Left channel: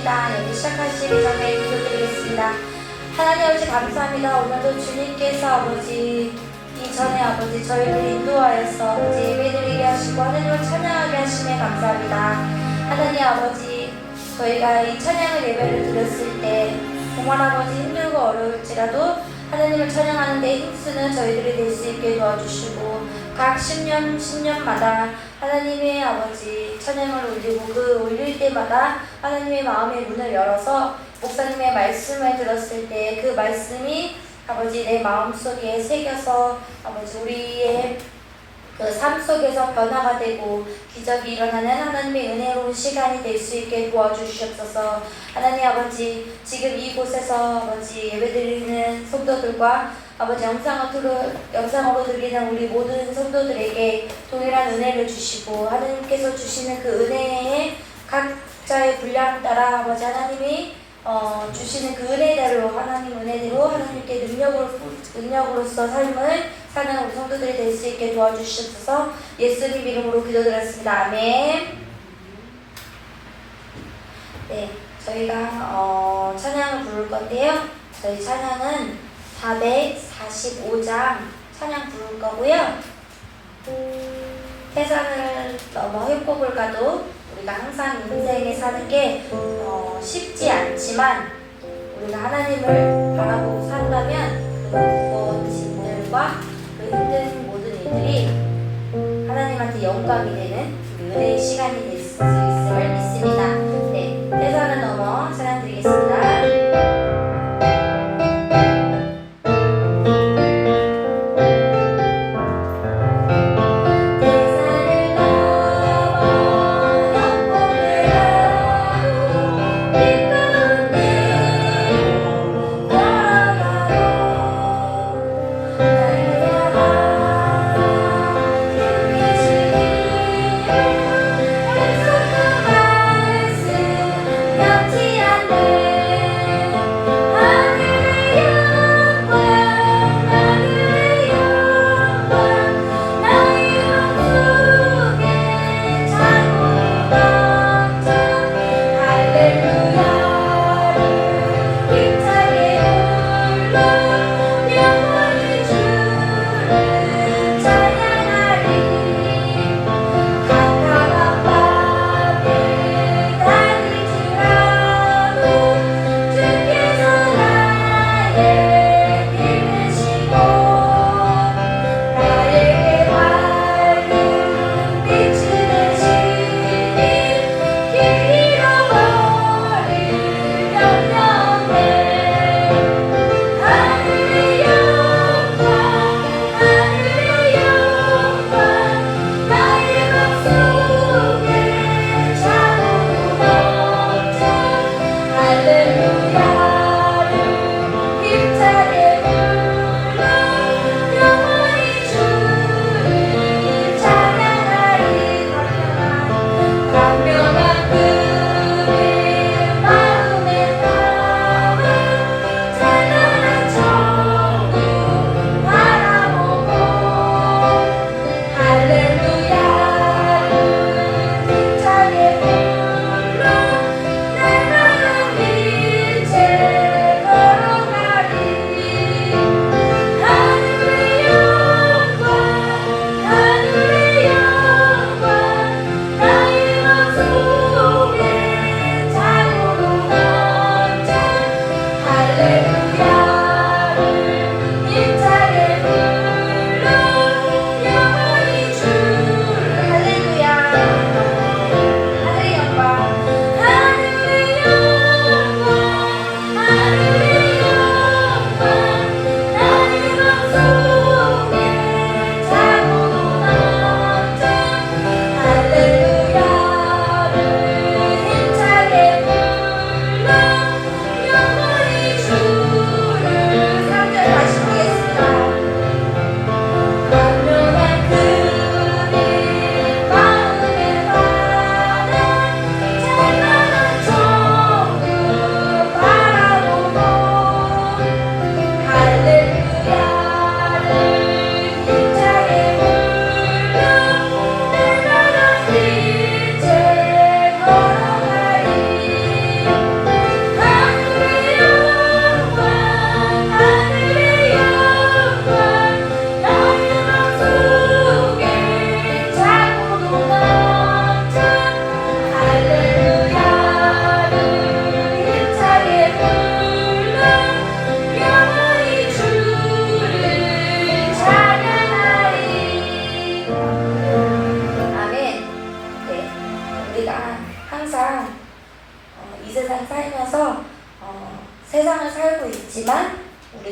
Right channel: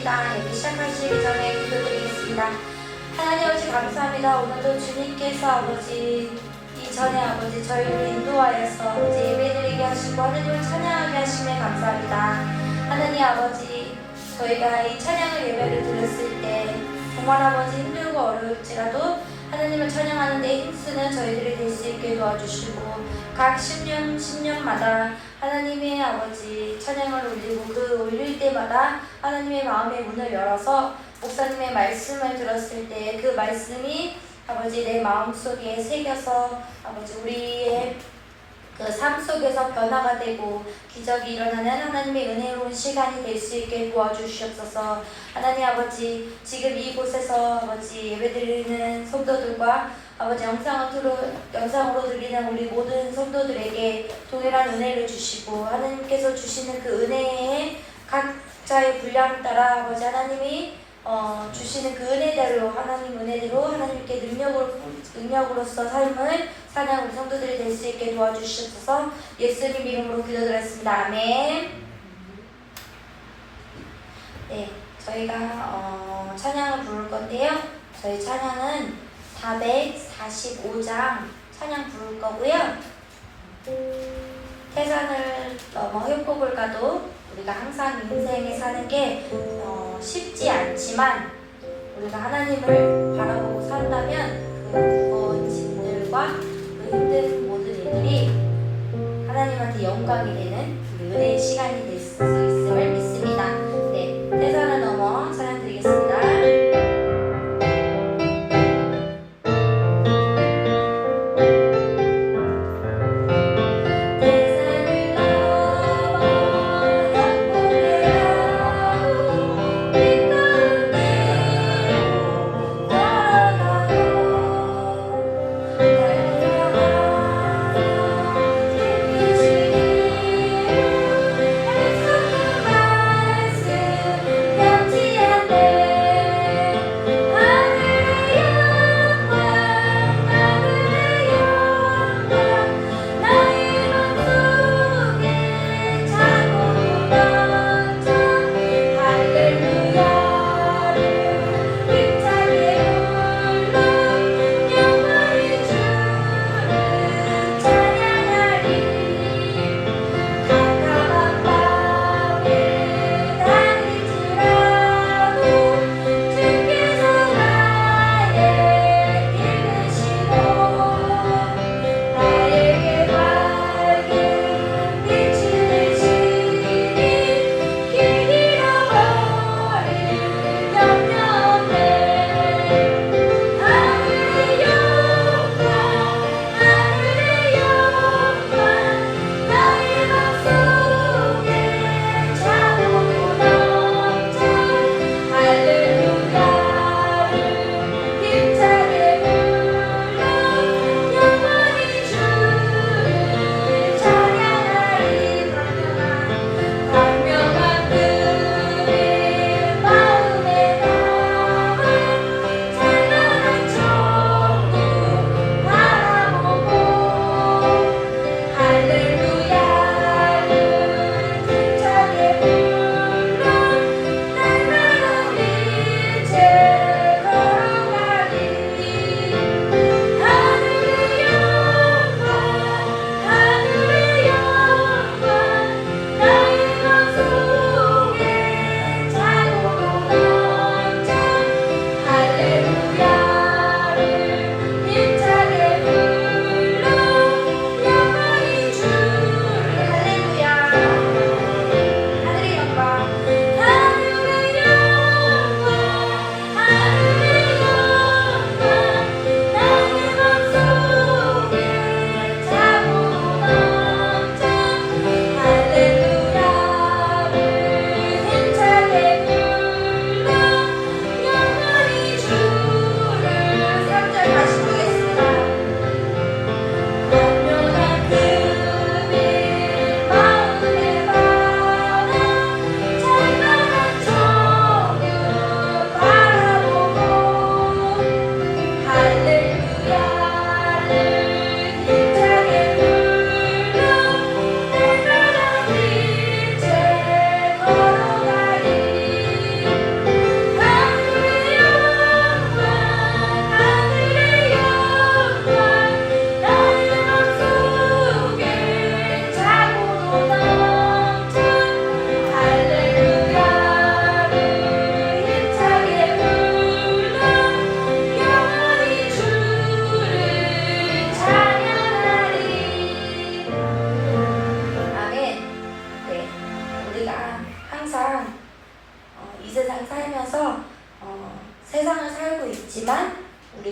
기도하겠습니다. 예배 시작하시기 전에 기도드리겠습니다. 하나님 아버지 감사합니다. 오늘도 주님께서 아버지 이전에 아버지 저희를 인도하여서 아버지 예배드리게 하시고 하나님을 찬양하게 하심에 감사합니다. 하나님 아버지 저희가 이 찬양을 예배를 드렸을 때 정말 아버지 힘들고 어려울지라도 하나님을 찬양하는 데 힘쓰는 저희들이 될 수 있게 도와주시고 각 10년마다 하나님의 아버지 찬양을 올리고 그 올릴 때마다 하나님의 마음의 문을 열어서 목사님의 말씀을 들었을 때 그 말씀이 아버지 내 마음속에 새겨서 아버지 우리의 그 삶 속에서 변화가 되고 기적이 일어나는 하나님의 은혜로운 시간이 될 수 있게 도와주시옵소서. 하나님 아버지 지금 이곳에서 아버지 예배드리는 성도들과 아버지 영상으로 드리는 우리 모든 성도들에게 동일한 은혜를 주시고 하나님께서 주시는 그 은혜에 각자의 분량 따라 아버지 하나님이 주시는 그 은혜대로 하나님 은혜대로 하나님께 능력으로서 삶을 사는 우리 성도들이 될 수 있게 도와주시옵소서. 예수님 이름으로 기도드렸습니다. 아멘. 네, 저희가 찬양을 부를 건데요. 저희 찬양은 445장 찬양 부를 거고요. 세상을 넘어 협곡을 가도 우리가 항상 인생에 사는 게 쉽지 않지만 우리가 하나님을 바라보고 산다면 그 무거운 짐들과 그 힘든 모든 일들이 하나님한테 영광이 되는 은혜의 시간이 될 수 있음을 믿습니다. 네, 세상을 넘어 찬양 드리겠습니다. 내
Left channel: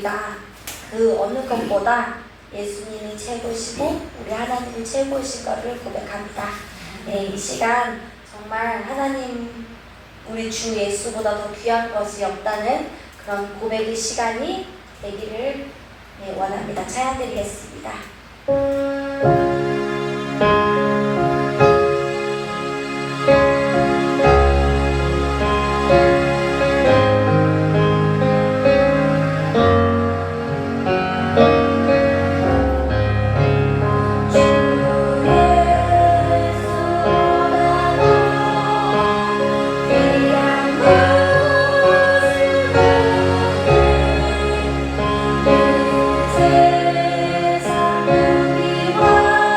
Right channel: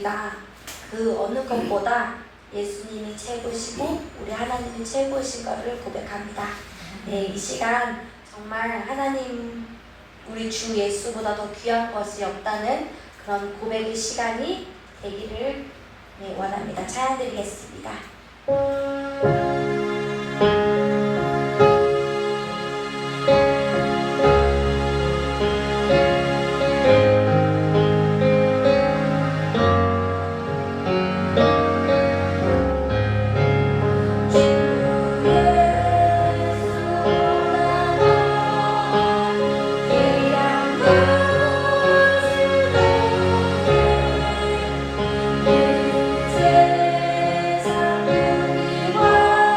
우리가 그 어느 것보다 예수님이 최고시고 우리 하나님이 최고신 것을 고백합니다. 네, 이 시간 정말 하나님 우리 주 예수보다 더 귀한 것이 없다는 그런 고백의 시간이 되기를 원합니다. 찬양드리겠습니다. 세상 우리와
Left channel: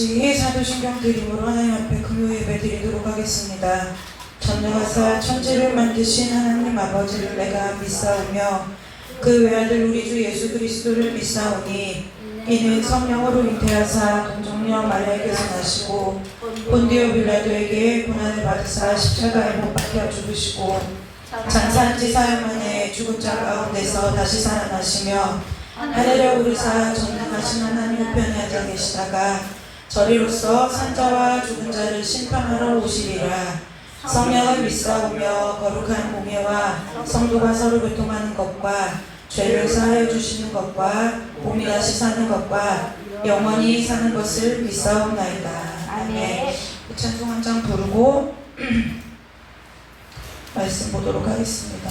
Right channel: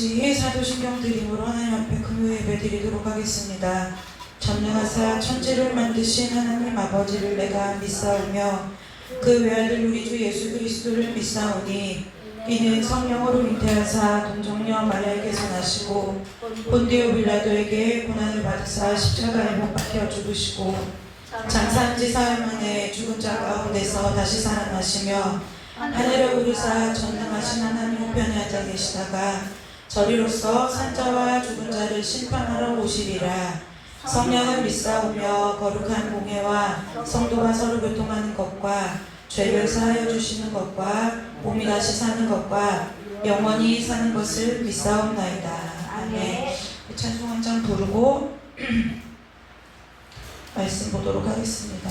같이 사도신경 드림으로 하나님 앞에 금요 예배 드리도록 하겠습니다. 전능하사 천지를 만드신 하나님 아버지를 내가 믿사오며 그 외아들 우리 주 예수 그리스도를 믿사오니 이는 성령으로 잉태하사 동정녀 마리아에게서 나시고 본디오 빌라도에게 고난을 받으사 십자가에 못 박혀 죽으시고 장사한 지 사흘 만에 죽은 자 가운데서 다시 살아나시며 하늘에 오르사 전능하신 하나님 우편에 앉아 계시다가 저리로서 산자와 죽은 자를 심판하러 오시리라. 성령을 믿사오며 거룩한 공예와 성도가 서로 교통하는 것과 죄를 사하여 주시는 것과 몸이 다시 사는 것과 영원히 사는 것을 믿사옵나이다. 아멘. 찬송 한 장 부르고 말씀 보도록 하겠습니다.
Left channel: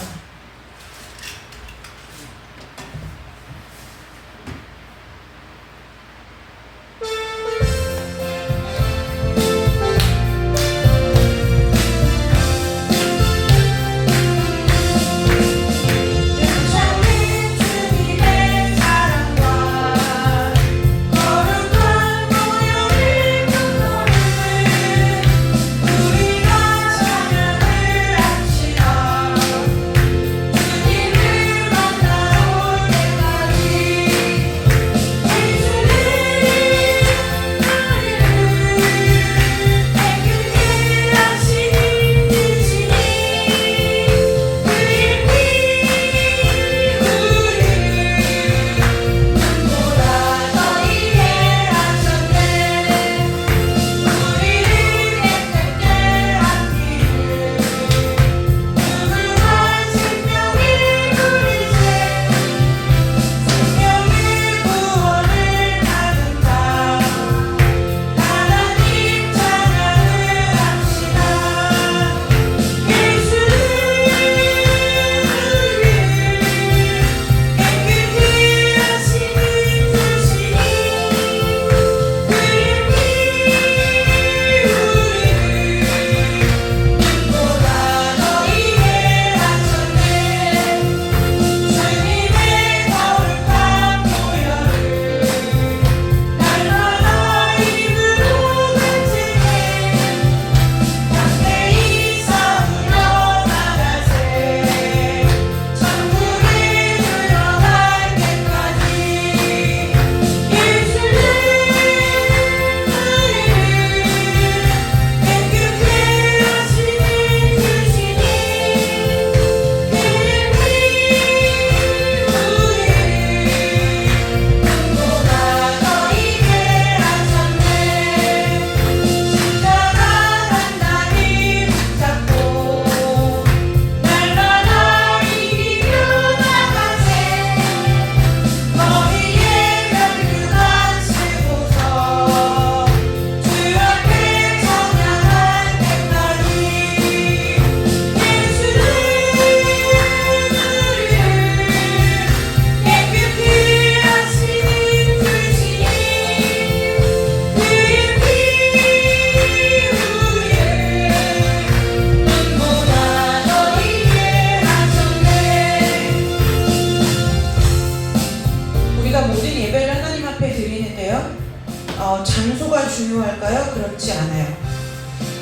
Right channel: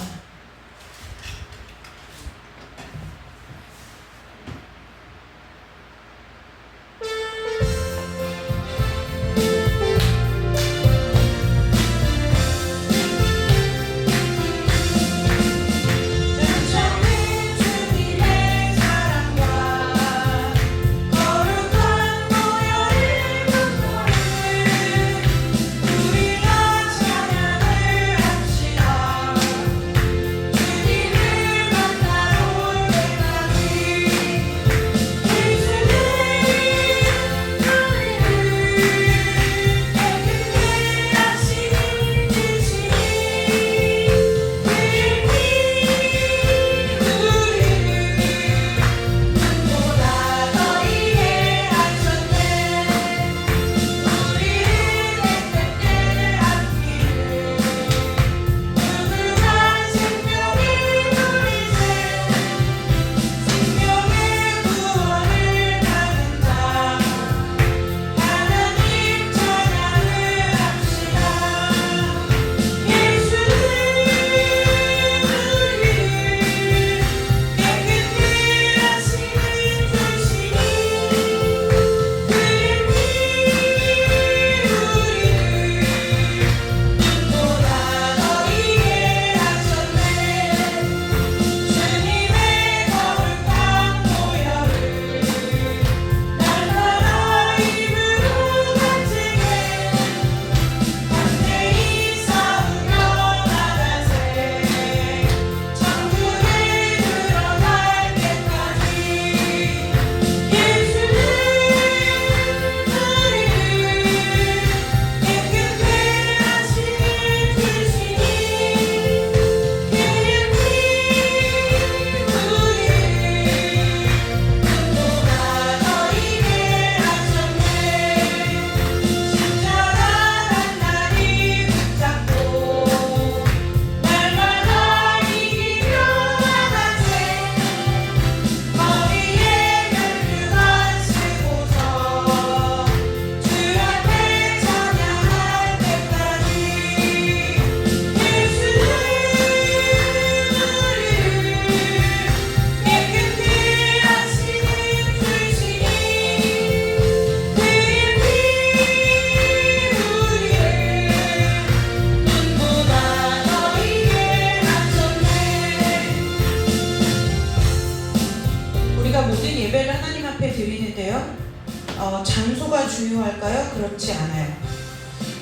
장소가 중요할까요? 그렇지 않아요.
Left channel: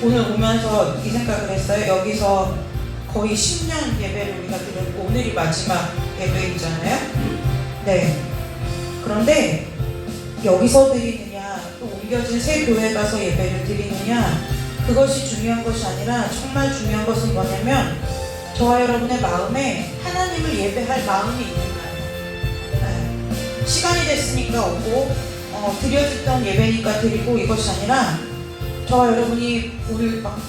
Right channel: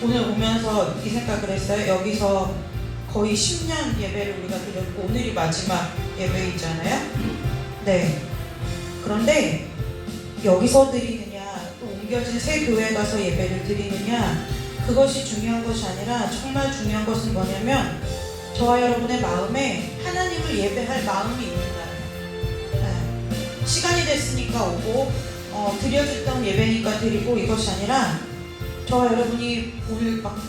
오늘 오면서 이 생각을 했어요. 여기서 거의 10년 예배를 우리가 드렸고 오늘이 마지막 예배이잖아요. 네. 그런데 여기서 드리느냐 또 옮겨진 새 교회 가서 예배를 드리느냐 그것이 중요한 것이 아니라 정말 중요한 것은 뭐냐면 저와 여러분의 마음에 하나님을 예배할 마음이 있는 거예요. 네. 시간이 됐으니까 오고 드려졌던 예배니까 드리고 이것이 아니라 저와 여러분이 오늘 막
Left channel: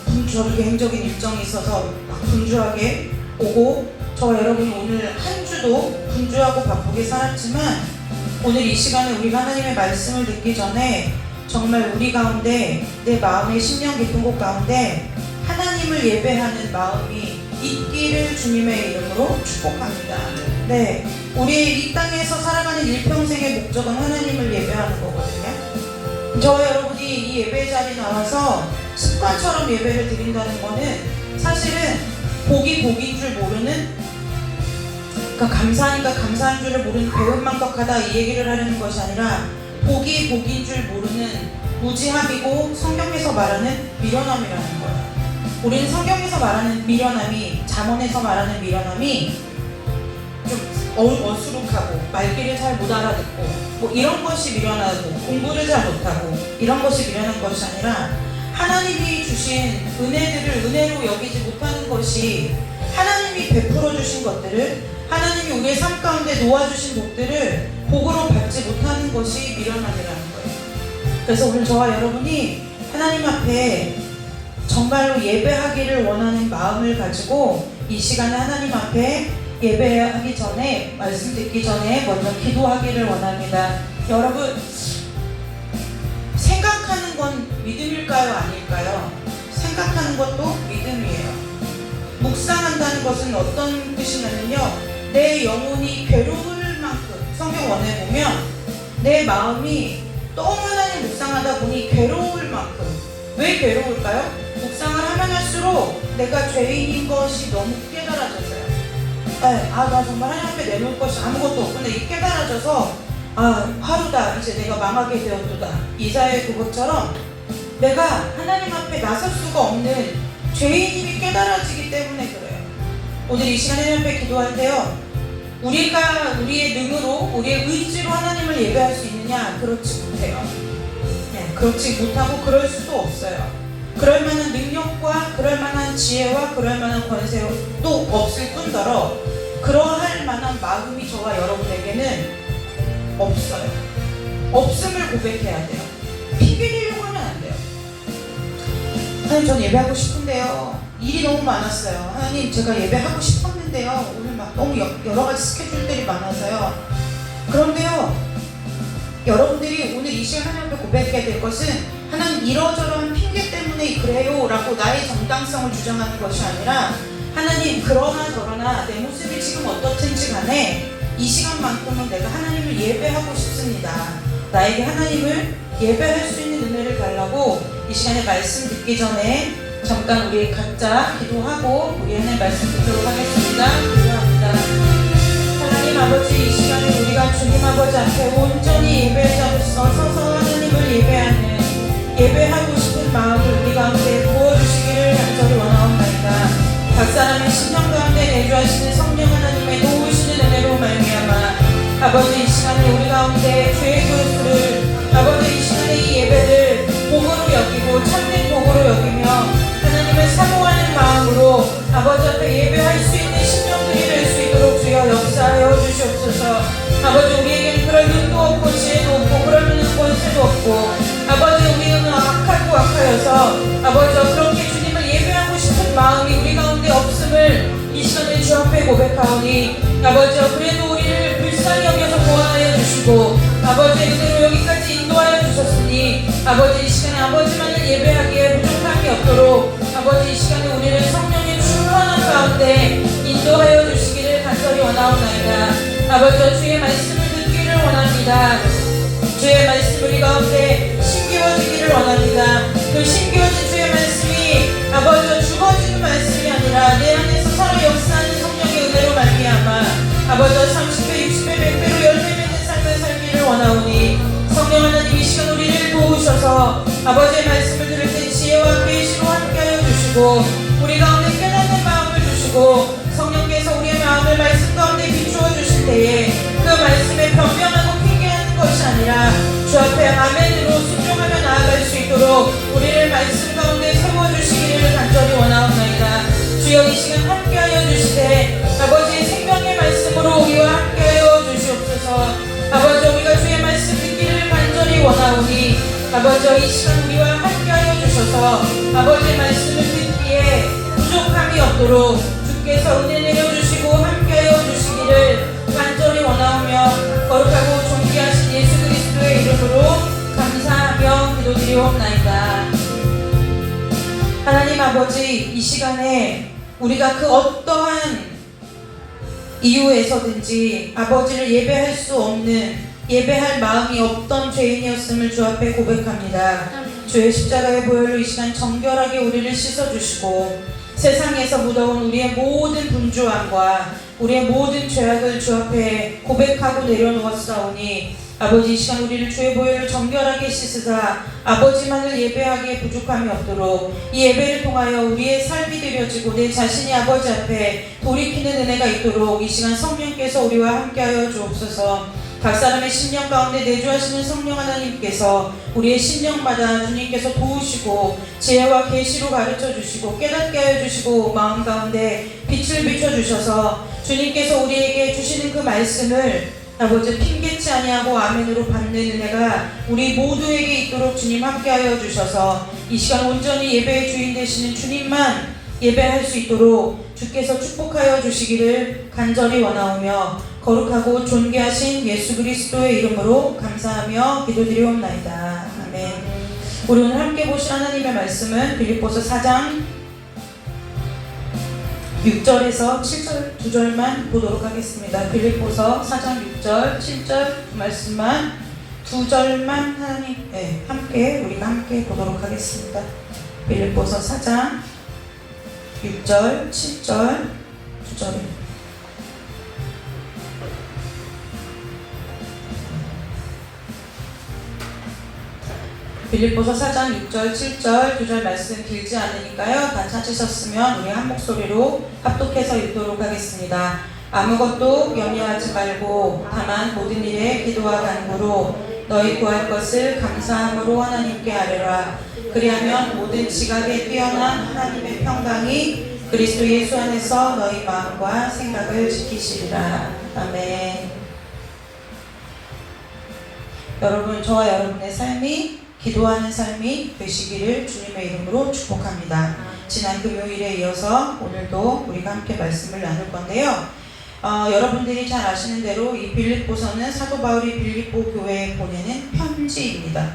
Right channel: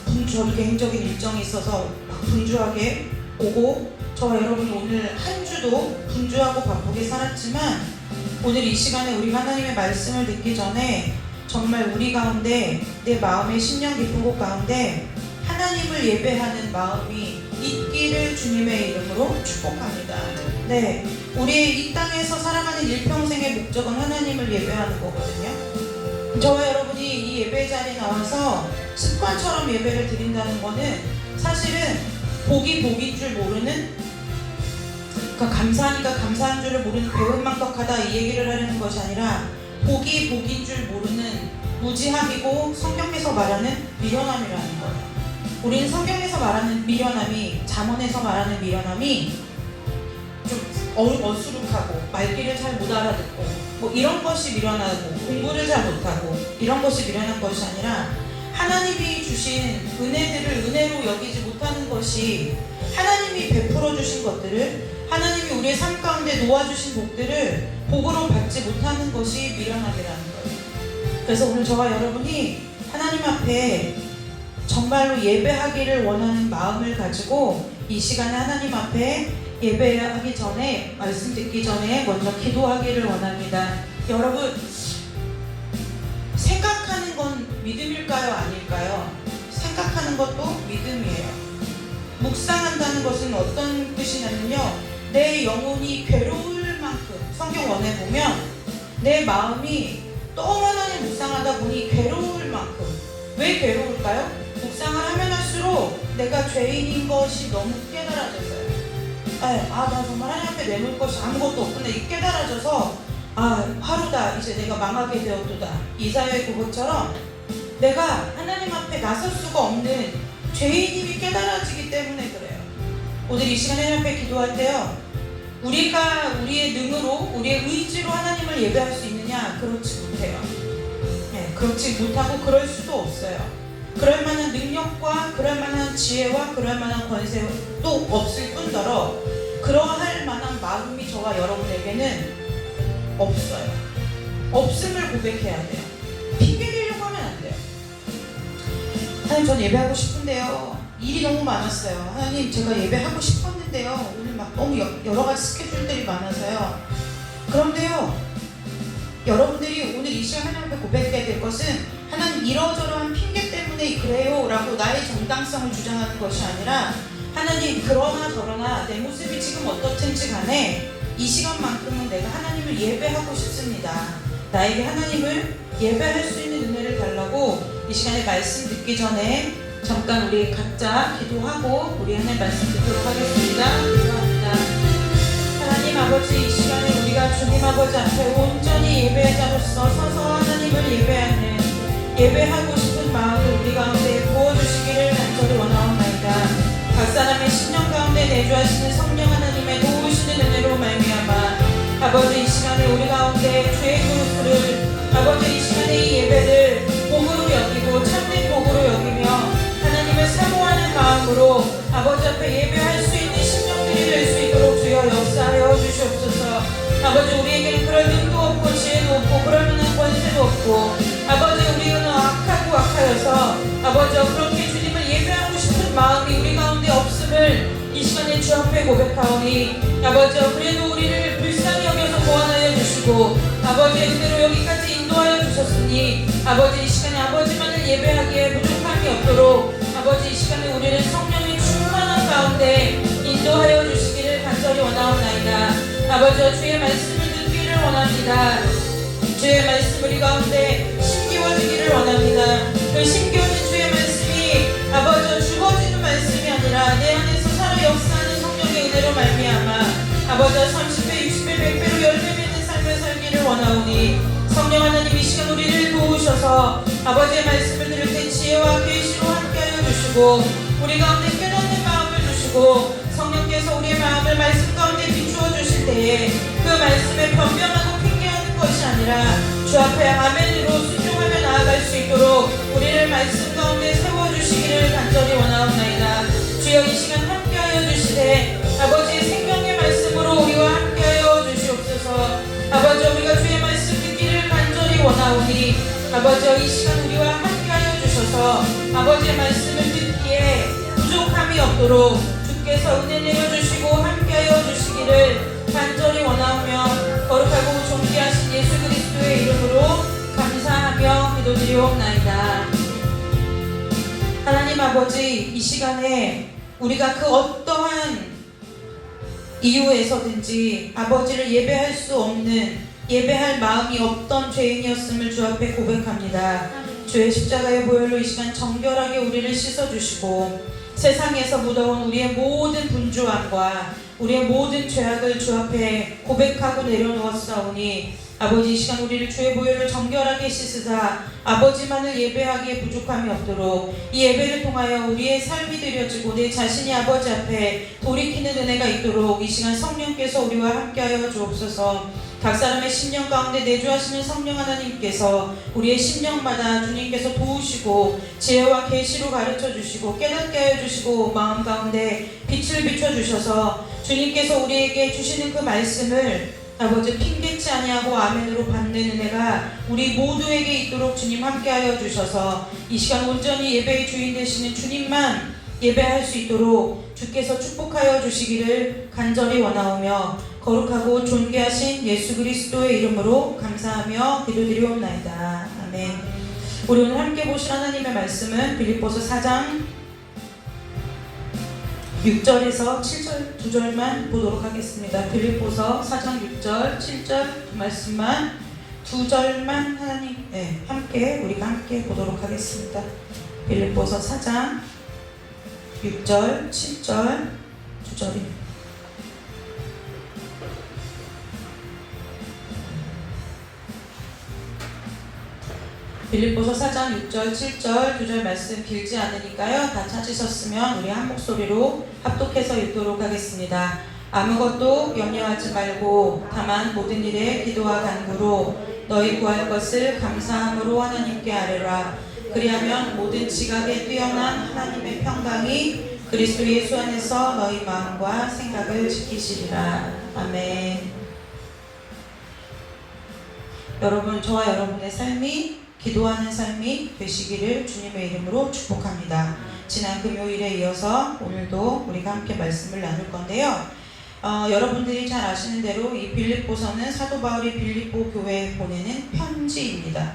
개인적인 일정이 있어서 막 분주하게 오고 저와 여러분이 오늘 한 주도 분주하고 바쁘게 살았지만 오늘 이 시간에 우리가 하나님의 말씀을 듣기 전에 정말 우리 가운데 내 마음의 심령 깊은 곳 가운데 하나님을 예배하는 마음이 있기를 주님의 이름으로 축복합니다. 네, 우리의 이 땅에서 살아가는 일평생의 목적은 하나님을 예배하는 거거든요. 저와 여러분이 이 예배 자리에 나와서 습관처럼 예배를 드린다는 거는 사실은 복이 복인 줄 모르는, 그러니까 감사하니까 감사한 줄을 모르는 배은망덕하다 이 얘기를 하려는 것이 아니라 복이 복인 줄 모르는 무지함이고 성경에서 말하는 미련함이라는 거예요. 우리는 성경에서 말하는 미련함이, 잠언에서 말하는 미련함이 좀 어수룩하고 말귀를 잘 못 알아듣고 뭐 이런 것이 미련하고 공부를 잘 못하고 이런 것이 미련한 것이 아니라 하나님이 주신 은혜들을 은혜로 여기지 못하는 것이, 하나님이 베풀어 주신 것들을, 하나님이 우리의 삶 가운데 놓아주신 복들을 복으로 받지 못하는 것이 미련함이라는 거예요. 그래서 오늘 저와 여러분이 하나님 앞에 정말로 예배하기를 원하는 마음을 가지고 이 시간에 하나님 앞에 예배하기 전에, 말씀 듣기 전에 먼저 기도하기를 원합니다. 여러분, 생각하는 건 믿음일까요? 아닐까요? 생각하는 것도 믿음이에요. 묵상한다는 것은 어떤 뜻이냐면요, 내 영혼이 괴로울 만큼, 성경원에 보면 내 마음이 너무 하나님 묵상하다 보니 괴로울 만큼. 왜 괴로울까요? 묵상을 하면 할수록 내가 죄인인 것이 너무 깨달아져서요. 나 정말 하나님 앞에 내놓을 것이 아무것도 없구나, 이 깨달아져서 하루다, 이제 내가 망하게 되었도다, 이사야의 그것처럼 내가 하나님 앞에 나설 수가 없는 죄인임이 깨달아지기 때문에 그래요. 오늘 이 시간에 하나님 앞에 기도할 때요, 우리가 우리의 능으로, 우리의 의지로 하나님을 예배할 수 있느냐? 그렇지 못해요. 그렇지 못하고 그럴 수도 없어요. 그럴 만한 능력과 그럴 만한 지혜와 그럴 만한 권세도 없을 뿐더러 그러할 만한 마음이 저와 여러분에게는 없어요. 없음을 고백해야 돼요. 피비리려고 하면 안 돼요. 하나님, 전 예배하고 싶은데요, 일이 너무 많았어요. 하나님, 제가 예배하고 싶었는데요, 오늘 막 너무 여러 가지 스케줄들이 많아서요. 그런데요, 여러분들이 오늘 이 시간 하나님 앞에 고백해야 될 것은 하나님 이러저러한 핑계 때문에 그래요 라고 나의 정당성을 주장하는 것이 아니라, 하나님 그러나 저러나 내 모습이 지금 어떻든지 간에 이 시간만큼은 내가 하나님을 예배하고 싶습니다. 나에게 하나님을 예배할 수 있는 은혜를 달라고 이 시간에 말씀 듣기 전에 잠깐 우리 각자 기도하고 우리 하나님 말씀 듣도록 하겠습니다. 기도합니다. 하나님 아버지, 이 시간에 우리가 주님 아버지 앞에 온전히 예배자로서 서서 하나님을 예배하고 싶은 마음을 우리 가운데 부어주시기를 간절히 원하옵나이다. 각 사람의 심령 가운데 내주하시는 성령 하나님의 도우시는 은혜로 말미암아 아버지, 이 시간에 우리 가운데 죄의 그릇을, 아버지 이 시간에 이 예배를 복으로 여기고 참된 복으로 여기며 하나님을 사모하는 마음으로 아버지 앞에 예배할 수 있는 심령들이 될 수 있도록 주여 역사하여 주시옵소서. 아버지, 우리에게는 그럴 눈도 없고 지혜도 없고 그럴 만한 권세도 없고, 아버지 우리는 악하여서 아버지 그렇게 주님을 예배하고 싶은 마음이 우리 가운데 없음을 이 시간에 주 앞에 고백하오니, 아버지 그래도 우리를 불쌍히 여겨서 보완하여 주시고 아버지의 은혜로 여기까지 인도하여 주셨으니 아버지 이 시간에 아버지만을 예배하기에 부족함이 없도록 아버지 이 시간에 우리를 성령의 충만한 가운데 인도하여 주시기를 간절히 원하옵나이다. 아버지, 주의 말씀을 듣기를 원합니다. 주의 말씀 우리 가운데 심기워지기를 원합니다. 그 심기워진 주의 말씀이 아버지 죽어지는 말씀이 아니라 내 안에서 살아 역사하는 성령의 은혜로 말미암아 아버지 30배, 60배, 100배로 열매 맺는 삶을 살기를 원하오니, 성령 하나님 이 시간 우리를 도우셔서 아버지의 말씀을 들을 때 지혜와 계시로 함께하여 주시고 우리 가운데 깨닫는 마음을 주시고 성령께서 우리의 마음을 말씀 가운데 비추어 주실 때에 그 말씀에 변명하고 핑계하는 것이 아니라 주 앞에 아멘으로 순종하며 나아갈 수 있도록 우리를 말씀 가운데 세워주시기를 간절히 원하옵나이다. 주여 이 시간 함께하여 주시되 아버지의 생명의 말씀으로 우리와 함께하여 주시옵소서. 아버지, 우리가 주의 말씀 듣기를 간절히 원하오니 아버지 이 시간 우리와 함께하여 주셔서 아버지의 말씀을 듣기에 부족함이 없도록 주께서 은혜 내려주시고 함께하여 주시기를 간절히 원하오며 거룩하고 존귀하신 예수 그리스도의 이름으로 감사하며 기도드리옵나이다. 하나님 아버지, 이 시간에 우리가 그 어떠한 이유에서든지 아버지를 예배할 수 없는, 예배할 마음이 없던 죄인이었음을 주 앞에 고백합니다. 주의 십자가의 보혈로 이 시간 정결하게 우리를 씻어주시고 세상에서 묻어온 우리의 모든 분주함과 우리의 모든 죄악을 주 앞에 고백하고 내려놓았사오니 아버지, 이 시간 우리를 주의 보혈로 정결하게 씻으사 아버지만을 예배하기에 부족함이 없도록 이 예배를 통하여 우리의 삶이 드려지고 내 자신이 아버지 앞에 돌이키는 은혜가 있도록 이 시간 성령께서 우리와 함께하여 주옵소서. 각 사람의 심령 가운데 내주하시는 성령 하나님께서 우리의 심령마다 주님께서 도우시고 지혜와 계시로 가르쳐 주시고 깨닫게 하여 주시고 마음 가운데 빛을 비춰 주셔서 주님께서 우리에게 주시는 그 말씀을 아버지 핑계치 아니하고 아멘으로 받는 은혜가 우리 모두에게 있도록 주님 함께하여 주셔서 이 시간 온전히 예배의 주인 되시는 주님만 예배할 수 있도록 주께서 축복하여 주시기를 간절히 원하오며 거룩하고 존귀하신 예수 그리스도의 이름으로 감사하며 기도드리옵나이다. 아멘. 우리 오늘 함께 보실 하나님의 말씀은 빌립보서 4장 6절에서 7절 두 절만 보도록 하겠습니다. 빌립보서 4장 6절, 7절 말씀만 두 절만 함께 우리가 함께 보도록 하겠습니다. 빌립보서 4장 6절, 7절 두 절입니다. 빌립보서 4장 6절, 7절, 2절 말씀 길지 않으니까요. 다 찾으셨으면 우리 한 목소리로 합독해서 읽도록 하겠습니다. 아무것도 염려하지 말고 다만 모든 일에 기도와 간구로 너희 구할 것을 감사함으로 하나님께 아뢰라. 그리하면 모든 지각에 뛰어난 하나님의 평강이 그리스도 예수 안에서 너희 마음과 생각을 지키시리라. 아멘. 여러분, 저와 여러분의 삶이 기도하는 삶이 되시기를 주님의 이름으로 축복합니다. 지난 금요일에 이어서 오늘도 우리가 함께 말씀을 나눌 건데요. 여러분들이 잘 아시는 대로 이 빌립보서는 사도 바울이 빌립보 교회에 보내는 편지입니다.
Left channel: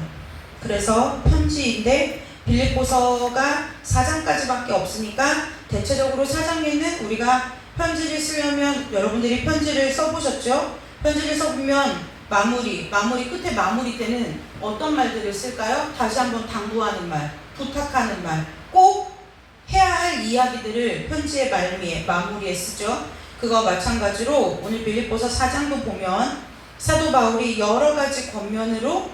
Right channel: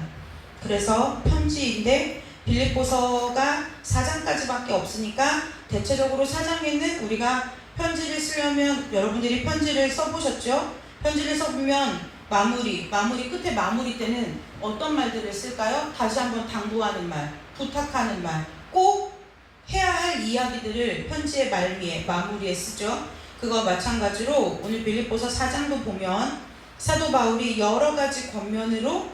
그래서 편지인데 빌립보서가 4장까지밖에 없으니까 대체적으로 4장에는 우리가 편지를 쓰려면 여러분들이 편지를 써보셨죠? 편지를 써보면 마무리 끝에 마무리 때는 어떤 말들을 쓸까요? 다시 한번 당부하는 말, 부탁하는 말, 꼭 해야 할 이야기들을 편지의 말미에 마무리에 쓰죠. 그거 마찬가지로 오늘 빌립보서 4장도 보면 사도 바울이 여러 가지 권면으로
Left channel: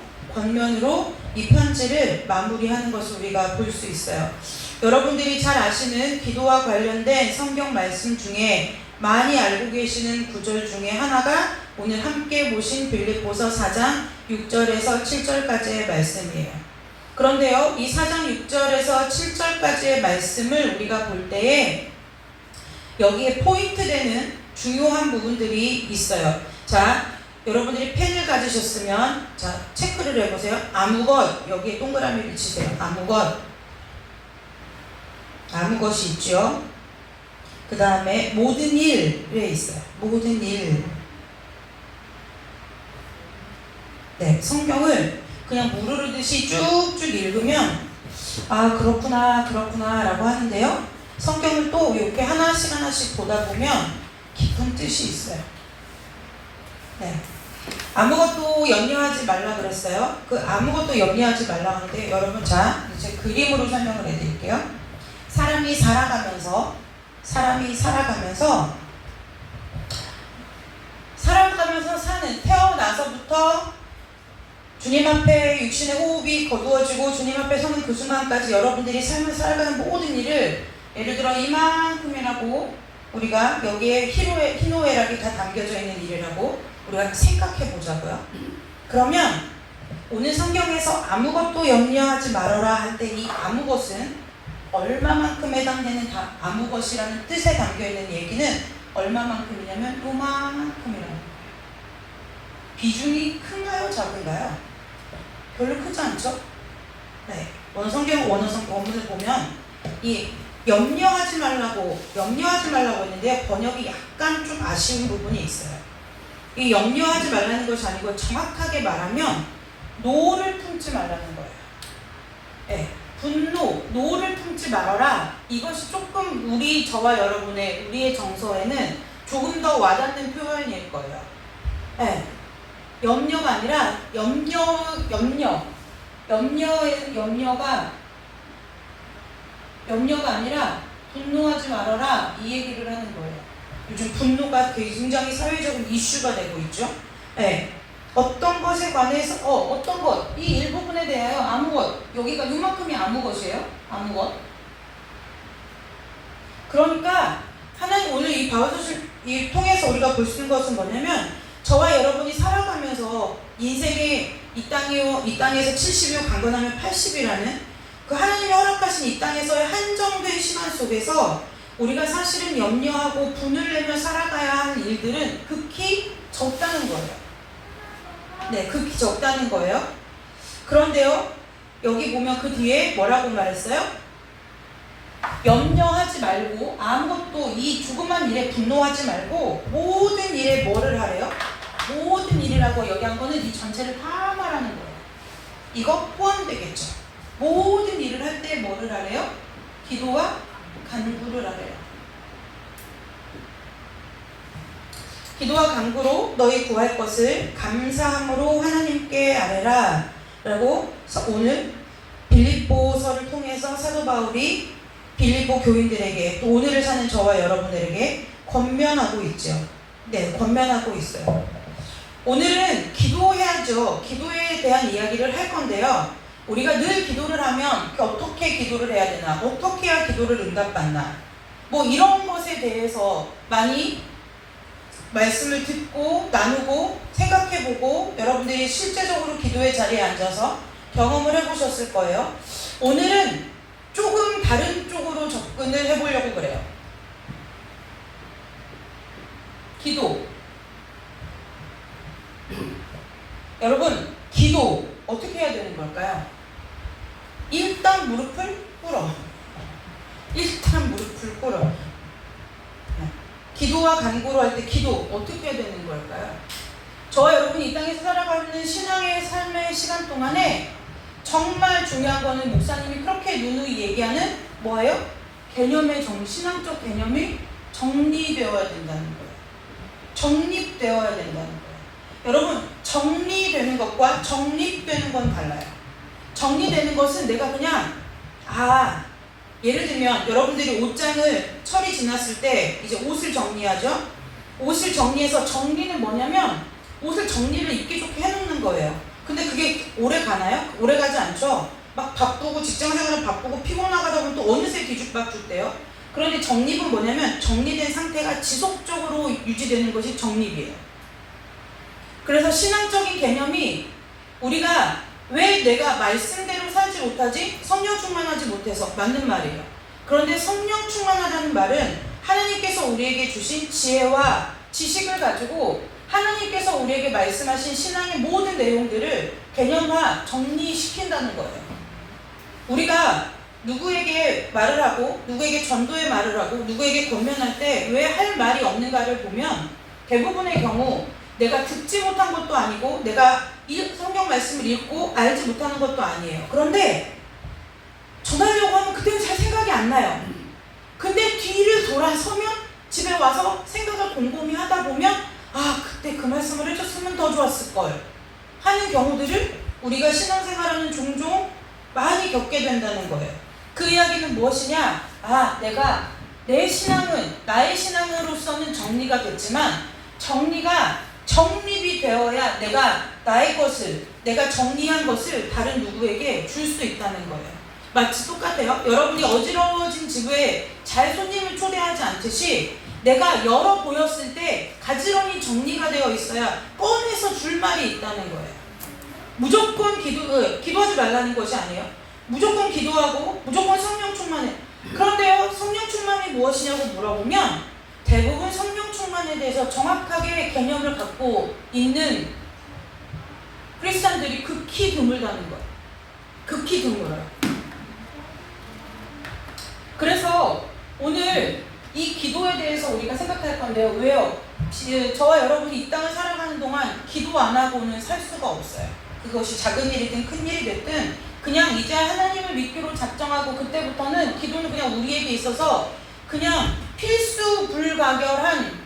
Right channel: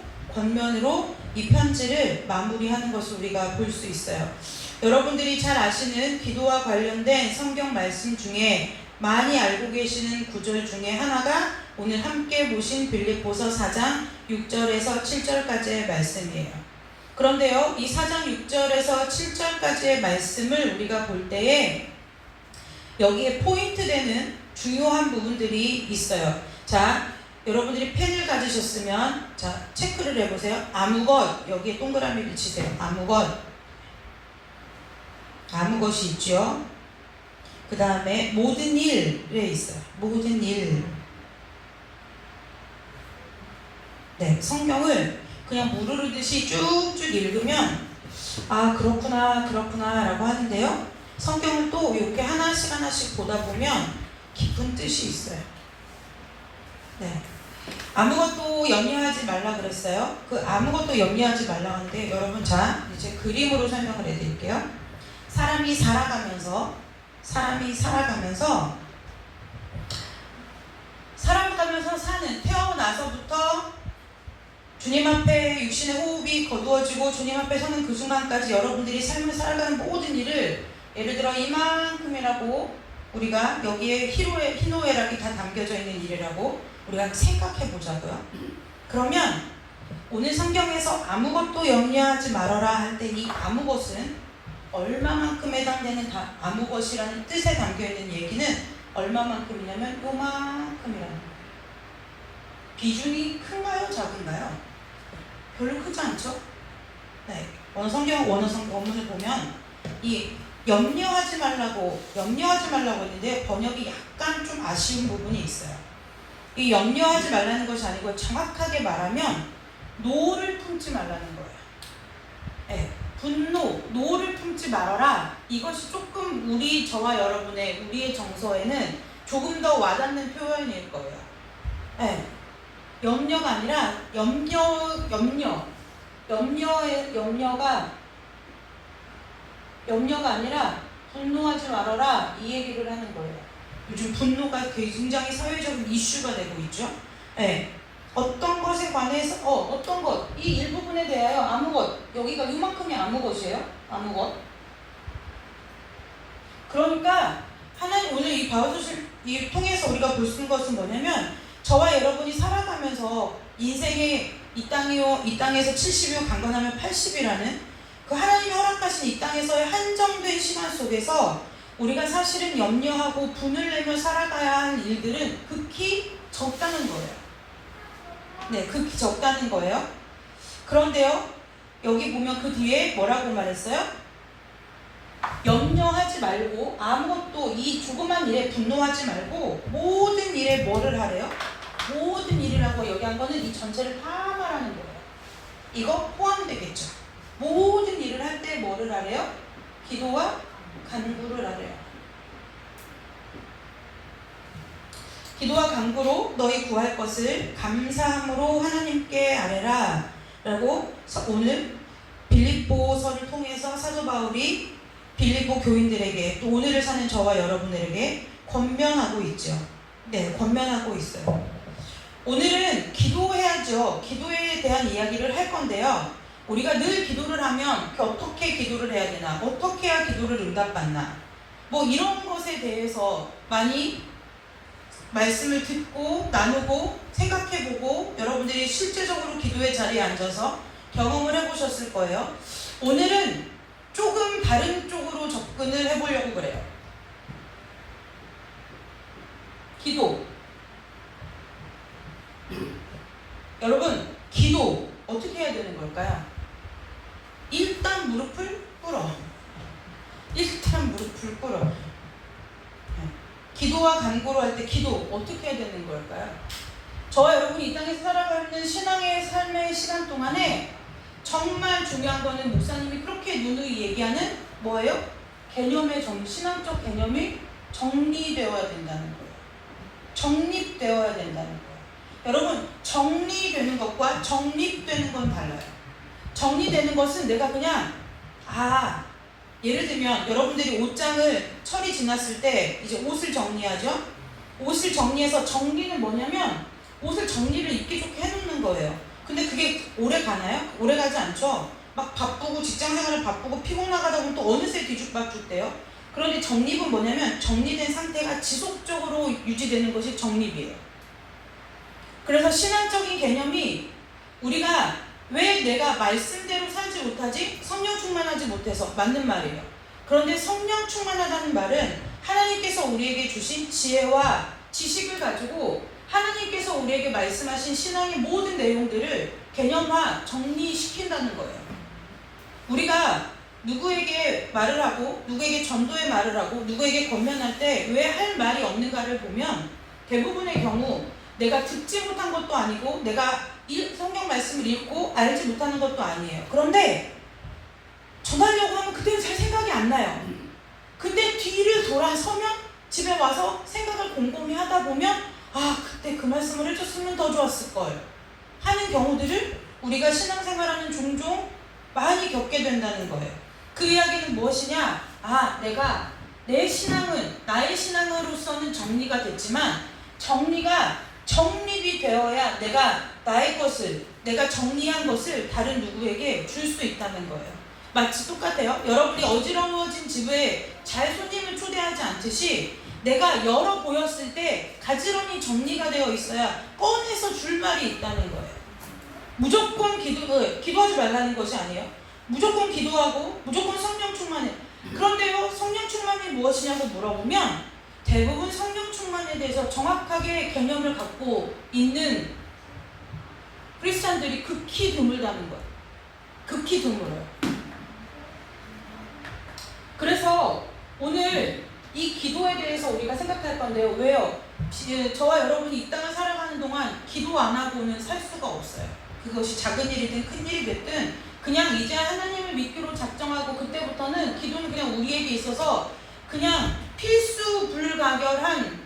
이 편지를 마무리하는 것을 우리가 볼 수 있어요. 여러분들이 잘 아시는 기도와 관련된 성경 말씀 중에 많이 알고 계시는 구절 중에 하나가 오늘 함께 보신 빌립보서 4장 6절에서 7절까지의 말씀이에요. 그런데요, 이 4장 6절에서 7절까지의 말씀을 우리가 볼 때에 여기에 포인트 되는 중요한 부분들이 있어요. 자, 여러분들이 펜을 가지셨으면 자, 체크를 해보세요. 아무것, 여기에 동그라미를 치세요. 아무것이 있죠. 그 다음에 모든 일에 있어요. 모든 일. 네, 성경을 그냥 무르르듯이 쭉쭉 읽으면 아, 그렇구나 라고 하는데요. 성경을 또 이렇게 하나씩 보다 보면 깊은 뜻이 있어요. 네. 아무것도 염려하지 말라 그랬어요. 그 아무것도 염려하지 말라 하는데 여러분, 자, 이제 그림으로 설명을 해드릴게요. 사람이 살아가면서 사는 태어나서부터 주님 앞에 육신의 호흡이 거두어지고 주님 앞에 서는 그 순간까지 여러분들이 삶을 살아가는 모든 일을 예를 들어 이만큼이라고 우리가 여기에 희노애락이 다 담겨져 있는 일이라고 우리가 생각해 보자고요. 그러면 오늘 성경에서 아무것도 염려하지 말아라 할 때 이 아무것은 얼마만큼 해당되는 다 아무것이라는 뜻에 담겨있는 얘기는 얼마만큼이냐면 요만큼이라는 거예요. 비중이 큰가요? 작은가요? 별로 크지 않죠? 네. 원어문을 보면 이 염려하지 말라고 했는데요. 번역이 약간 좀 아쉬운 부분이 있어요. 이 염려하지 말라는 것이 아니고 정확하게 말하면 노를 품지 말라는 거예요. 네. 노를 품지 말아라. 이것이 조금 저와 우리의 정서에는 조금 더 와닿는 표현일 거예요. 네. 염려가 아니라 염려가 아니라 분노하지 말아라 이 얘기를 하는 거예요. 요즘 분노가 굉장히 사회적인 이슈가 되고 있죠. 네. 어떤 것에 관해서 어떤 것, 이 일부분에 대하여 아무 것, 여기가 이만큼이 아무 것이에요. 아무 것. 그러니까 하나님 오늘 이 바울서실 이 통해서 우리가 볼 수 있는 것은 뭐냐면 저와 여러분이 살아가면서 인생의 이 땅에서 70이요 강건하면 80이라는 그 하나님이 허락하신 이 땅에서의 한정된 시간 속에서 우리가 사실은 염려하고 분을 내며 살아가야 할 일들은 극히 적다는 거예요. 네, 극히 적다는 거예요. 그런데요, 여기 보면 그 뒤에 뭐라고 말했어요? 염려하지 말고 아무것도 이 조그만 일에 분노하지 말고 모든 일에 뭐를 하래요? 모든 일이라고 여기 한 거는 이 전체를 다 말하는 거예요. 이거 포함되겠죠. 모든 일을 할 때 뭐를 하래요? 기도와 간구를 하래요. 기도와 간구로 너희 구할 것을 감사함으로 하나님께 아뢰라 라고 오늘 빌립보서를 통해서 사도 바울이 빌립보 교인들에게 또 오늘을 사는 저와 여러분들에게 권면하고 있죠. 네, 권면하고 있어요. 오늘은 기도해야죠. 기도에 대한 이야기를 할 건데요. 우리가 늘 기도를 하면 어떻게 기도를 해야 되나, 어떻게 해야 기도를 응답받나, 뭐 이런 것에 대해서 많이 말씀을 듣고 나누고 생각해보고 여러분들이 실제적으로 기도의 자리에 앉아서 경험을 해보셨을 거예요. 오늘은 조금 다른 쪽으로 접근을 해보려고 그래요. 기도. 여러분, 기도 어떻게 해야 되는 걸까요? 일단 무릎을 꿇어. 일단 무릎을 꿇어. 기도와 간구로 할 때 기도 어떻게 해야 되는 걸까요? 저와 여러분이 이 땅에서 살아가는 신앙의 삶의 시간 동안에 정말 중요한 거는 목사님이 그렇게 누누이 얘기하는 뭐예요? 신앙적 개념이 정리되어야 된다는 거예요. 정립되어야 된다는 거예요. 여러분, 정리되는 것과 정립되는 건 달라요. 정리되는 것은 내가 그냥 예를 들면 여러분들이 옷장을 철이 지났을 때 이제 옷을 정리하죠. 옷을 정리해서 정리는 뭐냐면 옷을 정리를 입기 좋게 해놓는 거예요. 근데 그게 오래 가나요? 오래 가지 않죠. 막 바쁘고 직장생활을 바쁘고 피곤하다 보면 또 어느새 뒤죽박죽돼요. 그런데 정립은 뭐냐면 정리된 상태가 지속적으로 유지되는 것이 정립이에요. 그래서 신앙적인 개념이 우리가 왜 내가 말씀대로 살지 못하지? 성령 충만하지 못해서. 맞는 말이에요. 그런데 성령 충만하다는 말은 하나님께서 우리에게 주신 지혜와 지식을 가지고 하나님께서 우리에게 말씀하신 신앙의 모든 내용들을 개념화, 정리시킨다는 거예요. 우리가 누구에게 말을 하고 누구에게 전도의 말을 하고 누구에게 권면할 때 왜 할 말이 없는가를 보면 대부분의 경우 내가 듣지 못한 것도 아니고 내가 성경 말씀을 읽고 알지 못하는 것도 아니에요. 그런데 전하려고 하면 그때는 잘 생각이 안 나요. 근데 뒤를 돌아서면 집에 와서 생각을 곰곰이 하다 보면 그때 그 말씀을 해줬으면 더 좋았을걸 하는 경우들을 우리가 신앙생활하는 종종 많이 겪게 된다는 거예요. 그 이야기는 무엇이냐? 내가 내 신앙은 나의 신앙으로서는 정리가 됐지만 정리가 정립이 되어야 내가 나의 것을 내가 정리한 것을 다른 누구에게 줄 수 있다는 거예요. 마치 똑같아요. 여러분이 어지러워진 집에 잘 손님을 초대하지 않듯이 내가 열어 보였을 때 가지런히 정리가 되어 있어야 꺼내서 줄 말이 있다는 거예요. 무조건 기도하지 말라는 것이 아니에요. 무조건 기도하고 무조건 성령 충만해. 그런데요, 성령 충만이 무엇이냐고 물어보면 대부분 성령 충만에 대해서 정확하게 개념을 갖고 있는 크리스찬들이 극히 드물다는 거예요. 극히 드물어요. 그래서 오늘 이 기도에 대해서 우리가 생각할 건데요. 왜요? 저와 여러분이 이 땅을 살아가는 동안 기도 안 하고는 살 수가 없어요. 그것이 작은 일이든 큰 일이 됐든 그냥 이제 하나님을 믿기로 작정하고 그때부터는 기도는 그냥 우리에게 있어서 그냥 필수 불가결한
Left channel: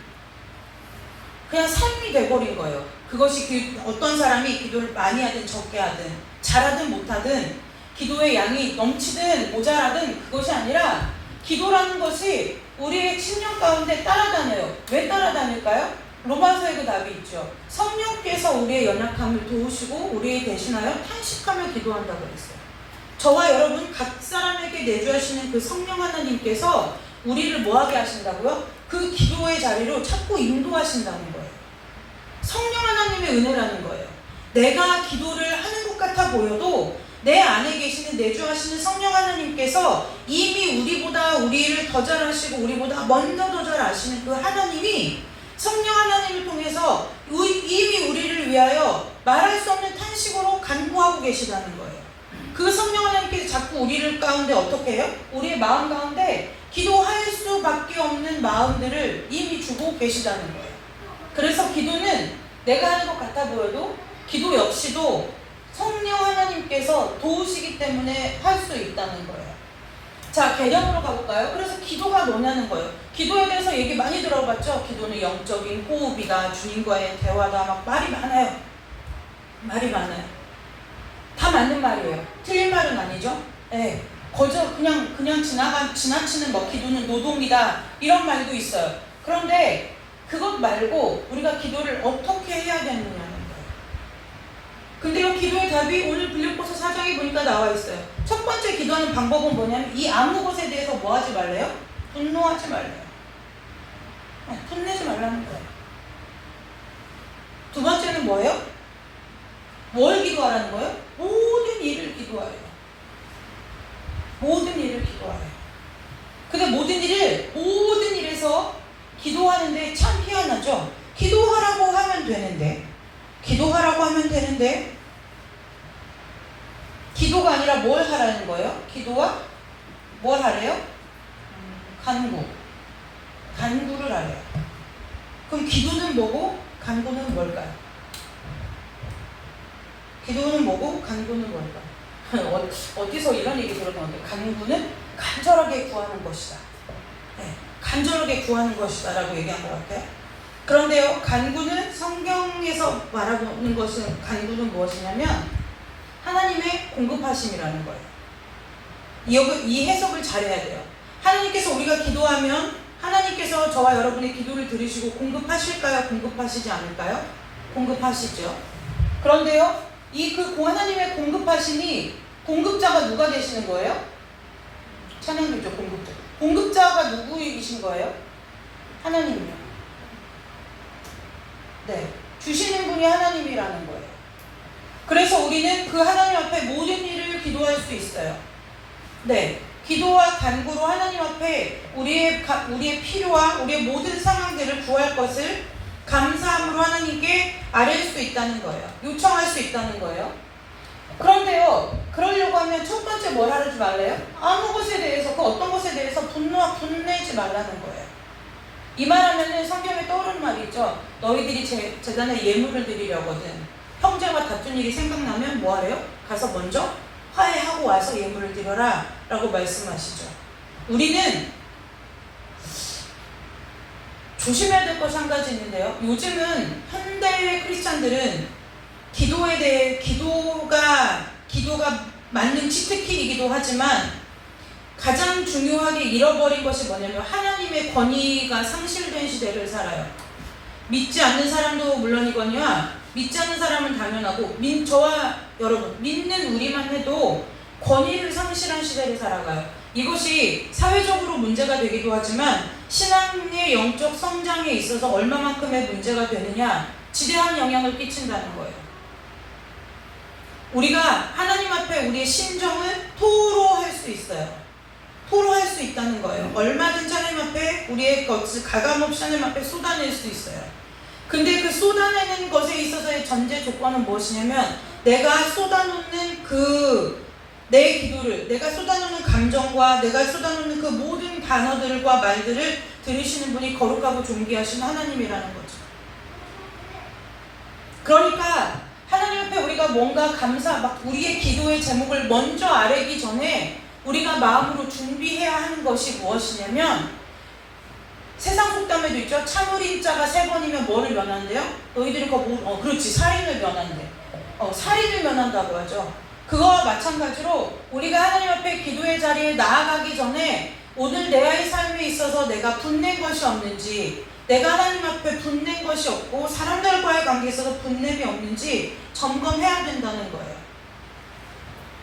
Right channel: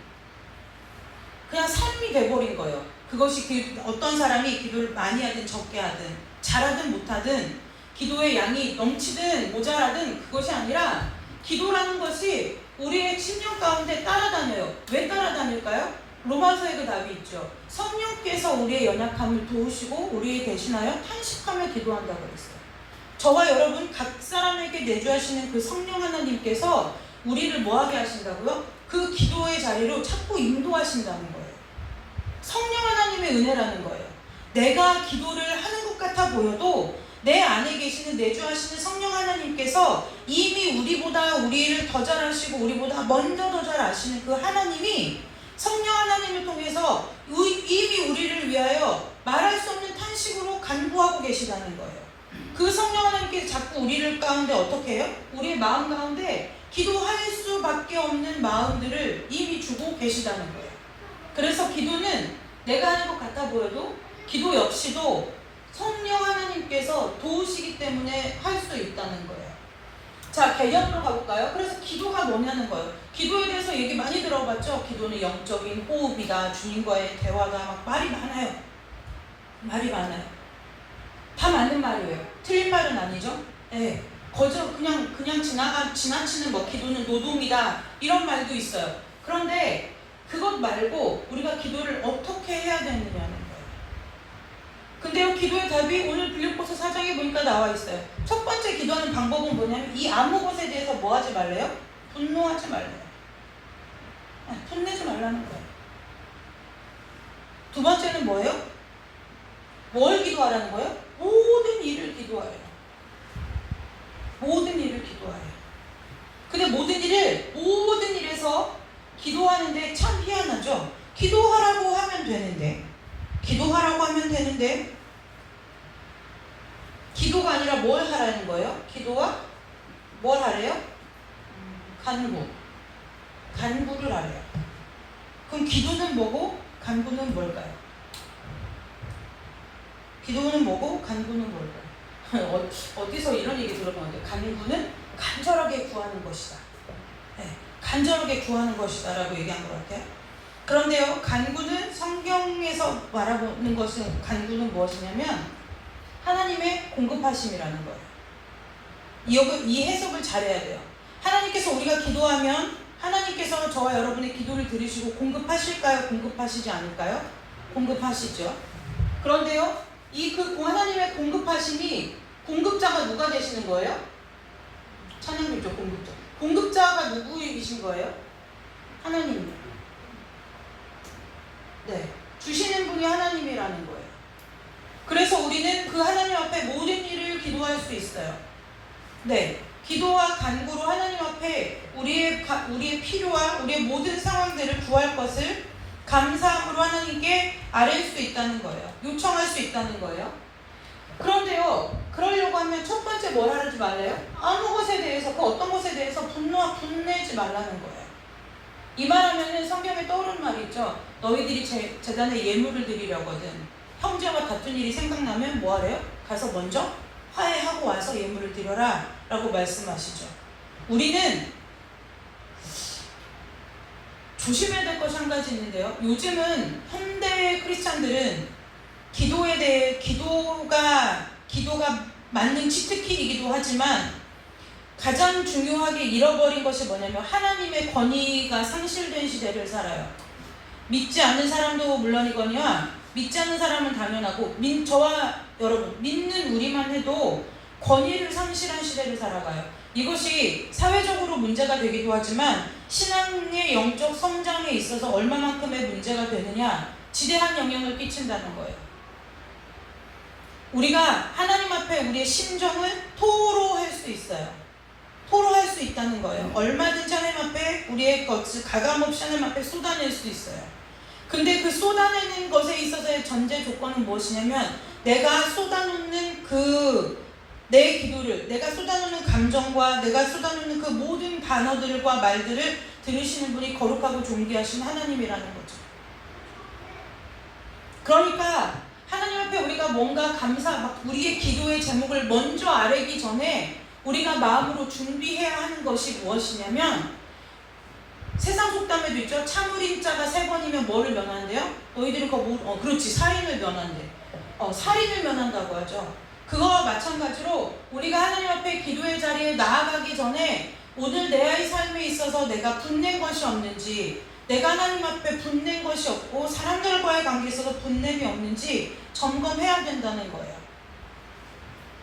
그냥 삶이 돼버린 거예요. 그것이 어떤 사람이 기도를 많이 하든 적게 하든 잘하든 못하든 기도의 양이 넘치든 모자라든 그것이 아니라 기도라는 것이 우리의 심령 가운데 따라다녀요. 왜 따라다닐까요? 로마서에 그 답이 있죠. 성령께서 우리의 연약함을 도우시고 우리 대신하여 탄식하며 기도한다고 그랬어요. 저와 여러분 각 사람에게 내주하시는 그 성령 하나님께서 우리를 뭐하게 하신다고요? 그 기도의 자리로 자꾸 인도하신다는 거예요. 성령 하나님의 은혜라는 거예요. 내가 기도를 하는 것 같아 보여도 내 안에 계시는 내주하시는 성령 하나님께서 이미 우리보다 우리를 더 잘 아시고 우리보다 먼저 더 잘 아시는 그 하나님이 성령 하나님을 통해서 이미 우리를 위하여 말할 수 없는 탄식으로 간구하고 계시다는 거예요. 그 성령 하나님께서 자꾸 우리를 가운데 어떻게 해요? 우리의 마음 가운데 기도할 수밖에 없는 마음들을 이미 주고 계시다는 거예요. 그래서 기도는 내가 하는 것 같아 보여도 기도 역시도 성령 하나님께서 도우시기 때문에 할 수 있다는 거예요. 자, 개념으로 가볼까요? 그래서 기도가 뭐냐는 거예요. 기도에 대해서 얘기 많이 들어봤죠? 기도는 영적인 호흡이다, 주님과의 대화다, 막 말이 많아요. 말이 많아요. 다 맞는 말이에요. 틀린 말은 아니죠? 예. 그냥 지나치는 뭐 기도는 노동이다, 이런 말도 있어요. 그런데 그것 말고 우리가 기도를 어떻게 해야 되느냐는 거예요. 근데요, 기도의 답이 오늘 빌립보서 4장에 보니까 나와 있어요. 첫 번째 기도하는 방법은 뭐냐면 이 아무 것에 대해서 뭐 하지 말래요? 분노하지 말래요. 톤내지 말라는 거예요. 두 번째는 뭐예요? 뭘 기도하라는 거예요? 모든 일을 기도하래요. 모든 일을 기도하래요. 근데 모든 일에서 기도하는데 참 희한하죠? 기도하라고 하면 되는데 기도가 아니라 뭘 하라는 거예요? 기도와 뭘 하래요? 간구를 하래요. 그럼 기도는 뭐고 간구는 뭘까요? 기도는 뭐고 간구는 뭘까요? 어디서 이런 얘기 들었는데 간구는 간절하게 구하는 것이다. 네, 간절하게 구하는 것이다 라고 얘기한 것 같아요. 그런데요, 간구는 성경에서 말하는 것은 간구는 무엇이냐면 하나님의 공급하심이라는 거예요. 이 해석을 잘해야 돼요. 하나님께서 우리가 기도하면 하나님께서 저와 여러분의 기도를 들으시고 공급하실까요? 공급하시지 않을까요? 공급하시죠. 그런데요, 하나님의 공급하심이 공급자가 누가 되시는 거예요? 찬양교죠, 공급자. 공급자가 누구이신 거예요? 하나님이요. 네, 주시는 분이 하나님이라는 거예요. 그래서 우리는 그 하나님 앞에 모든 일을 기도할 수 있어요. 네, 기도와 간구로 하나님 앞에 우리의 필요와 우리의 모든 상황들을 구할 것을 감사함으로 하나님께 아뢰일 수 있다는 거예요. 요청할 수 있다는 거예요. 그런데요, 그러려고 하면 첫 번째 뭘 하지 말래요? 아무 것에 대해서, 그 어떤 것에 대해서 분내지 말라는 거예요. 이 말하면은 성경에 떠오르는 말이 있죠. 너희들이 제단에 예물을 드리려거든. 형제와 다툰 일이 생각나면 뭐 하래요? 가서 먼저 화해하고 와서 예물을 드려라 라고 말씀하시죠. 우리는 조심해야 될 것이 한 가지 있는데요. 요즘은 현대 크리스찬들은 기도에 대해 기도가 만능 치트키이기도 하지만 가장 중요하게 잃어버린 것이 뭐냐면 하나님의 권위가 상실된 시대를 살아요. 믿지 않는 사람도 물론이거니와 믿지 않는 사람은 당연하고 저와 여러분 믿는 우리만 해도 권위를 상실한 시대를 살아가요. 이것이 사회적으로 문제가 되기도 하지만 신앙의 영적 성장에 있어서 얼마만큼의 문제가 되느냐 지대한 영향을 끼친다는 거예요. 우리가 하나님 앞에 우리의 심정을 토로할 수 있어요. 토로할 수 있다는 거예요. 얼마든지 하나님 앞에 우리의 것을 가감없이 하나님 앞에 쏟아낼 수 있어요. 근데 그 쏟아내는 것에 있어서의 전제 조건은 무엇이냐면 내가 쏟아놓는 내 기도를, 내가 쏟아놓는 감정과 내가 쏟아놓는 그 모든 단어들과 말들을 들으시는 분이 거룩하고 존귀하신 하나님이라는 거죠. 그러니까 하나님 앞에 우리가 뭔가 우리의 기도의 제목을 먼저 아뢰기 전에 우리가 마음으로 준비해야 하는 것이 무엇이냐면 세상 속담에도 있죠. 참으린 자가 3번이면 뭐를 면한대요? 너희들은 그렇지, 살인을 면한대. 살인을 면한다고 하죠. 그거와 마찬가지로 우리가 하나님 앞에 기도의 자리에 나아가기 전에 오늘 내의 삶에 있어서 내가 분낸 것이 없는지, 내가 하나님 앞에 분낸 것이 없고 사람들과의 관계에 있어서 분냄이 없는지 점검해야 된다는 거예요.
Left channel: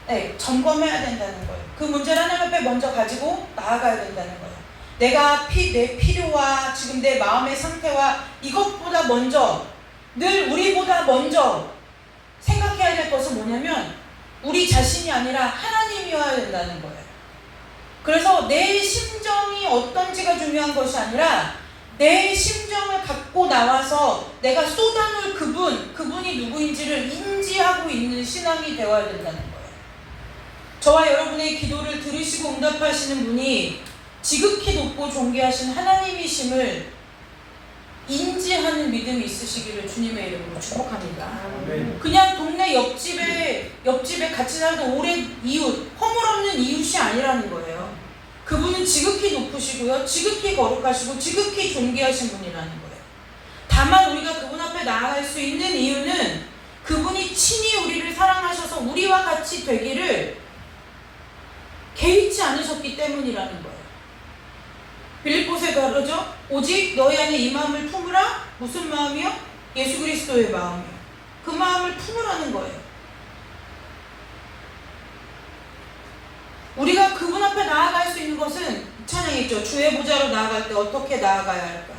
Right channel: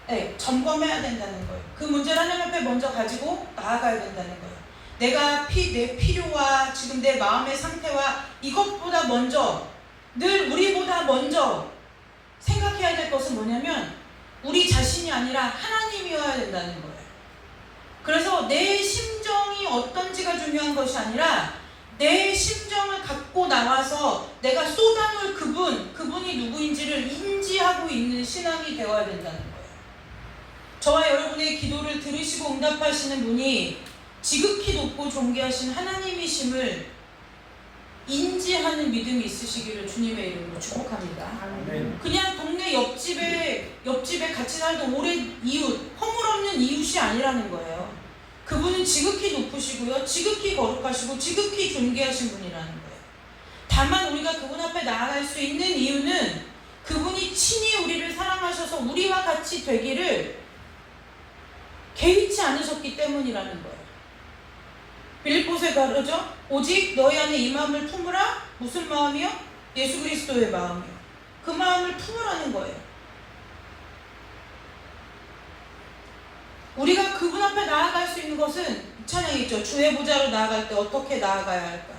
네, 점검해야 된다는 거예요. 그 문제를 하나님 앞에 먼저 가지고 나아가야 된다는 거예요. 내 필요와 지금 내 마음의 상태와 이것보다 먼저, 늘 우리보다 먼저 생각해야 될 것은 뭐냐면 우리 자신이 아니라 하나님이어야 된다는 거예요. 그래서 내 심정이 어떤지가 중요한 것이 아니라 내 심정을 갖고 나와서 내가 쏟아놓을 그분이 누구인지를 인지하고 있는 신앙이 되어야 된다는 거예요. 저와 여러분의 기도를 들으시고 응답하시는 분이 지극히 높고 존귀하신 하나님이심을 인지하는 믿음이 있으시기를 주님의 이름으로 축복합니다. 아멘. 그냥 동네 옆집에 같이 살던 오랜 이웃, 허물없는 이웃이 아니라는 거예요. 그분은 지극히 높으시고요, 지극히 거룩하시고 지극히 존귀하신 분이라는 거예요. 다만 우리가 그분 앞에 나아갈 수 있는 이유는 그분이 친히 우리를 사랑하셔서 우리와 같이 되기를 개의치 않으셨기 때문이라는 거예요. 빌립보서에 그러죠? 오직 너희 안에 이 마음을 품으라. 무슨 마음이요? 예수 그리스도의 마음이요. 그 마음을 품으라는 거예요. 우리가 그분 앞에 나아갈 수 있는 것은 찬양이 있죠. 주의 보좌로 나아갈 때 어떻게 나아가야 할까?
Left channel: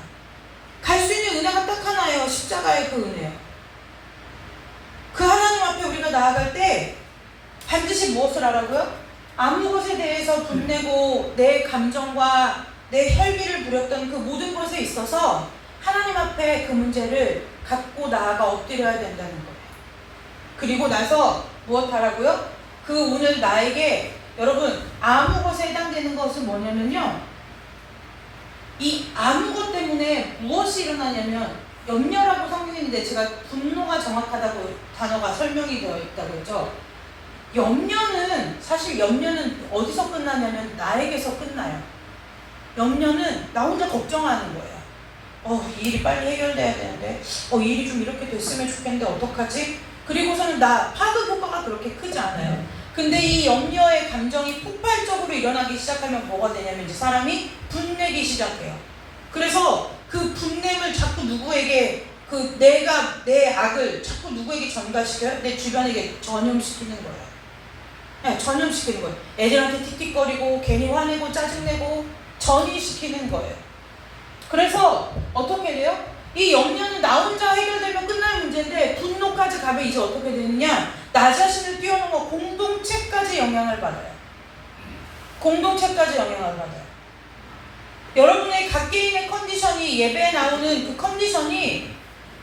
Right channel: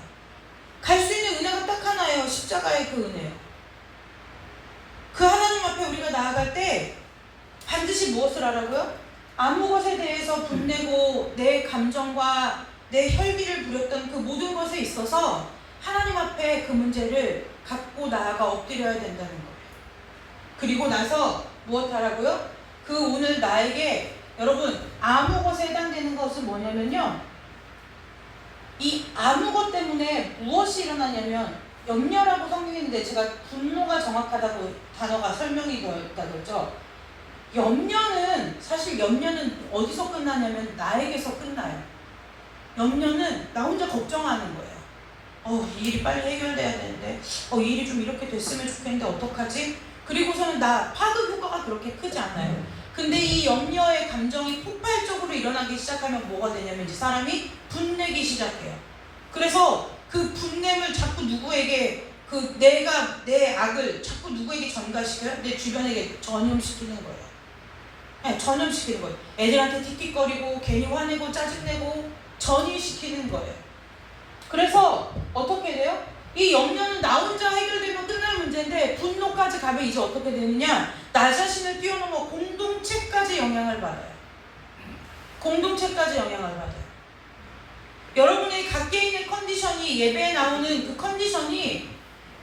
갈 수 있는 은혜가 딱 하나예요. 십자가의 그 은혜요. 그 하나님 앞에 우리가 나아갈 때 반드시 무엇을 하라고요? 아무 것에 대해서 분내고 내 감정과 내 혈기를 부렸던 그 모든 것에 있어서 하나님 앞에 그 문제를 갖고 나아가 엎드려야 된다는 거예요. 그리고 나서 무엇 하라고요? 그 오늘 나에게 여러분 아무 것에 해당되는 것은 뭐냐면요, 이 아무 것 때문에 무엇이 일어나냐면 염려라고 성경에 있는데 제가 분노가 정확하다고 단어가 설명이 되어 있다고 그러죠. 사실 염려는 어디서 끝나냐면 나에게서 끝나요. 염려는 나 혼자 걱정하는 거예요. 이 일이 빨리 해결돼야 되는데, 이 일이 좀 이렇게 됐으면 좋겠는데 어떡하지? 그리고서는 파급 효과가 그렇게 크지 않아요. 근데 이 염려의 감정이 폭발적으로 일어나기 시작하면 뭐가 되냐면 이제 사람이 분내기 시작해요. 그래서 그 분냄을 자꾸 누구에게 내가 내 악을 자꾸 누구에게 전가시켜요? 내 주변에게 전염시키는 거예요. 네, 전염시키는 거예요. 애들한테 틱틱거리고 괜히 화내고 짜증내고 전이시키는 거예요. 그래서 어떻게 돼요? 이 염려는 나 혼자 해결되면 끝날 문제인데 분노까지 가면 이제 어떻게 되느냐? 나 자신을 뛰어넘어 공동체까지 영향을 받아요. 공동체까지 영향을 받아요. 여러분의 각개인의 컨디션이 예배에 나오는 그 컨디션이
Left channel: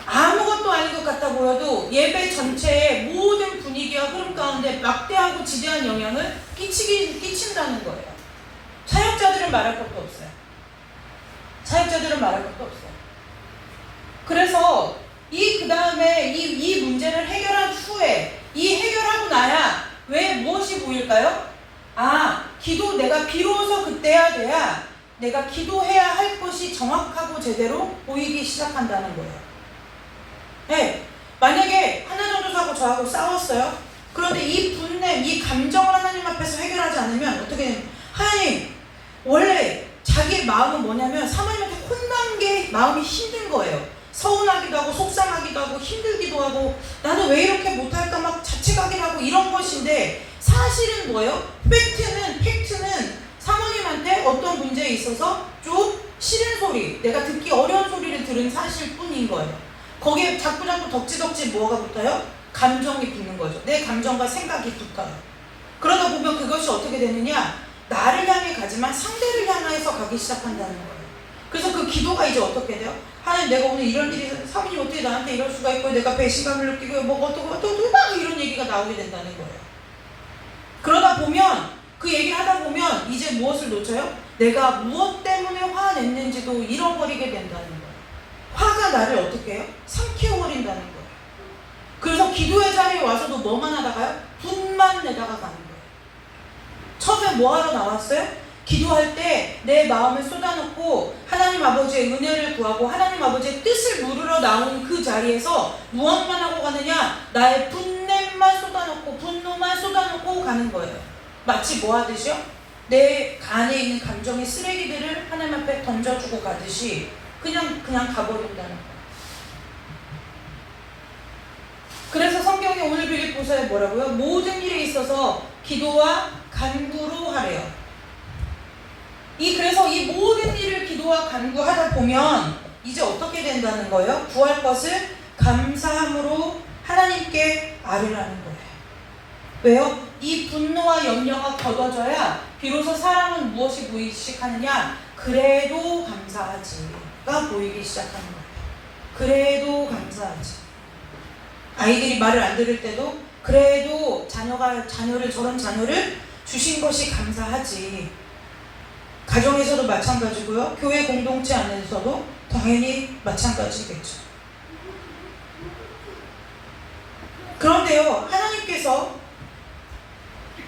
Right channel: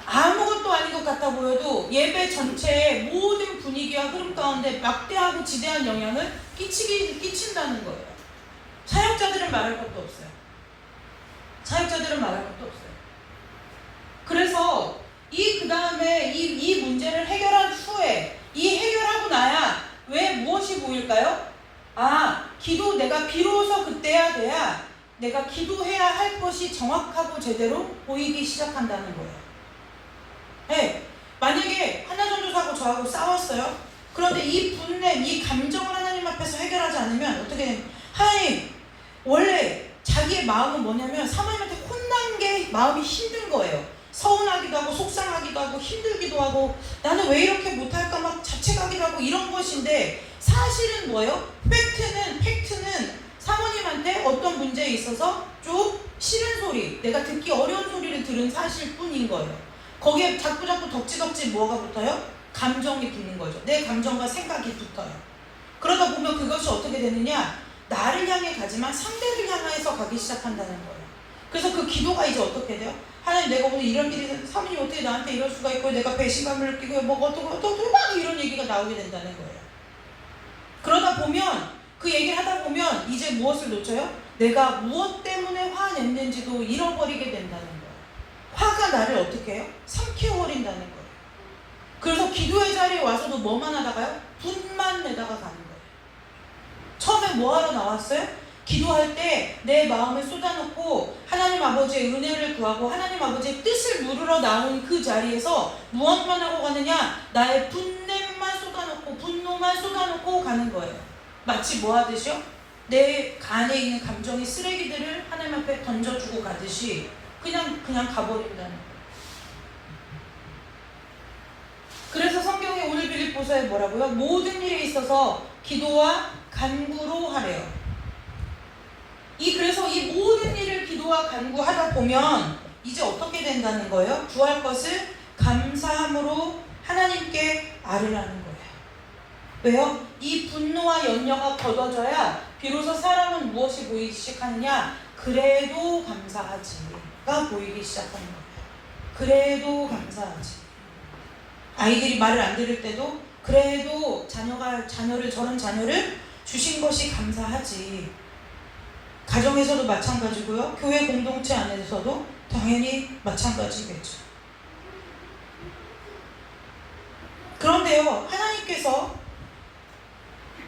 아무것도 아닌 것 같아 보여도 예배 전체의 모든 분위기와 흐름 가운데 막대하고 지대한 영향을 끼친다는 거예요. 사역자들은 말할 것도 없어요. 사역자들은 말할 것도 없어요. 그래서 그 다음에 이 문제를 해결한 후에 이 해결하고 나야 왜 무엇이 보일까요? 내가 비로소 그때야 돼야 내가 기도해야 할 것이 정확하고 제대로 보이기 시작한다는 거예요. 네, 만약에 하나 전도사하고 저하고 싸웠어요. 그런데 이 분냄, 이 감정을 하나님 앞에서 해결하지 않으면 어떻게 되냐면 하나님, 원래 자기의 마음은 뭐냐면 사모님한테 혼난 게 마음이 힘든 거예요. 서운하기도 하고 속상하기도 하고 힘들기도 하고 나는 왜 이렇게 못할까 막 자책하기도 하고 이런 것인데 사실은 뭐예요? 팩트는 사모님한테 어떤 문제에 있어서 좀 싫은 소리, 내가 듣기 어려운 소리를 들은 사실 뿐인 거예요. 거기에 자꾸 덕지덕지 뭐가 붙어요? 감정이 붙는 거죠. 내 감정과 생각이 붙어요. 그러다 보면 그것이 어떻게 되느냐? 나를 향해 가지만 상대를 향해서 가기 시작한다는 거예요. 그래서 그 기도가 이제 어떻게 돼요? 하나님, 내가 오늘 이런 일이 있어서 사모님 어떻게 나한테 이럴 수가 있고 내가 배신감을 느끼고 뭐 어떻고 막 이런 얘기가 나오게 된다는 거예요. 그러다 보면 그 얘기를 하다 보면 이제 무엇을 놓쳐요? 내가 무엇 때문에 화냈는지도 잃어버리게 된다는 거예요. 화가 나를 어떻게 해요? 삼켜버린다는 거예요. 그래서 기도의 자리에 와서도 뭐만 하다가요? 분만 내다가 가는 거예요. 처음에 뭐 하러 나왔어요? 기도할 때 내 마음을 쏟아놓고 하나님 아버지의 은혜를 구하고 하나님 아버지의 뜻을 물으러 나온 그 자리에서 무엇만 하고 가느냐? 나의 분냄만 쏟아놓고 분노만 쏟아놓고 가는 거예요. 마치 뭐 하듯이요? 내 안에 있는 감정의 쓰레기들을 하나님 앞에 던져주고 가듯이 그냥 가버린다는 거예요. 그래서 성경이 오늘 빌립보서에 뭐라고요? 모든 일에 있어서 기도와 간구로 하래요. 그래서 이 모든 일을 기도와 간구하다 보면 이제 어떻게 된다는 거예요? 구할 것을 감사함으로 하나님께 아뢰라는 거예요. 왜요? 이 분노와 염려가 걷어져야 비로소 사람은 무엇이 보이기 시작하느냐? 그래도 감사하지가 보이기 시작하는 거예요. 그래도 감사하지. 아이들이 말을 안 들을 때도 그래도 저런 자녀를 주신 것이 감사하지. 가정에서도 마찬가지고요. 교회 공동체 안에서도 당연히 마찬가지겠죠. 그런데요, 하나님께서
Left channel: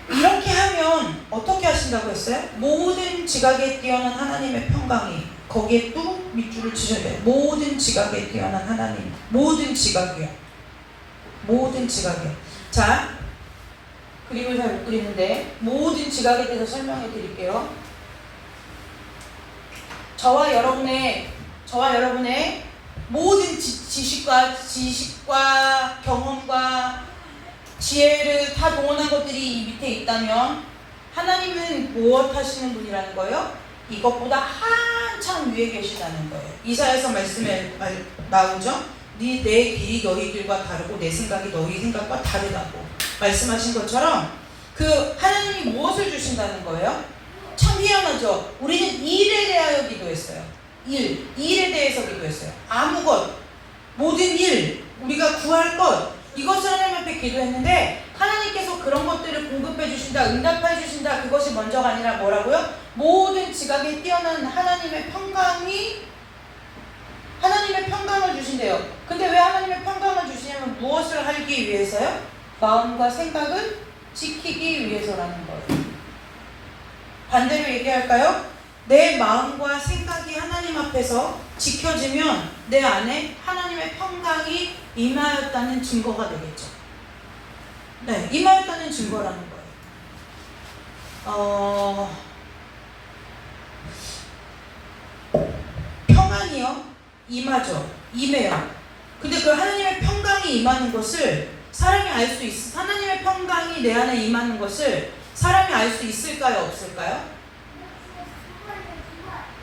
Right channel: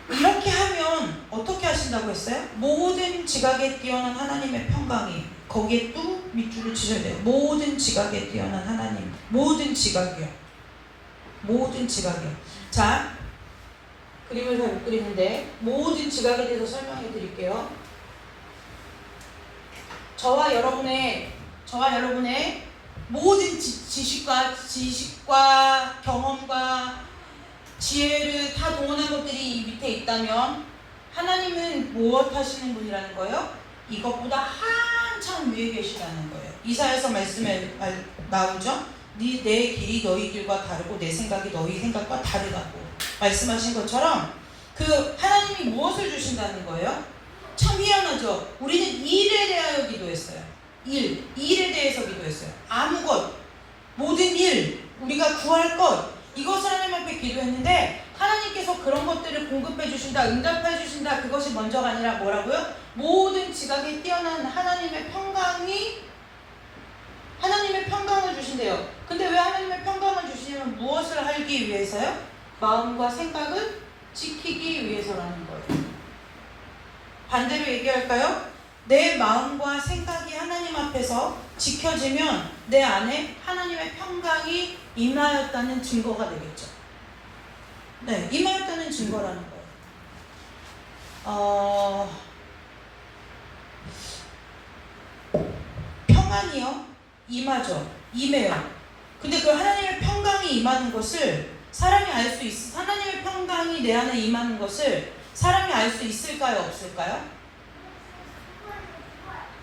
이렇게 하면 어떻게 하신다고 했어요? 모든 지각에 뛰어난 하나님의 평강이, 거기에 또 밑줄을 치셔야 돼요. 모든 지각에 뛰어난 하나님, 모든 지각이요. 모든 지각이요. 자, 그림을 잘 못 그리는데 모든 지각에 대해서 설명해 드릴게요. 저와 여러분의 모든 지식과 경험과 지혜를 다 동원한 것들이 이 밑에 있다면 하나님은 무엇 하시는 분이라는 거예요? 이것보다 한참 위에 계시다는 거예요. 이사야서 말씀에 나오죠? 내 길이 너희 길과 다르고 내 생각이 너희 생각과 다르다고 말씀하신 것처럼 그 하나님이 무엇을 주신다는 거예요? 참 희한하죠. 우리는 일에 대하여 기도했어요. 일에 대해서 기도했어요. 아무 것, 모든 일, 우리가 구할 것, 이것을 하나님 앞에 기도했는데 하나님께서 그런 것들을 공급해 주신다, 응답해 주신다. 그것이 먼저가 아니라 뭐라고요? 모든 지각에 뛰어난 하나님의 평강을 주신대요. 근데 왜 하나님의 평강을 주시냐면 무엇을 하기 위해서요? 마음과 생각을 지키기 위해서라는 거예요. 반대로 얘기할까요? 내 마음과 생각이 하나님 앞에서 지켜지면 내 안에 하나님의 평강이 임하였다는 증거가 되겠죠. 네, 임하였다는 증거라는 거예요. 평안이요? 임하죠. 임해요. 근데 그 하나님의 평강이 임하는 것을 사람이 알 수 하나님의 평강이 내 안에 임하는 것을 사람이 알 수 있을까요? 없을까요?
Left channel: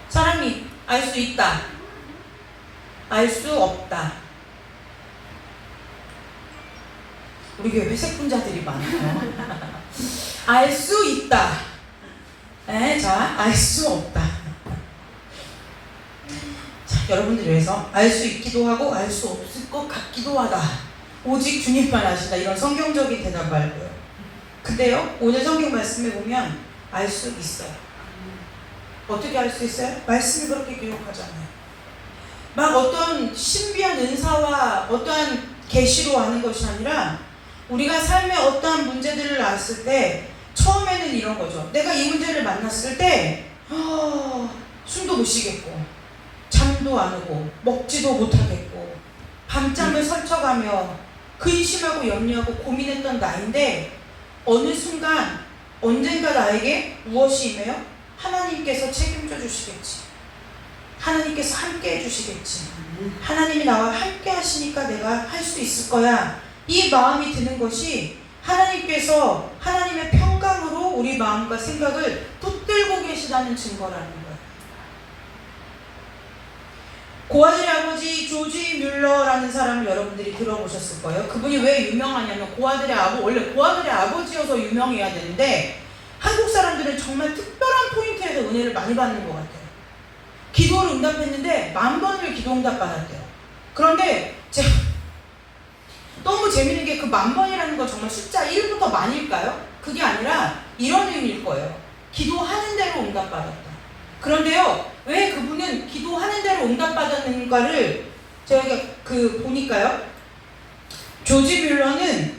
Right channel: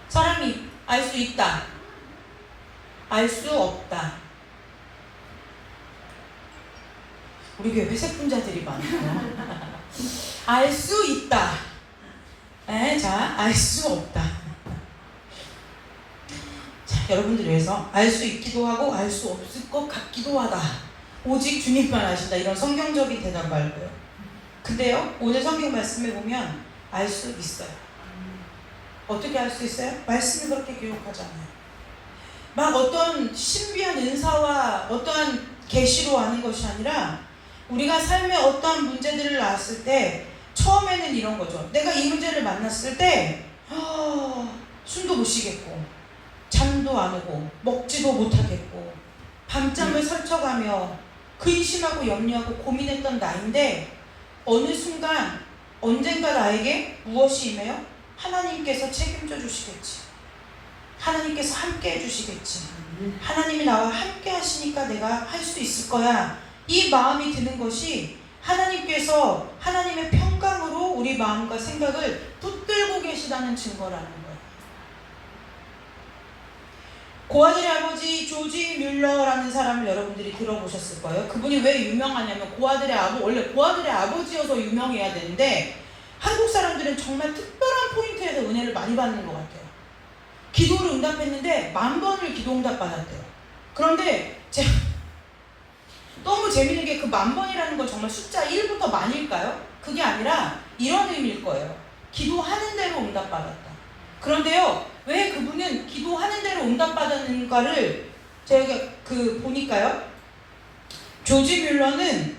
사람이 알 수 있다. 알 수 없다. 우리 교회 회색 분자들이 많아요. 알 수 있다. 자, 알 수 없다. 자, 여러분들 위해서 알 수 있기도 하고 알 수 없을 것 같기도 하다. 오직 주님만 아신다. 이런 성경적인 대답 말고요. 근데요, 오늘 성경 말씀에 보면 알 수 있어요. 어떻게 알 수 있어요? 말씀이 그렇게 기록하잖아요. 막 어떤 신비한 은사와 어떠한 계시로 하는 것이 아니라 우리가 삶에 어떠한 문제들을 낳았을 때 처음에는 이런 거죠. 내가 이 문제를 만났을 때 숨도 못 쉬겠고 잠도 안 오고 먹지도 못하겠고 밤잠을 설쳐가며 근심하고 염려하고 고민했던 나인데 어느 순간 언젠가 나에게 무엇이 임해요? 하나님께서 책임져 주시겠지. 하나님께서 함께 해주시겠지. 하나님이 나와 함께 하시니까 내가 할 수 있을 거야. 이 마음이 드는 것이 하나님께서 하나님의 평강으로 우리 마음과 생각을 붙들고 계시다는 증거라는 거예요. 고아들의 아버지 조지 뮬러라는 사람을 여러분들이 들어보셨을 거예요. 그분이 왜 유명하냐면 원래 고아들의 아버지여서 유명해야 되는데 한국 사람들은 정말 특별한 포인트에서 은혜를 많이 받는 것 같아요. 기도를 응답했는데 10,000번을 기도 응답 받았대요. 그런데 제가 너무 재밌는 게 그 10,000번이라는 건 정말 숫자 1부터 만일까요? 그게 아니라 이런 의미일 거예요. 기도하는 대로 응답 받았다. 그런데요, 왜 그분은 기도하는 대로 응답 받았는가를 제가 보니까요, 조지 뮬러는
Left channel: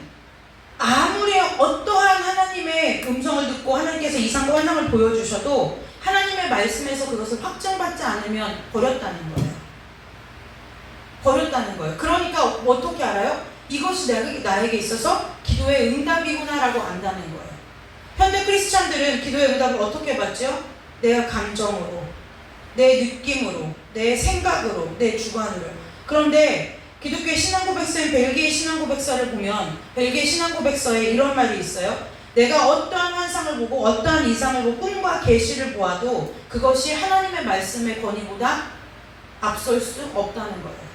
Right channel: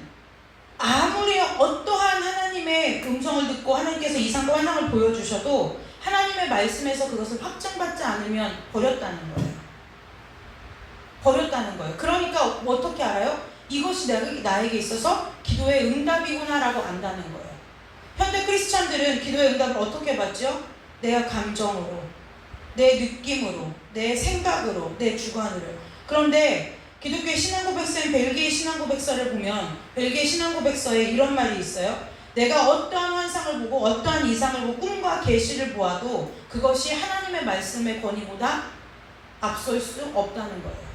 아무리 어떠한 하나님의 음성을 듣고 하나님께서 이상과 환상을 보여주셔도 하나님의 말씀에서 그것을 확증받지 않으면 버렸다는 거예요. 버렸다는 거예요. 그러니까 어떻게 알아요? 이것이 나에게 있어서 기도의 응답이구나라고 안다는 거예요. 현대 크리스찬들은 기도의 응답을 어떻게 받죠? 내가 감정으로, 내 느낌으로, 내 생각으로, 내 주관으로. 그런데 기독교의 신앙고백서인 벨기에 신앙고백서를 보면 벨기에 신앙고백서에 이런 말이 있어요. 내가 어떠한 환상을 보고 어떠한 이상을 보고 꿈과 계시를 보아도 그것이 하나님의 말씀의 권위보다 앞설 수 없다는 거예요.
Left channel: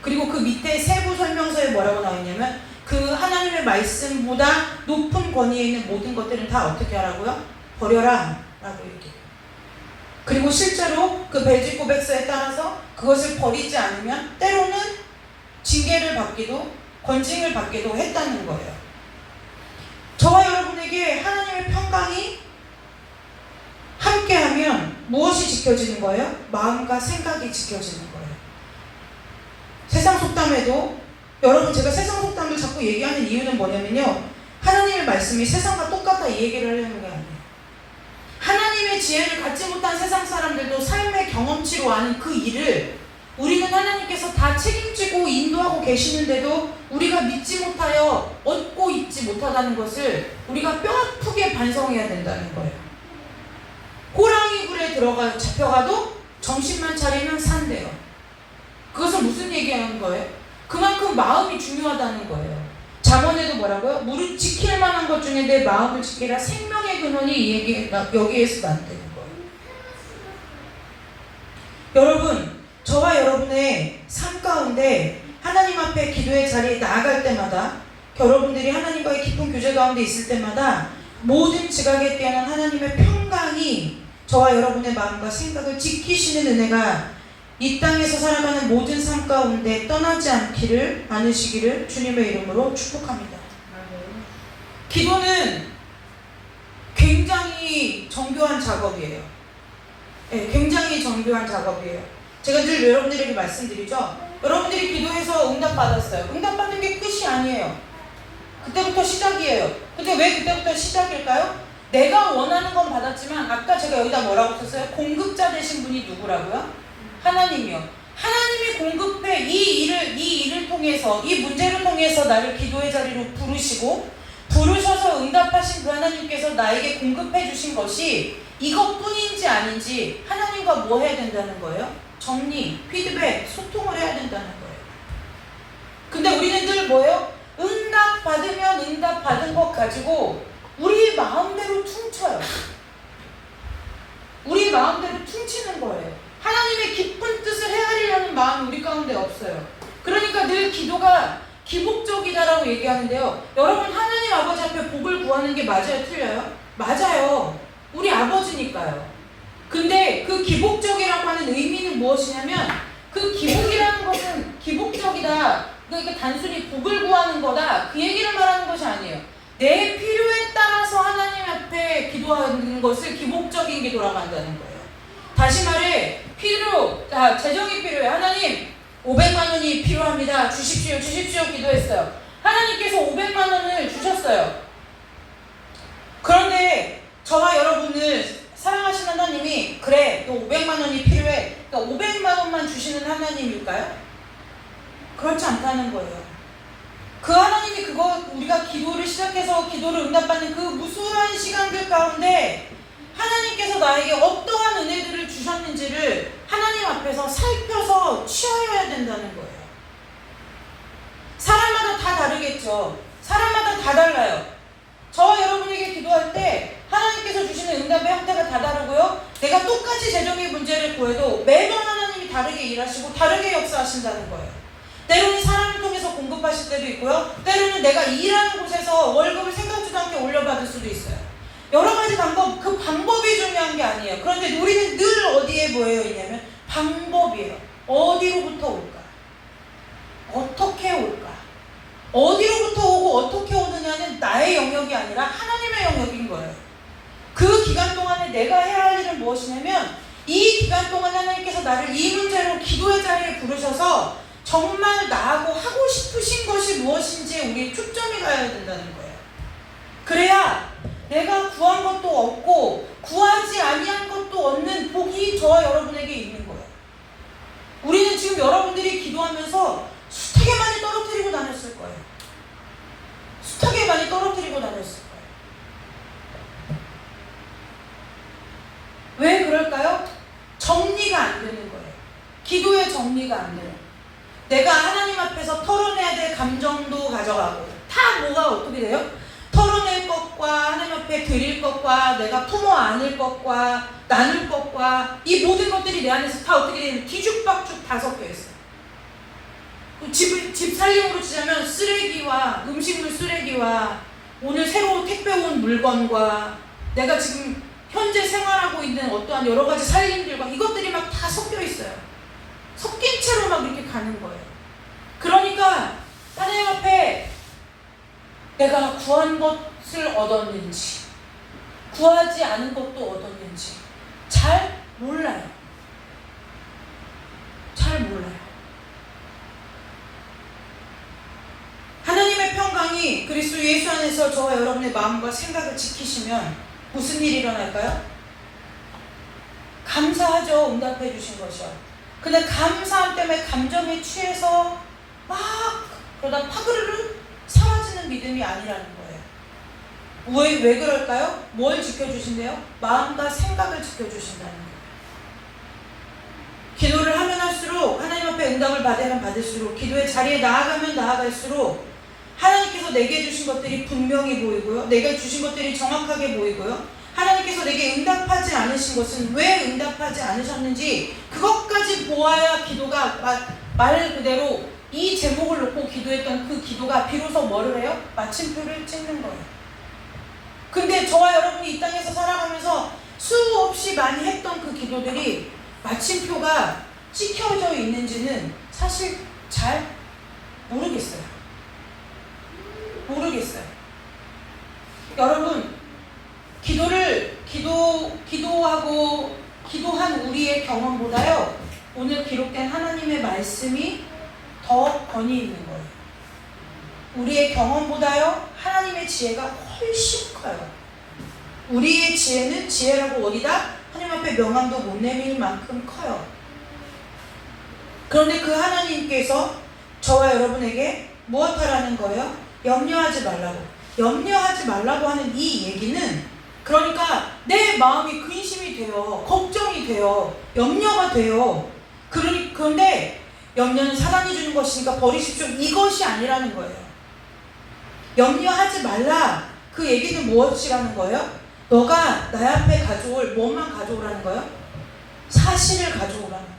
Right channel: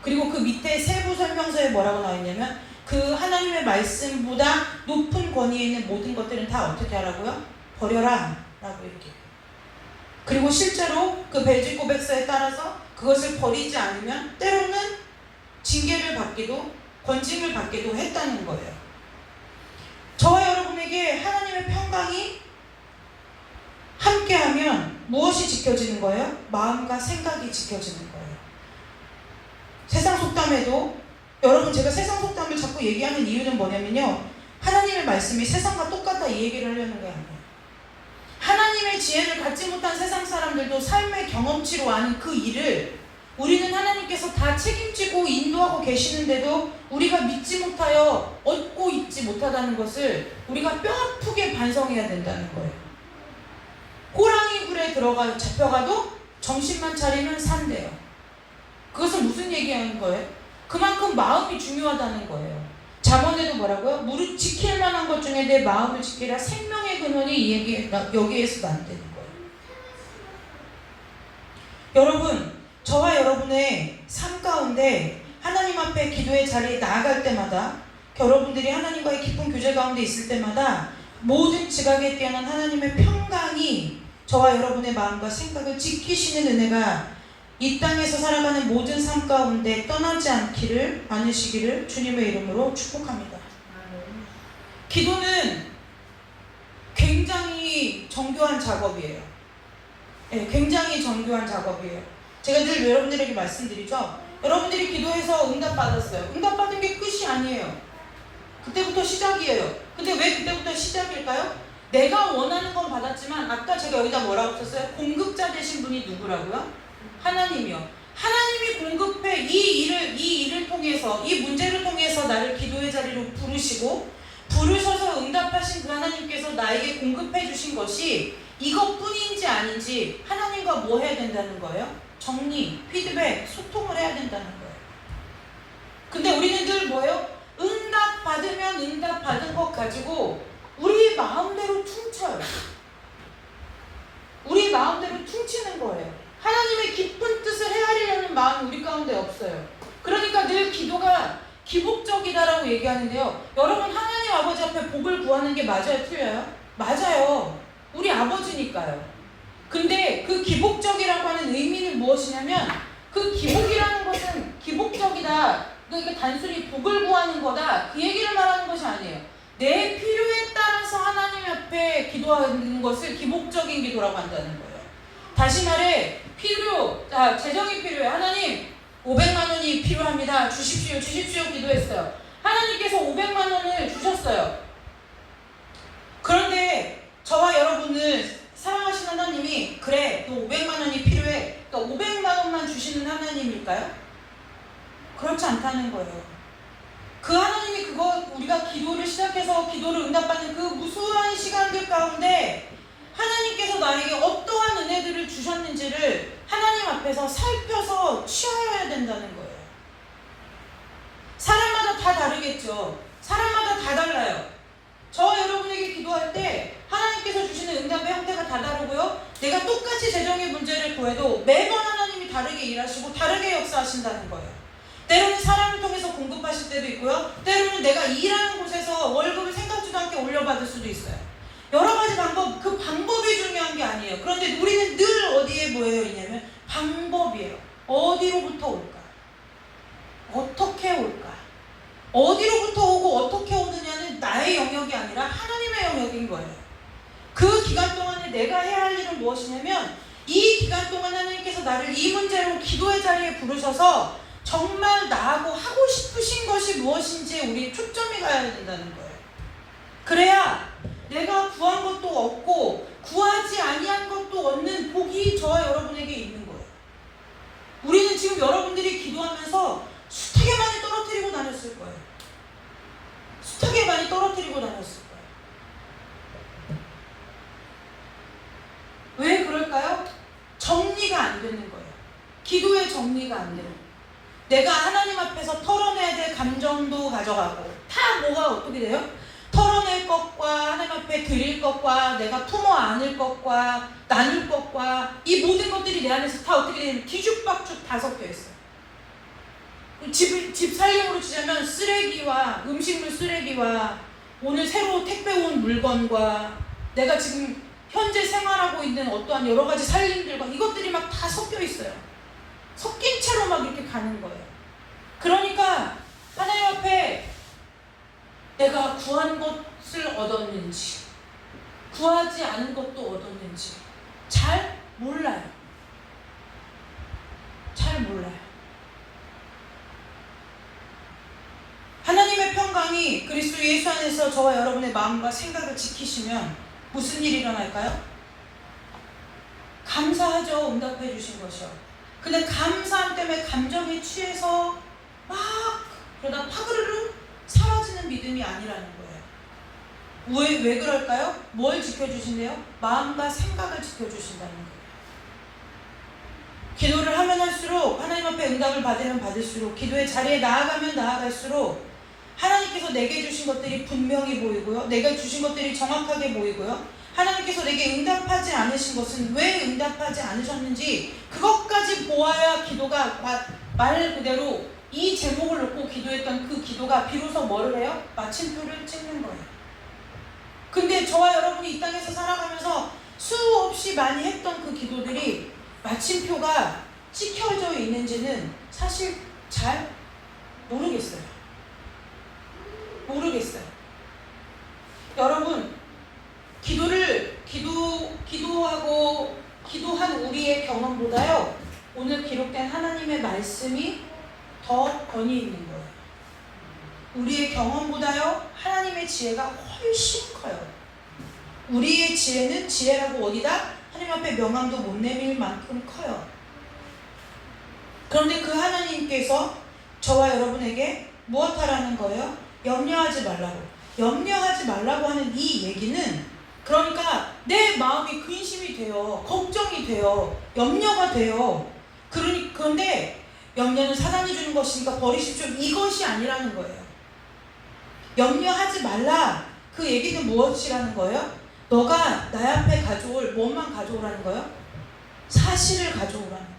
그리고 그 밑에 세부 설명서에 뭐라고 나오냐면 그 하나님의 말씀보다 높은 권위에 있는 모든 것들은 다 어떻게 하라고요? 버려라 라고 얘기해요. 그리고 실제로 그 벨기 고백서에 따라서 그것을 버리지 않으면 때로는 징계를 받기도 권징을 받기도 했다는 거예요. 저와 여러분에게 하나님의 평강이 함께하면 무엇이 지켜지는 거예요? 마음과 생각이 지켜지는 거예요. 세상 속담에도 여러분 제가 세상 속담을 자꾸 얘기하는 이유는 뭐냐면요. 하나님의 말씀이 세상과 똑같다 이 얘기를 하려는 게 아니에요. 하나님의 지혜를 갖지 못한 세상 사람들도 삶의 경험치로 아는 그 일을 우리는 하나님께서 다 책임지고 인도하고 계시는데도 우리가 믿지 못하여 얻고 있지 못하다는 것을 우리가 뼈아프게 반성해야 된다는 거예요. 호랑이 굴에 잡혀가도 정신만 차리면 산대요. 그것은 무슨 얘기하는 거예요? 그만큼 마음이 중요하다는 거예요. 잠언에도 뭐라고요? 무릇 지킬 만한 것 중에 내 마음을 지키라. 생명의 근원이 여기에서 난다는 거예요. 여러분, 저와 여러분의 삶 가운데 하나님 앞에 기도의 자리에 나아갈 때마다 여러분들이 하나님과의 깊은 교제 가운데 있을 때마다 모든 지각에 뛰어난 하나님의 평강이 저와 여러분의 마음과 생각을 지키시는 은혜가 이 땅에서 살아가는 모든 삶 가운데 떠나지 않으시기를 주님의 이름으로 축복합니다. 기도는 굉장히 정교한 작업이에요. 네, 굉장히 정교한 작업이에요. 제가 늘 여러분들에게 말씀드리죠. 여러분들이 기도해서 응답받았어요. 응답받는 게 끝이 아니에요. 그때부터 시작이에요. 근데 왜 그때부터 시작일까요? 내가 원하는 건 받았지만 아까 제가 여기다 뭐라고 썼어요? 공급자 되신 분이 누구라고요? 하나님이요. 하나님이 공급해 이 일을 통해서 이 문제를 통해서 나를 기도의 자리로 부르셔서 응답하신 그 하나님께서 나에게 공급해 주신 것이 이것뿐인지 아닌지 하나님과 뭐 해야 된다는 거예요? 정리, 피드백, 소통을 해야 된다는 거예요. 근데 우리는 늘 뭐예요? 응답 받으면 응답 받은 것 가지고 우리 마음대로 퉁쳐요. 우리 마음대로 퉁치는 거예요. 하나님의 깊은 뜻을 헤아리려는 마음이 우리 가운데 없어요. 그러니까 늘 기도가 기복적이다라고 얘기하는데요. 여러분 하나님 아버지 앞에 복을 구하는 게 맞아요? 틀려요? 맞아요. 우리 아버지니까요. 근데 그 기복적이라고 하는 의미는 무엇이냐면 그 기복이라는 것은 기복적이다. 그러니까 단순히 복을 구하는 거다. 그 얘기를 말하는 것이 아니에요. 내 필요에 따라서 하나님 앞에 기도하는 것을 기복적인 기도라고 한다는 거예요. 다시 말해 재정이 필요해. 하나님 500만 원이 필요합니다. 주십시오 기도했어요. 하나님께서 500만 원을 주셨어요. 그런데 저와 여러분을 사랑하시는 하나님이 그래 너 500만 원이 필요해. 그러니까 500만 원만 주시는 하나님일까요? 그렇지 않다는 거예요. 그 하나님이 우리가 기도를 시작해서 기도를 응답받는 그 무수한 시간들 가운데 하나님께서 나에게 어떠한 은혜들을 주셨는지를 하나님 앞에서 살펴서 취하여야 된다는 거예요. 사람마다 다 다르겠죠. 사람마다 다 달라요. 저와 여러분에게 기도할 때 하나님께서 주시는 응답의 형태가 다 다르고요. 내가 똑같이 재정의 문제를 구해도 매번 하나님이 다르게 일하시고 다르게 역사하신다는 거예요. 때로는 사람을 통해서 공급하실 때도 있고요. 때로는 내가 일하는 곳에서 월급을 생각지도 않게 올려받을 수도 있어요. 여러 가지 방법, 그 방법이 중요한 게 아니에요. 그런데 우리는 늘 어디에 뭐예요? 있냐면 방법이에요. 어디로부터 올까? 어떻게 올까? 어디로부터 오고 어떻게 오느냐는 나의 영역이 아니라 하나님의 영역인 거예요. 그 기간 동안에 내가 해야 할 일은 무엇이냐면 이 기간 동안 하나님께서 나를 이 문제로 기도의 자리에 부르셔서 정말 나하고 하고 싶으신 것이 무엇인지 우리 초점이 가야 된다는 거예요. 그래야 내가 구한 것도 없고 구하지 아니한 것도 없는 복이 저와 여러분에게 있는 거예요. 우리는 지금 여러분들이 기도하면서 숱하게 많이 떨어뜨리고 다녔을 거예요. 숱하게 많이 떨어뜨리고 다녔을 거예요. 기도의 정리가 안 돼요. 내가 하나님 앞에서 털어내야 될 감정도 가져가고 다 뭐가 어떻게 돼요? 털어낼 것과 하나님 앞에 드릴 것과 내가 품어 안을 것과 나눌 것과 이 모든 것들이 내 안에서 다 어떻게 되냐면 뒤죽박죽 다 섞여 있어요. 집 살림으로 치자면 쓰레기와 음식물 쓰레기와 오늘 새로 택배 온 물건과 내가 지금 현재 생활하고 있는 어떠한 여러 가지 살림들과 이것들이 막 다 섞여 있어요. 섞인 채로 막 이렇게 가는 거예요. 그러니까 하나님 앞에 내가 구한 것을 얻었는지 구하지 않은 것도 얻었는지 잘 몰라요. 잘 몰라요. 하나님의 평강이 그리스도 예수 안에서 저와 여러분의 마음과 생각을 지키시면 무슨 일이 일어날까요? 감사하죠. 응답해 주신 것이요. 근데 감사함 때문에 감정에 취해서 막 그러다 파그르르 사라지는 믿음이 아니라는 거예요. 왜 그럴까요? 뭘 지켜주신대요? 마음과 생각을 지켜주신다는 거예요. 기도를 하면 할수록 하나님 앞에 응답을 받으면 받을수록 기도의 자리에 나아가면 나아갈수록 하나님께서 내게 주신 것들이 분명히 보이고요. 내가 주신 것들이 정확하게 보이고요. 하나님께서 내게 응답하지 않으신 것은 왜 응답하지 않으셨는지 그것까지 보아야 기도가 말 그대로 이 제목을 놓고 기도했던 그 기도가 비로소 뭐를 해요? 마침표를 찍는 거예요. 근데 저와 여러분이 이 땅에서 살아가면서 수없이 많이 했던 그 기도들이 마침표가 찍혀져 있는지는 사실 잘 모르겠어요. 여러분, 기도하고 기도한 우리의 경험보다요, 오늘 기록된 하나님의 말씀이 더 권위 있는 거예요. 우리의 경험보다요, 하나님의 지혜가 훨씬 커요. 우리의 지혜는 지혜라고 어디다? 하나님 앞에 명함도 못 내밀 만큼 커요. 그런데 그 하나님께서 저와 여러분에게 무엇하라는 거예요? 염려하지 말라고. 염려하지 말라고 하는 이 얘기는 그러니까 내 마음이 근심이 돼요. 걱정이 돼요. 염려가 돼요. 그런데 염려는 사랑이 주는 것이니까 버리십시오. 이것이 아니라는 거예요. 염려하지 말라. 그 얘기는 무엇이라는 거예요? 너가 나 앞에 가져올 뭐만 가져오라는 거예요? 사실을 가져오라는 거예요.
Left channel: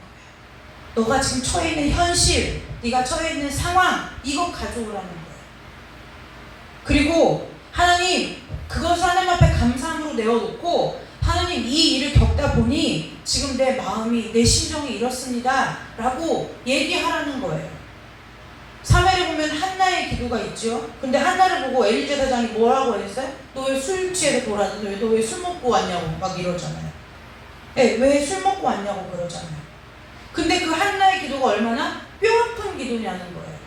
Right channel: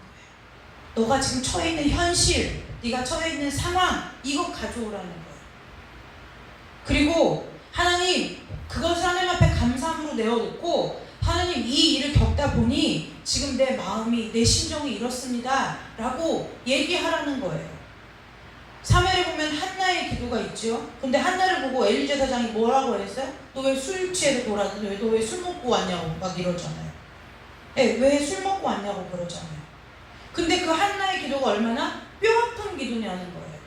너가 지금 처해 있는 현실, 네가 처해 있는 상황, 이거 가져오라는 거예요. 그리고 하나님, 그것을 하나님 앞에 감사함으로 내어놓고 하나님 이 일을 겪다 보니 지금 내 마음이, 내 심정이 이렇습니다 라고 얘기하라는 거예요. 사무엘에 보면 한나의 기도가 있죠. 근데 한나를 보고 엘리 제사장이 뭐라고 했어요? 너 왜 술 취해서 돌았는데 너 왜 술 먹고 왔냐고 막 이러잖아요. 네, 왜 술 먹고 왔냐고 그러잖아요. 근데 그 한나의 기도가 얼마나 뼈아픈 기도냐는 거예요.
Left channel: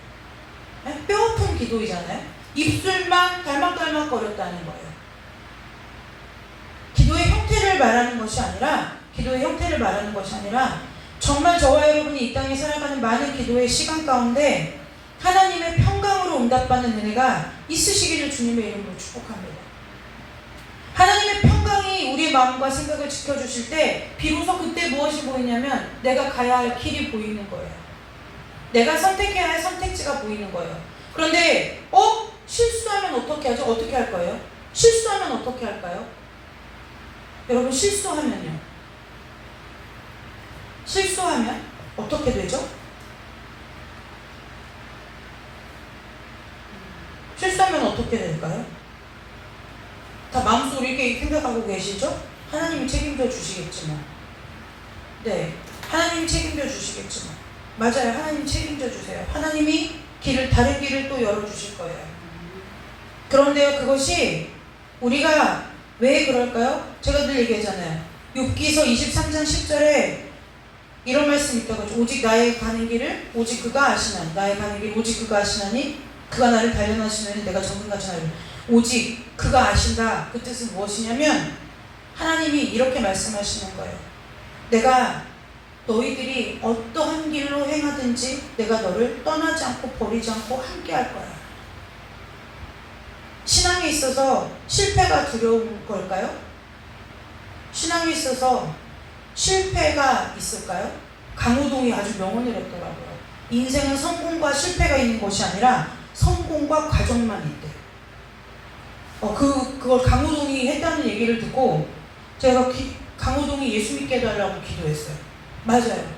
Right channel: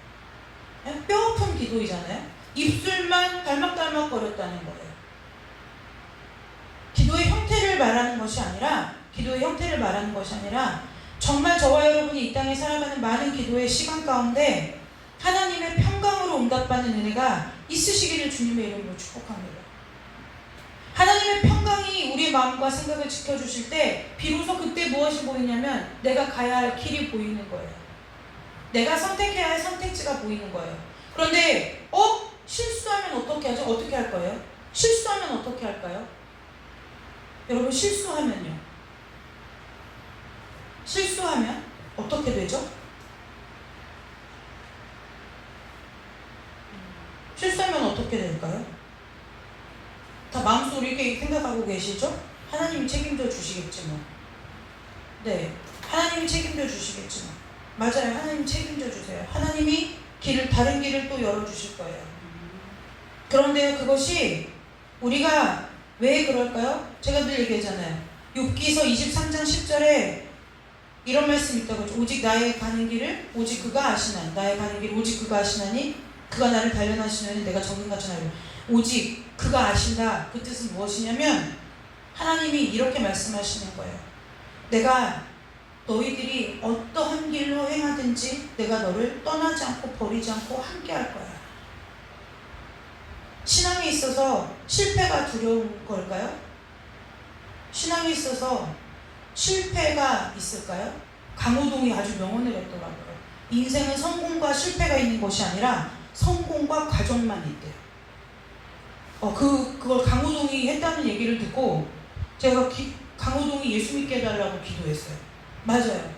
네? 뼈아픈 기도이잖아요. 입술만 달막달막 거렸다는 거예요. 기도의 형태를 말하는 것이 아니라 정말 저와 여러분이 이 땅에 살아가는 많은 기도의 시간 가운데 하나님의 평강으로 응답받는 은혜가 있으시기를 주님의 이름으로 축복합니다. 하나님의 평강이 우리의 마음과 생각을 지켜주실 때 비로소 그때 무엇이 보이냐면 내가 가야 할 길이 보이는 거예요. 내가 선택해야 할 선택지가 보이는 거예요. 그런데 실수하면 어떻게 하죠? 어떻게 할 거예요? 실수하면 어떻게 할까요? 여러분, 실수하면 어떻게 되죠? 실수하면 어떻게 될까요? 다 마음속으로 이렇게 생각하고 계시죠? 하나님이 책임져 주시겠지만. 네, 하나님이 책임져 주시겠지만. 맞아요, 하나님이 책임져 주세요. 하나님이 다른 길을 또 열어주실 거예요. 그런데요, 그것이 우리가 왜 그럴까요? 제가 늘 얘기했잖아요. 욥기서 23장 10절에 이런 말씀이 있다고. 오직 나의 가는 길을 오직 그가 아시나니, 나의 가는 길 오직 그가 아시나니 그가 나를 단련하시면 내가 정금같이 하리라. 오직 그가 아신다. 그 뜻은 무엇이냐면 하나님이 이렇게 말씀하시는 거예요. 내가 너희들이 어떠한 길로 행하든지 내가 너를 떠나지 않고 버리지 않고 함께 할 거야. 신앙에 있어서 실패가 두려운 걸까요? 신앙에 있어서 실패가 있을까요? 강호동이 아주 명언을 했더라고요. 인생은 성공과 실패가 있는 것이 아니라 성공과 과정만 있대요. 그걸 강호동이 했다는 얘기를 듣고 제가 강호동이 예수 믿게 해달라고 기도했어요. 맞아요.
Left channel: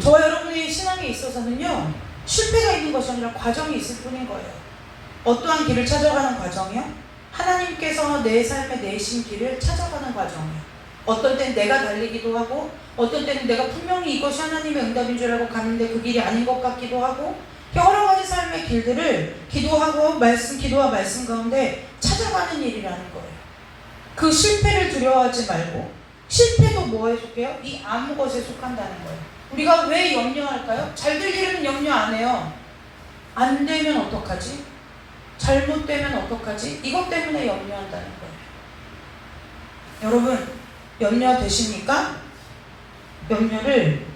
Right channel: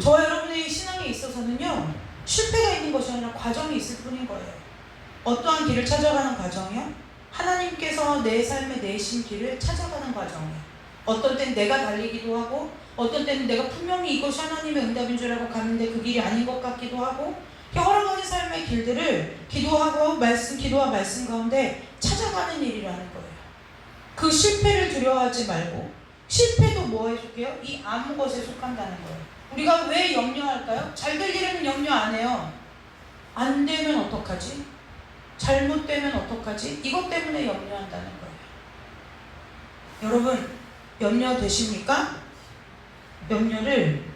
저와 여러분의 신앙에 있어서는요, 실패가 있는 것이 아니라 과정이 있을 뿐인 거예요. 어떠한 길을 찾아가는 과정이요? 하나님께서 내 삶에 내신 길을 찾아가는 과정이요. 어떤 때는 내가 달리기도 하고, 어떤 때는 내가 분명히 이것이 하나님의 응답인 줄 알고 갔는데 그 길이 아닌 것 같기도 하고, 여러 가지 삶의 길들을 기도와 말씀 가운데 찾아가는 일이라는 거예요. 그 실패를 두려워하지 말고, 실패도 뭐에 속해요? 이 아무 것에 속한다는 거예요. 우리가 왜 염려할까요? 잘 되려면 염려 안 해요. 안 되면 어떡하지? 잘못되면 어떡하지? 이것 때문에 염려한다는 거예요. 여러분, 염려되십니까? 염려를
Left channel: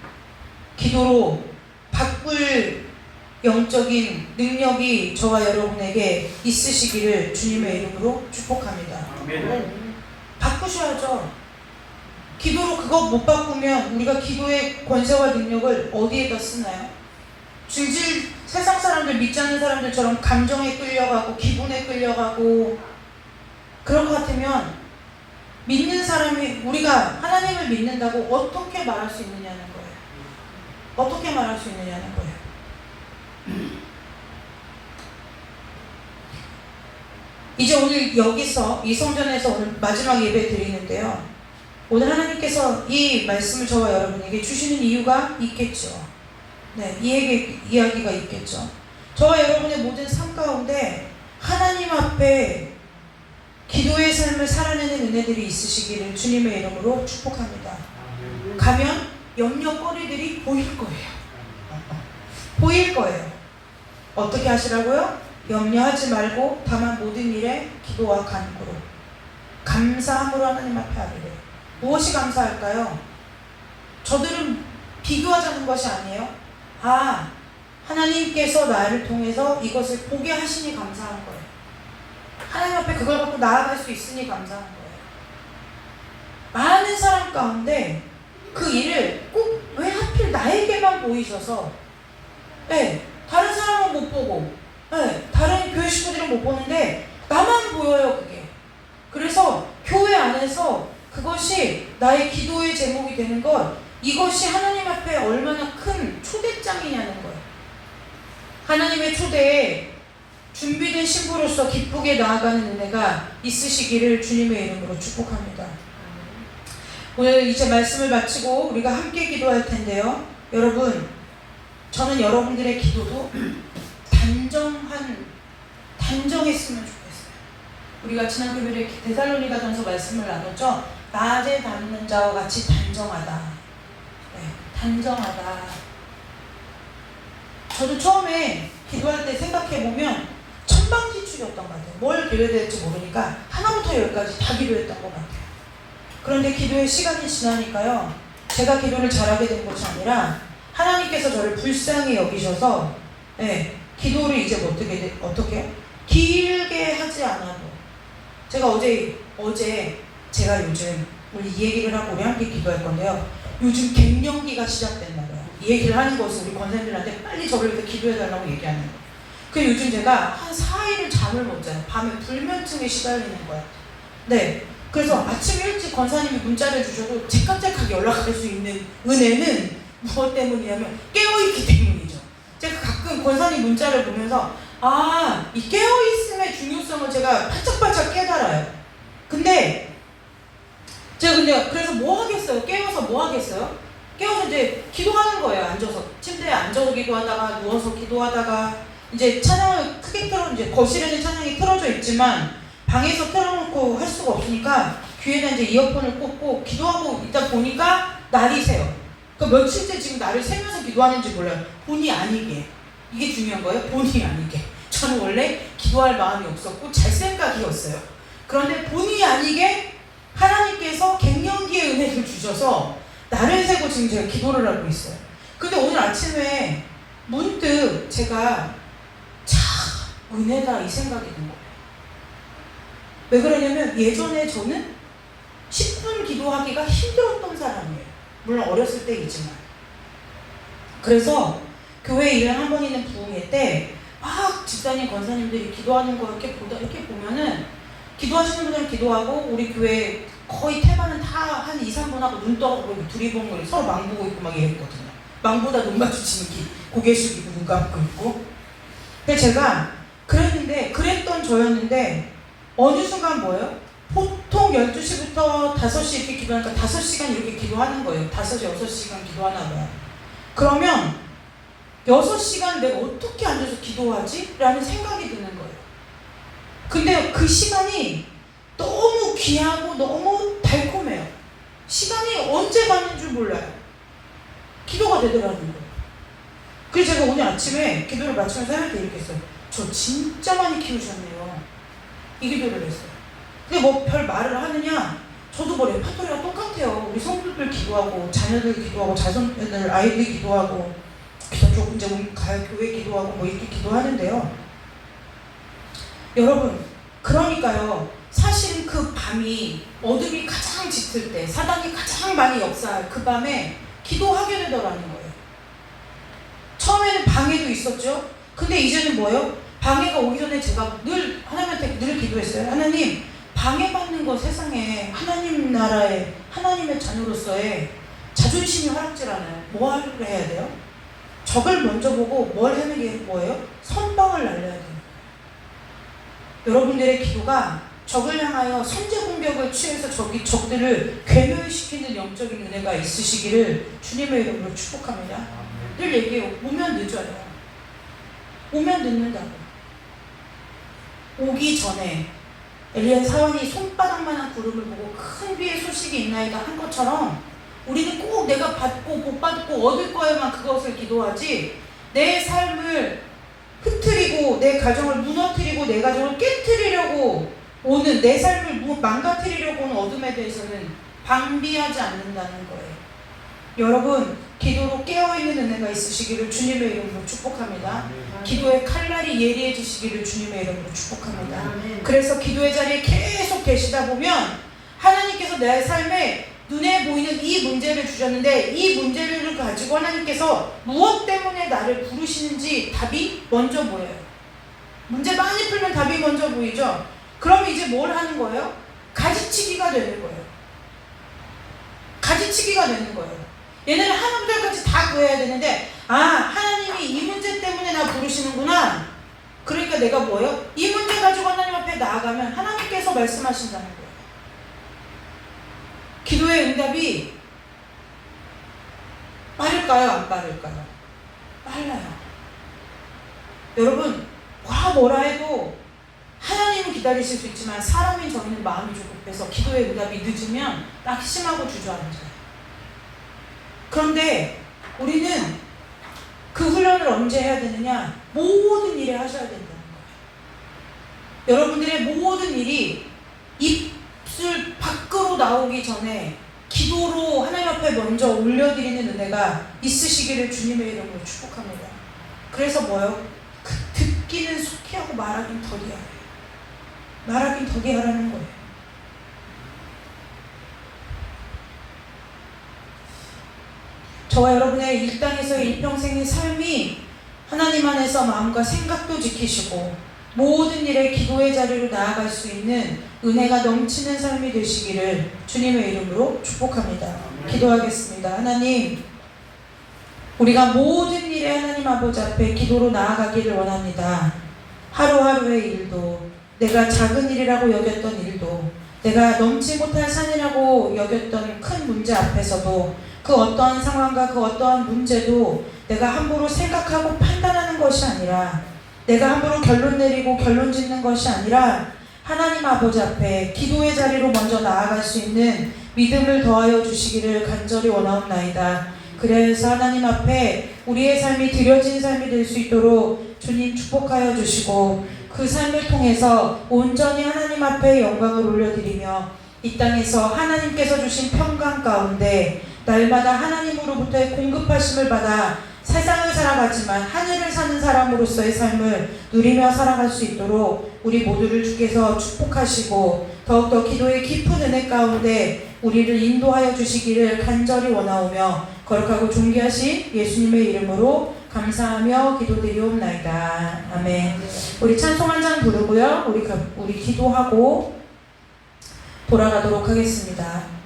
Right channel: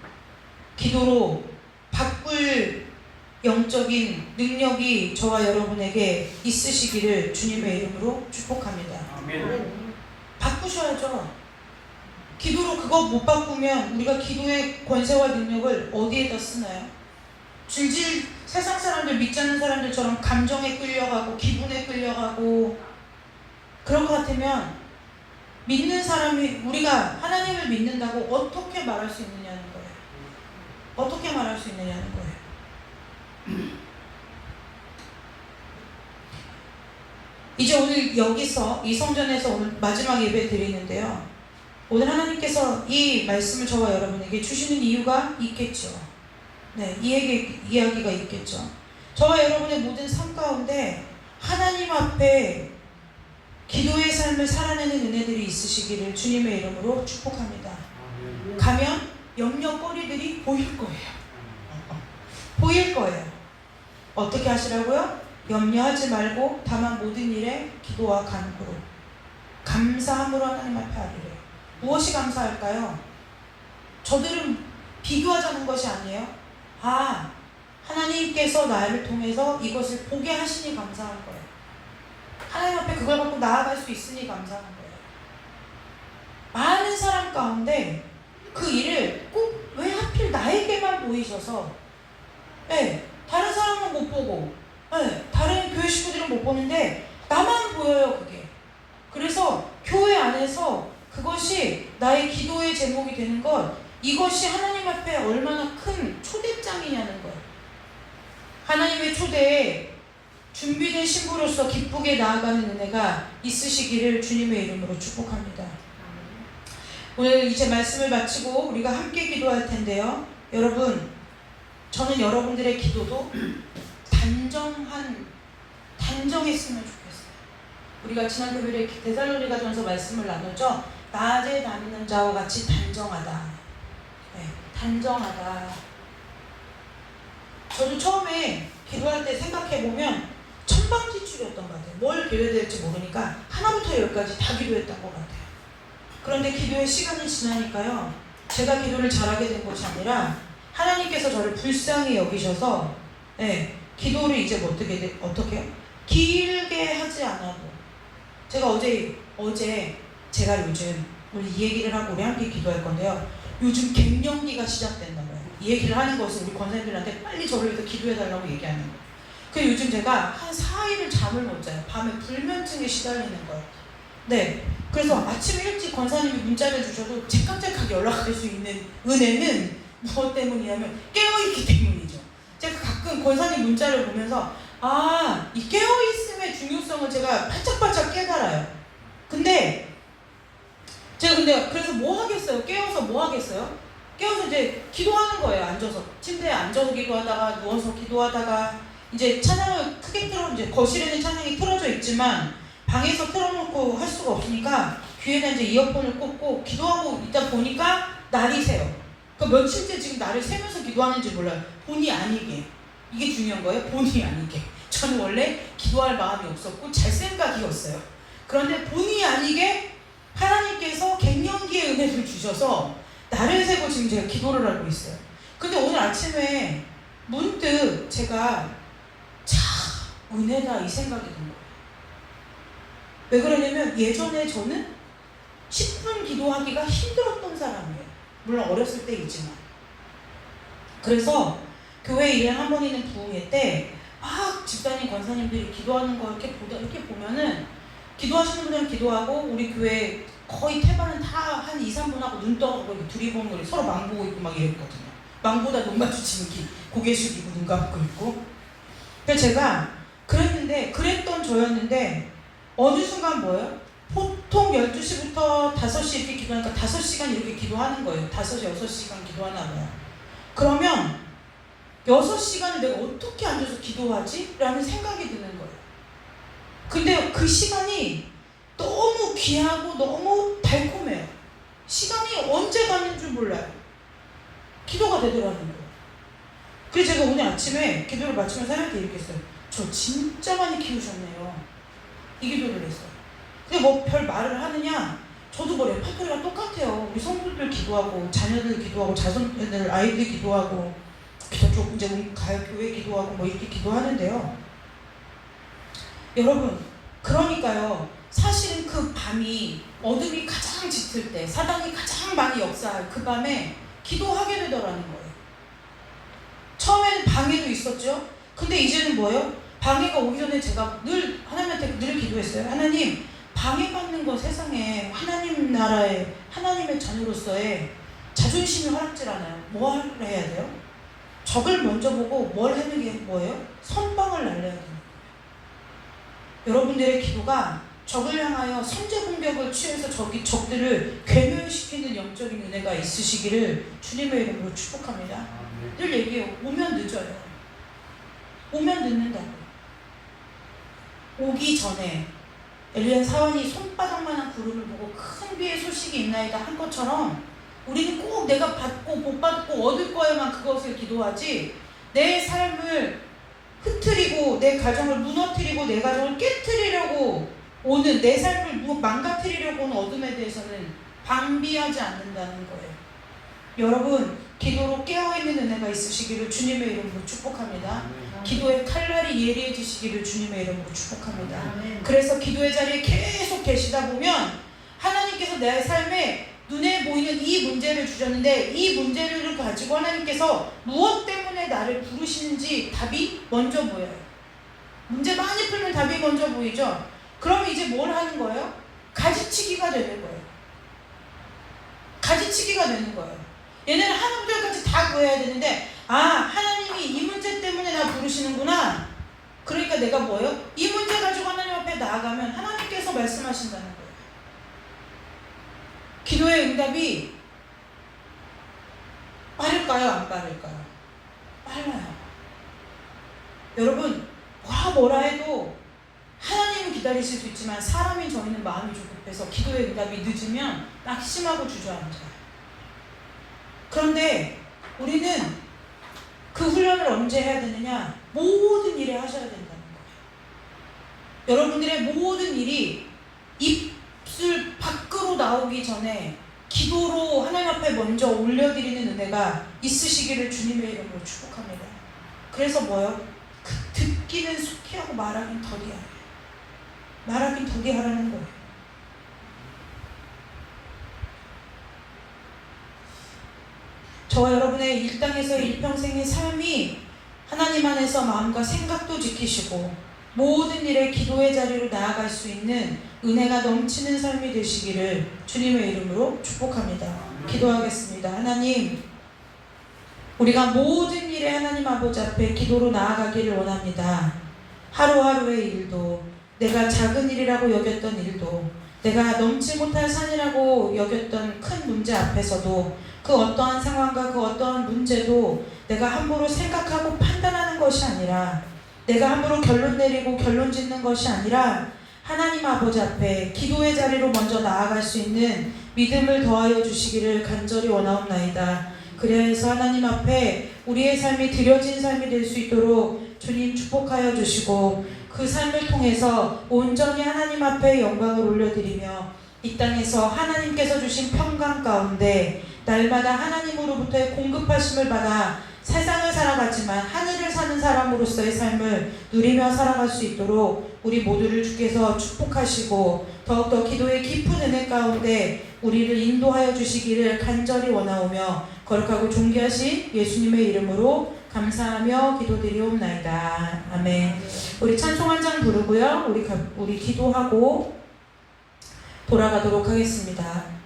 기도로 바꿀 영적인 능력이 저와 여러분에게 있으시기를 주님의 이름으로 축복합니다. 아멘. 바꾸셔야죠. 기도로 그거 못 바꾸면 우리가 기도의 권세와 능력을 어디에다 쓰나요? 질질 세상 사람들, 믿지 않는 사람들처럼 감정에 끌려가고 기분에 끌려가고 그런 것 같으면 믿는 사람이, 우리가 하나님을 믿는다고 어떻게 말할 수 있느냐는 거예요. 어떻게 말할 수 있느냐는 거예요. 이제 오늘 여기서 이 성전에서 오늘 마지막 예배 드리는데요, 오늘 하나님께서 이 말씀을 저와 여러분에게 주시는 이유가 있겠죠. 네, 이야기가 있겠죠. 저와 여러분의 모든 삶 가운데 하나님 앞에 기도의 삶을 살아내는 은혜들이 있으시기를 주님의 이름으로 축복합니다. 가면 염려거리들이 보일 거예요. 보일 거예요. 어떻게 하시라고요? 염려하지 말고 다만 모든 일에 기도와 간구로 감사함으로 하나님 앞에 하리래. 무엇이 감사할까요? 저들은 비교하자는 것이 아니에요. 하나님께서 나를 통해서 이것을 보게 하시니 감사한 거예요. 하나님 앞에 그걸 갖고 나아갈 수 있으니 감사한 거예요. 많은 사람 가운데 그 일을 꼭 왜 하필 나에게만 보이셔서, 다른 사람은 못 보고, 다른 교회 식구들은 못 보는데 나만 보여요, 그게. 그래서 교회 안에서 그것이 나의 기도의 제목이 되는 것, 이것이 하나님 앞에 얼마나 큰 초대장이냐는 거예요. 하나님의 초대에 준비된 신부로서 기쁘게 나아가는 은혜가 있으시기를 주님의 이름으로 축복합니다. 오늘 이제 말씀을 마치고 우리가 함께 기도할 텐데요, 여러분, 저는 여러분들의 기도도 단정했으면 좋겠어요. 우리가 지난 금요일에 데살로니가전서 말씀을 나눴죠. 낮에 담는 자와 같이 단정하다. 단정하다. 저도 처음에 기도할 때 생각해보면 천방지축이었던 것 같아요. 뭘 기도해야 될지 모르니까 하나부터 열까지 다 기도했던 것 같아요. 그런데 기도의 시간이 지나니까요, 제가 기도를 잘하게 된 것이 아니라 하나님께서 저를 불쌍히 여기셔서 기도를 이제 어떻게 길게 하지 않아도, 제가 어제 제가 요즘 오늘 이 얘기를 하고 우리 함께 기도할 건데요, 요즘 갱년기가 시작됐나 봐요. 이 얘기를 하는 것은 우리 권사님들한테 빨리 저를 위해서 기도해달라고 얘기하는 거예요. 그래서 요즘 제가 한 4일을 잠을 못 자요. 밤에 불면증에 시달리는 거예요. 그래서 아침 일찍 권사님이 문자를 주셔도 제깍제깍 연락할 수 있는 은혜는 무엇 때문이냐면 깨어있기 때문이죠. 제가 가끔 권사님 문자를 보면서 이 깨어있음의 중요성을 제가 반짝반짝 깨달아요. 근데 제가 그래서 뭐 하겠어요? 깨워서 뭐 하겠어요? 깨워서 이제 기도하는 거예요. 앉아서 침대에 앉아서 기도하다가 누워서 기도하다가, 이제 찬양을 크게 이제 거실에는 찬양이 틀어져 있지만 방에서 틀어놓고 할 수가 없으니까 귀에다 이제 이어폰을 꽂고 기도하고 있다 보니까 날이 새요. 그러니까 며칠째 지금 날을 새면서 기도하는지 몰라요. 본의 아니게. 이게 중요한 거예요. 본의 아니게. 저는 원래 기도할 마음이 없었고 잘 생각이었어요. 그런데 본의 아니게 하나님께서 갱년기의 은혜를 주셔서 날을 새고 지금 제가 기도를 하고 있어요. 근데 오늘 아침에 문득 제가 은혜다 이 생각이 든 거예요. 왜 그러냐면 예전에 저는 10분 기도하기가 힘들었던 사람이에요. 물론 어렸을 때이지만. 그래서 교회 1년에 한 번 있는 부흥회 때 막 집사님, 권사님들이 기도하는 거 이렇게 보면은 기도하시는 분들은 기도하고 우리 교회 거의 태반은 다 한 2, 3분 하고 눈 떠보고 둘이 보는 거 서로 망보고 있고 막 이랬거든요. 망보다 눈 마주치는 고개 숙이고 눈 감고 있고. 근데 제가 그랬던 저였는데 어느 순간 뭐예요? 보통 12시부터 5시 이렇게 기도하니까 5시간 이렇게 기도하는 거예요. 5시, 6시간 기도하나 봐요. 그러면 6시간 내가 어떻게 앉아서 기도하지? 라는 생각이 드는 거예요. 근데 그 시간이 너무 귀하고 너무 달콤해요. 시간이 언제 가는 줄 몰라요. 기도가 되더라는 거예요. 그래서 제가 오늘 아침에 기도를 마치면서 하나님께 이렇게 했어요. 저 진짜 많이 키우셨네요. 이 기도를 했어요. 근데 뭐 별 말을 하느냐? 저도 뭐 레파토리가 똑같아요. 우리 성도들 기도하고 자녀들 기도하고 자손들 아이들 기도하고 이제 우리 교회 기도하고 뭐 이렇게 기도하는데요. 여러분, 그러니까요. 사실은 그 밤이 어둠이 가장 짙을 때, 사단이 가장 많이 역사할 그 밤에 기도하게 되더라는 거예요. 처음에는 방해도 있었죠. 근데 이제는 뭐예요? 방해가 오기 전에 제가 늘 하나님한테 늘 기도했어요. 하나님, 방해받는 거 세상에 하나님 나라에 하나님의 자녀로서의 자존심이 허락질 않아요. 뭐 해야 돼요? 적을 먼저 보고 뭘 하는 게 뭐예요? 선방을 날려야 돼요. 여러분들의 기도가 적을 향하여 선제 공격을 취해서 적들을 괴멸시키는 영적인 은혜가 있으시기를 주님의 이름으로 축복합니다. 늘 얘기해요. 오면 늦어요. 오면 늦는다고. 오기 전에 엘리야 사원이 손바닥만한 구름을 보고 큰 비의 소식이 있나이다 한 것처럼 우리는 꼭 내가 받고 못 받고 얻을 거에만 그것을 기도하지 내 삶을 흐트리고 내 가정을 무너뜨리고 내 가정을 깨트리려고 오는 내 삶을 망가뜨리려고 오는 어둠에 대해서는 방비하지 않는다는 거예요. 여러분, 기도로 깨어있는 은혜가 있으시기를 주님의 이름으로 축복합니다. 기도의 칼날이 예리해지시기를 주님의 이름으로 축복합니다. 그래서 기도의 자리에 계속 계시다 보면 하나님께서 내 삶에 눈에 보이는 이 문제를 주셨는데 이 문제를 가지고 하나님께서 무엇 때문에 나를 부르시는지 답이 먼저 보여요. 문제 많이 풀면 답이 먼저 보이죠. 그러면 이제 뭘 하는 거예요? 가지치기가 되는 거예요. 가지치기가 되는 거예요. 얘네는 하나님들까지 다 구해야 되는데 하나님이 이 문제 때문에 나 부르시는구나. 그러니까 내가 뭐예요? 이 문제 가지고 하나님 앞에 나아가면 하나님께서 말씀하신다는 거예요. 기도의 응답이 빠를까요? 안 빠를까요? 빨라요. 여러분, 뭐라 해도 하나님은 기다리실 수 있지만 사람인 저희는 마음이 조급해서 기도의 응답이 늦으면 낙심하고 주저앉아요. 그런데 우리는 그 훈련을 언제 해야 되느냐? 모든 일에 하셔야 된다는 거예요. 여러분들의 모든 일이 입술 밖으로 나오기 전에 기도로 하나님 앞에 먼저 올려드리는 은혜가 있으시기를 주님의 이름으로 축복합니다. 그래서 뭐요? 듣기는 속히 하고 말하긴 더디 하래요. 말하긴 더디 하라는 거예요. 저와 여러분의 이 땅에서의 일평생의 삶이 하나님 안에서 마음과 생각도 지키시고 모든 일에 기도의 자리로 나아갈 수 있는 은혜가 넘치는 삶이 되시기를 주님의 이름으로 축복합니다. 기도하겠습니다. 하나님, 우리가 모든 일에 하나님 아버지 앞에 기도로 나아가기를 원합니다. 하루하루의 일도, 내가 작은 일이라고 여겼던 일도, 내가 넘지 못할 산이라고 여겼던 큰 문제 앞에서도 그 어떠한 상황과 그 어떠한 문제도 내가 함부로 생각하고 판단하는 것이 아니라, 내가 함부로 결론 내리고 결론 짓는 것이 아니라 하나님 아버지 앞에 기도의 자리로 먼저 나아갈 수 있는 믿음을 더하여 주시기를 간절히 원하옵나이다. 그래서 하나님 앞에 우리의 삶이 드려진 삶이 될 수 있도록 주님 축복하여 주시고 그 삶을 통해서 온전히 하나님 앞에 영광을 올려드리며 이 땅에서 하나님께서 주신 평강 가운데 날마다 하나님으로부터의 공급하심을 받아 세상을 살아가지만 하늘을 사는 사람으로서의 삶을 누리며 살아갈 수 있도록 우리 모두를 주께서 축복하시고 더욱더 기도의 깊은 은혜 가운데 우리를 인도하여 주시기를 간절히 원하오며 거룩하고 존귀하신 예수님의 이름으로 감사하며 기도드리옵나이다. 아멘. 우리 찬송 한 장 부르고요. 우리 기도하고 돌아가도록 하겠습니다.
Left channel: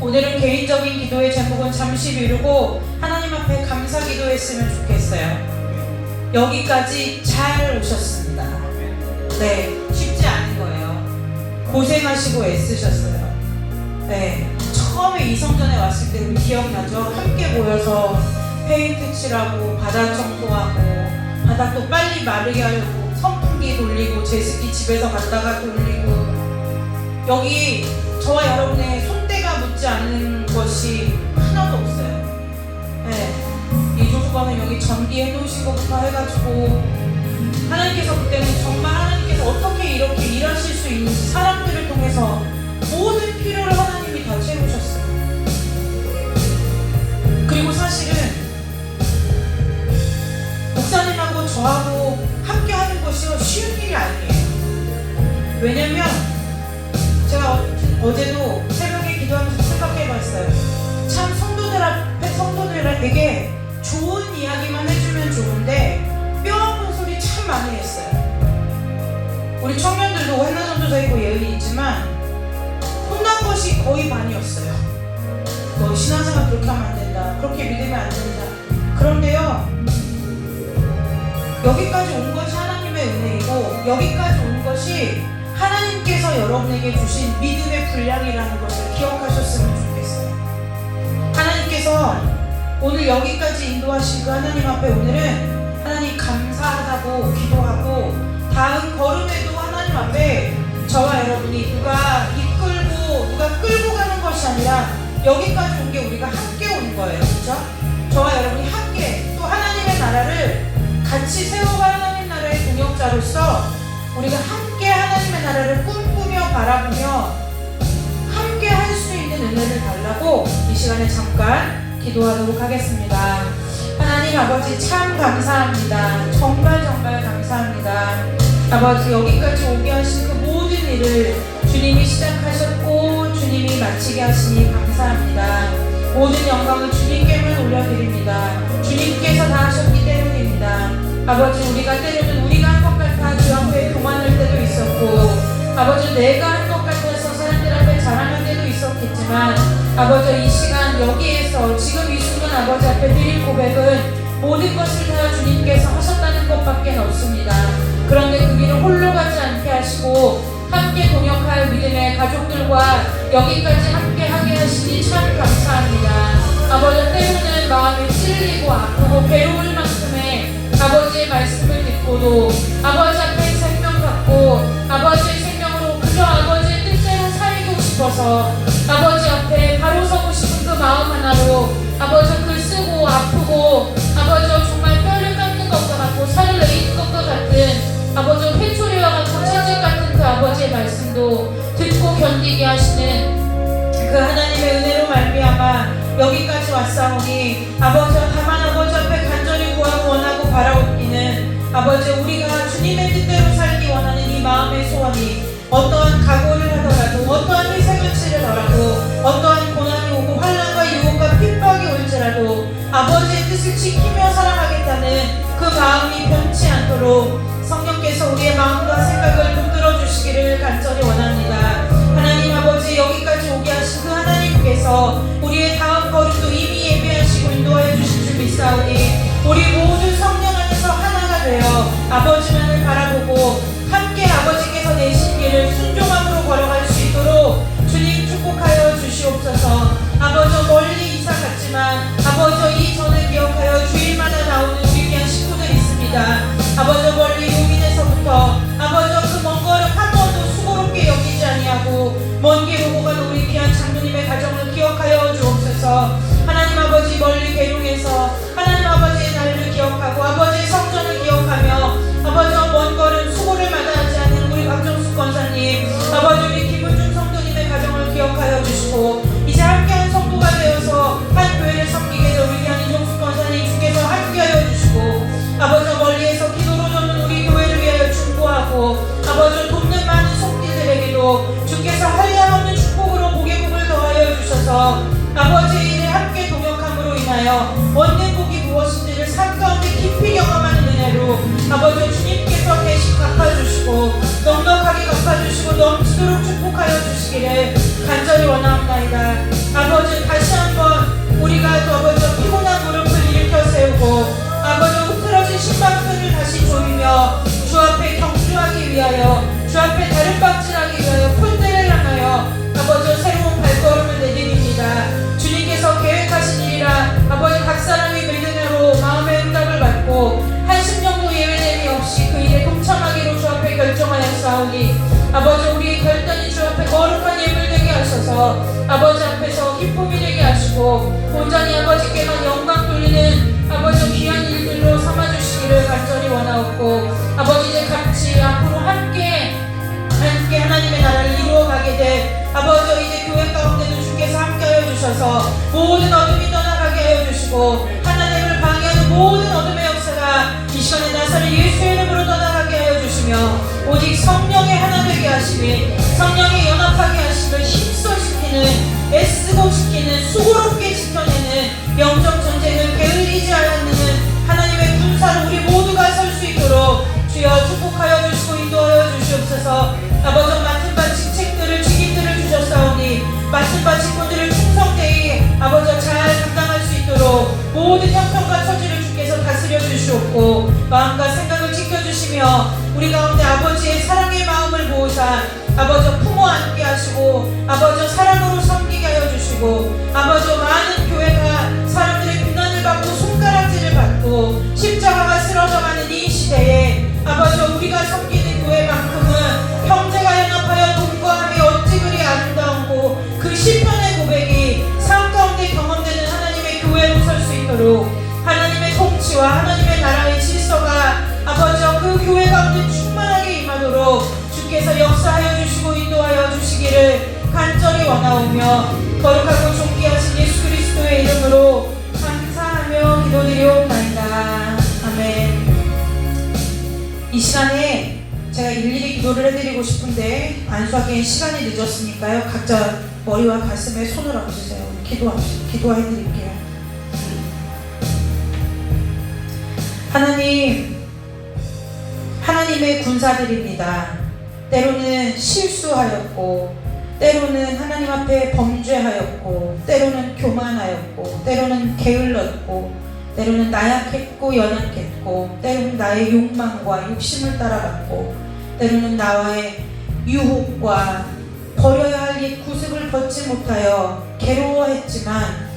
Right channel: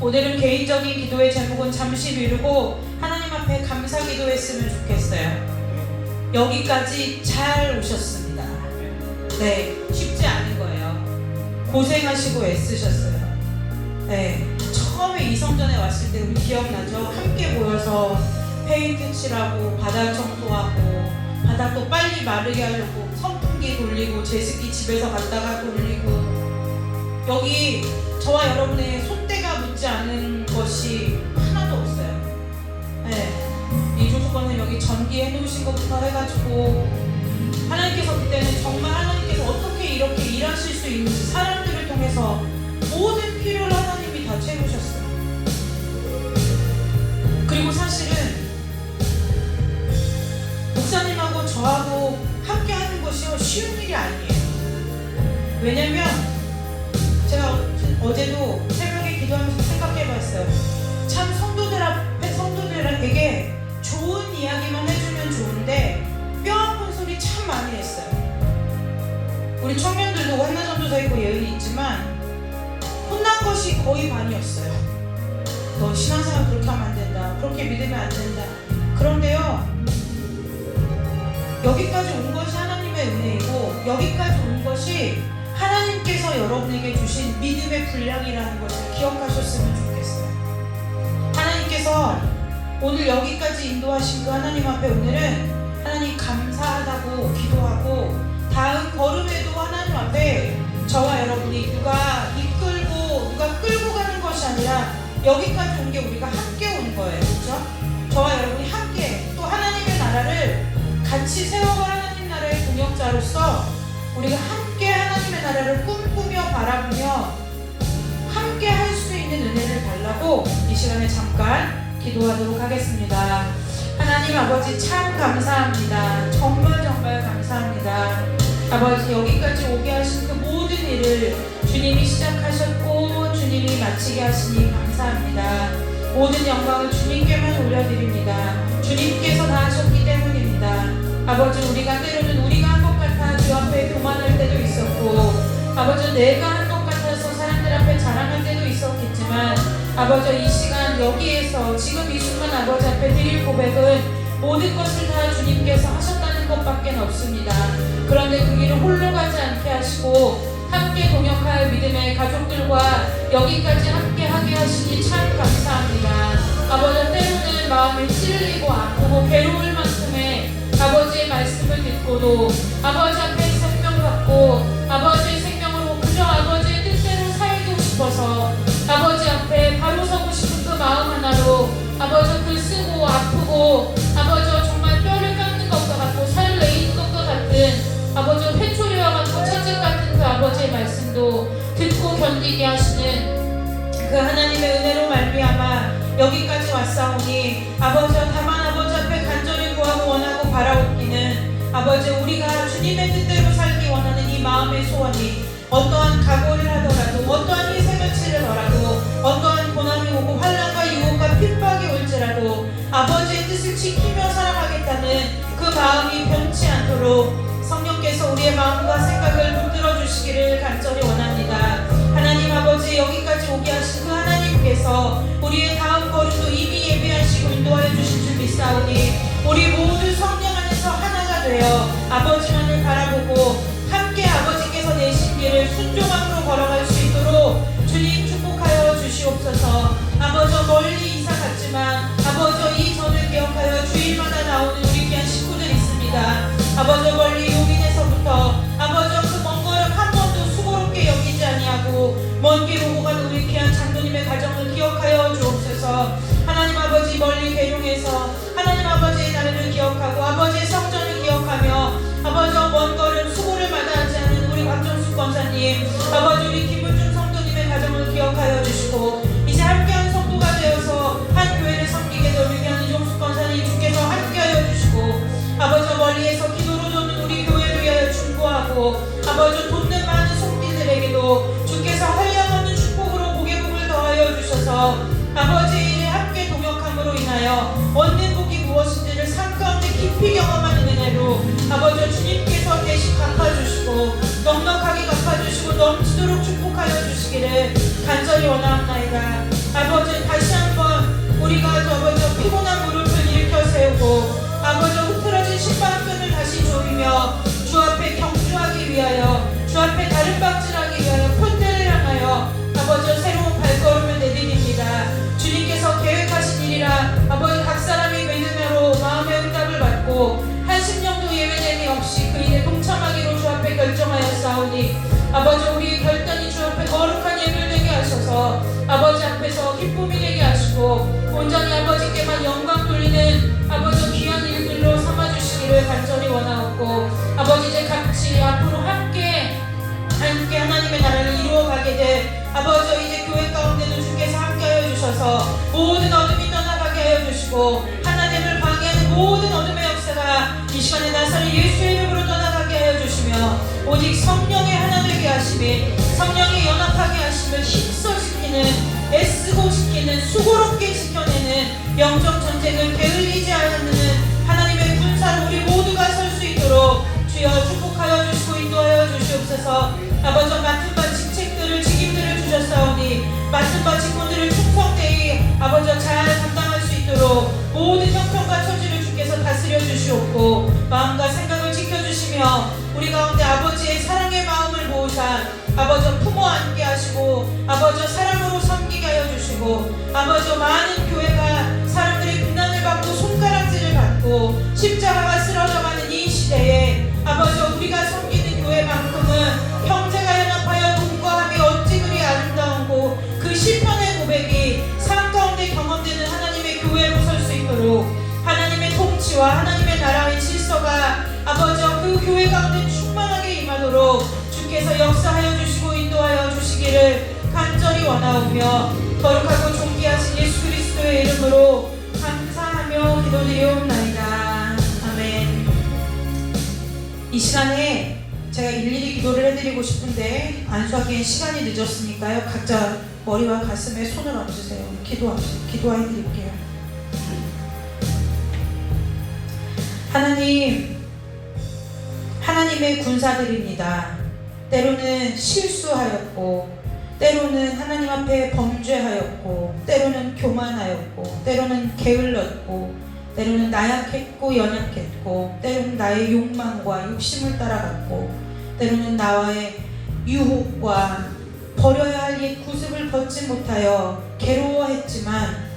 오늘은 개인적인 기도의 제목은 잠시 미루고 하나님 앞에 감사 기도했으면 좋겠어요. 여기까지 잘 오셨습니다. 네, 쉽지 않은 거예요. 고생하시고 애쓰셨어요. 네, 처음에 이성전에 왔을 때 우리 기억나죠? 함께 모여서 페인트 칠하고 바닥 청소하고 바닥도 빨리 마르게 하려고 선풍기 돌리고 제습기 집에서 갔다가 돌리고, 여기 저와 여러분의 손때가 묻지 않는 것이 하나도 없어요. 네, 이 조수관은 여기 전기해 놓으신 것부터 해가지고 하나님께서 그때는 정말 하나님께서 어떻게 이렇게 일하실 수 있는지 사람들을 통해서 모든 필요를 하나님이 다 채우셨어요. 그리고 사실은 목사님하고 저하고 함께 하는 것이 쉬운 일이 아니에요. 왜냐면 제가 어제도 새벽에 기도하면서 생각해봤어요. 참 성도들 앞에 성도들에게 좋은 이야기만 해주면 좋은데 뼈 아픈 소리 참 많이 했어요. 우리 청년들도 한나전도사 있고 예언이 있지만 혼난 것이 거의 반이었어요. 너 신앙생활 그렇게 하면 안 된다. 그렇게 믿으면 안 된다. 그런데요, 여기까지 온 것이 하나님의 은혜이고 여기까지 온 것이 하나님께서 여러분에게 주신 믿음의 분량이라는 것을 기억하셨으면 좋겠어요. 하나님께서 오늘 여기까지 인도하신 그 하나님 앞에 오늘은 하나님 감사하다고 기도하고 다음 걸음에도 하나님 앞에 저와 여러분이 누가 이끌고 누가 끌고 가는 것이 아니라 여기까지 온 게 우리가 함께 오는 거예요. 그렇죠? 저와 여러분이 함께 또 하나님의 나라를 같이 세워갈 하나님 나라의 동역자로서 우리가 함께 하나님의 나라를 꿈꾸며 바라보며 함께 할 수 있는 은혜를 달라고 이 시간에 잠깐 기도하도록 하겠습니다. 하나님 아버지 참 감사합니다. 정말 감사합니다. 아버지 여기까지 오게 하신 그 모든 일을 주님이 시작하셨고 주님이 마치게 하시니 감사합니다. 모든 영광을 주님께만 올려드립니다. 주님께서 다 하셨기 때문입니다. 아버지 우리가 때로는 우리가 한 것 같아 주 앞에 교만할 때도 있었고 아버지 내가 한 것 같아서 사람들 앞에 자랑할 때도 있었겠지만 아버지 이 시간 여기에서 지금 이 순간 아버지 앞에 드릴 고백은 모든 것을 다 주님께서 하셨다는 것밖에 없습니다. 그런데 그 길을 홀로 가지 않게 하시고 함께 동역할 믿음의 가족들과 여기까지 함께 하게 하시니 참 감사합니다. 아버지 때로는 마음이 찔리고 아프고 괴로울 만큼의 아버지의 말씀을 듣고도 아버지 앞에 생명 받고 아버지의 생명으로 그저 아버지의 뜻대로 살고 싶어서 아버지 앞에 바로 서고 싶은 그 마음 하나로 아버지 글 쓰고 아프고 아버지 정말 뼈를 깎는 것과 같고 살을 내리는 것과 같은 아버지 회초리와 같고 채찍 같은 그 아버지의 말씀도 듣고 견디게 하시는 그 하나님의 은혜로 말미암아 여기까지 왔사오니 아버지와 다만 아버지 앞에 간절히 구하고 원하고 바라옵기는 아버지 우리가 주님의 뜻대로 살기 원하는 이 마음의 소원이 어떠한 각오를 하더라도 어떠한 희생을 치르더라도 어떠한 고난이 오고 환난과 유혹과 핍박이 올지라도 아버지의 뜻을 지키며 살아가겠다는 그 마음이 변치 않도록 성령께서 우리의 마음과 생각을 붙들어 주시기를 간절히 원합니다. 하나님 아버지 여기까지 오게 하신 그 하나님께서 우리의 다음 걸음도 이미 예비하시고 인도하여 주실 줄 믿사오니 우리 모두 성령 안에서 하나가 되어 아버지만을 바라보고 함께 아버지께서 내신 길을 순종함으로 걸어갈 수 있도록 주님 축복하여 주시옵소서. 아버지 멀리 이사 갔지만 아버지 이 전을 기억하여 주일마다 나오는 우리 귀한 식구들 있습니다. 아버지 멀리 용인에서부터 아버지 그 먼 걸음 한 번도 수고롭게 여기지 아니하고 먼 길 오고 간 우리 귀한 장로님의 가정을 기억하여 주옵소서. 하나님 아버지 멀리 괴로에서 하나님 아버지의 날을 기억하고 아버지의 성전을 기억하며 아버지 먼 걸음 수고를 마다하지 않는 우리 박정수 권사님 아버지 우리 김은중 성도님의 가정을 기억하여 주시고 이제 함께한 성도가 되어서 한 교회를 섬기게 될 우리 귀한 이종수 권사님 주께서 함께하여 주시고 아버지 멀리에서 기도로 주는 우리 교회를 위하여 중보하고 아버지 돕는 많은 속들에게도 주께서 한량없는 축복으로 복의 복을 더하여 주셔서 아버지의 일에 함께 동역함으로 인하여 얻는 복이 무엇인지를 삶 가운데 깊이 경험하는 은혜로 아버지 주님께서 대신 갚아주시고 넉넉하게 갚아주시고 넘치도록 축복하여 주시기를 간절히 원합니다. 아버지 다시 한번 우리가 아버지 피곤한 무릎을 일으켜 세우고 아버지 흐트러진 신방편을 다시 조이며 주 앞에 경주하기 위하여 주 앞에 다름박질하기 위하여 푼들을 향하여 아버지 새로운 발걸음을 내드립니다. 주님께서 계획하신 일이라 아버지 각 사람이 믿음으로 마음의 응답을 받고 한심 정도 예외됨이 없이 그 일에 동참하기로 주 앞에 결정하였사오니 아버지 우리의 결단이 주 앞에 거룩한 예물 되게 하셔서 아버지 앞에서 기쁨이 되게 하시고 온전히 아버지께만 영광 돌리는 아버지 귀한 일들로 삼아주시기를 간절히 원하옵고 아버지 이제 같이 앞으로 함께 하나님의 나라를 이루어가게 될 아버지 이제 교회 가운데도 주께서 함께하여 주셔서 모든 어둠이 떠나가게 하여 주시고 하나님을 방해하는 모든 어둠의 역사가 이 시간에 나사렛 예수의 이름으로 떠나가게 하여 주시며 오직 성령의 하나 되게 하시니 하심이 성령의 연합하게 하심을 힘써 지키는 애쓰고 지키는 수고롭게 지켜내는 영적 전쟁을 게을리지 않는 하나님의 군사로 우리 모두가 설 수 있도록 주여 축복하여 주시고 인도하여 주시옵소서. 아버지 맡은 바 직책들을 직임들을 주셨사오니 맡은 바 직분들을 충성되이 아버지 잘 감당할 수 있도록 모든 형편과 처지를 주께서 다스려 주시옵고 마음과 생각을 지켜주시며 우리 가운데 아버지의 사랑의 마음을 모으사 아버지 품어 안게 하시고 아버지 사랑으로 섬기게 하여 주시고 아버지 많은 교회가 사람들의 비난을 받고 손가락질을 받고 십자가가 쓰러져가는 이 시대에 아버지 우리가 섬기는 교회만큼은 형제가 연합하여 동거함이 어찌 그리 아름다운고 그 시편의 고백이 삶 가운데 경험되는 하나님의 교회로 설 수 있도록 하나님의 통치와 하나님의 나라의 질서가 아버지 그 교회 가운데 충만하게 임하도록 주께서 역사하여 주시고 인도하여 주시기를 간절히 원하오며 거룩하고 존귀하신 예수 그리스도의 이름으로 감사하며 기도드리옵나이다. 아멘. 이 시간에 제가 일일이 기도를 해드리고 싶은데 안수하기엔 시간이 늦었으니까요. 각자 머리와 가슴에 손을 얹으세요. 기도해드릴게요. 하나님의 군사들입니다. 때로는 실수하였고 때로는 하나님 앞에 범죄하였고 때로는 교만하였고 때로는 게을렀고 때로는 나약했고 연약했고 때로는 나의 욕망과 욕심을 따라갔고 때로는 나와의 유혹과 버려야 할 옛 구습을 벗지 못하여 괴로워했지만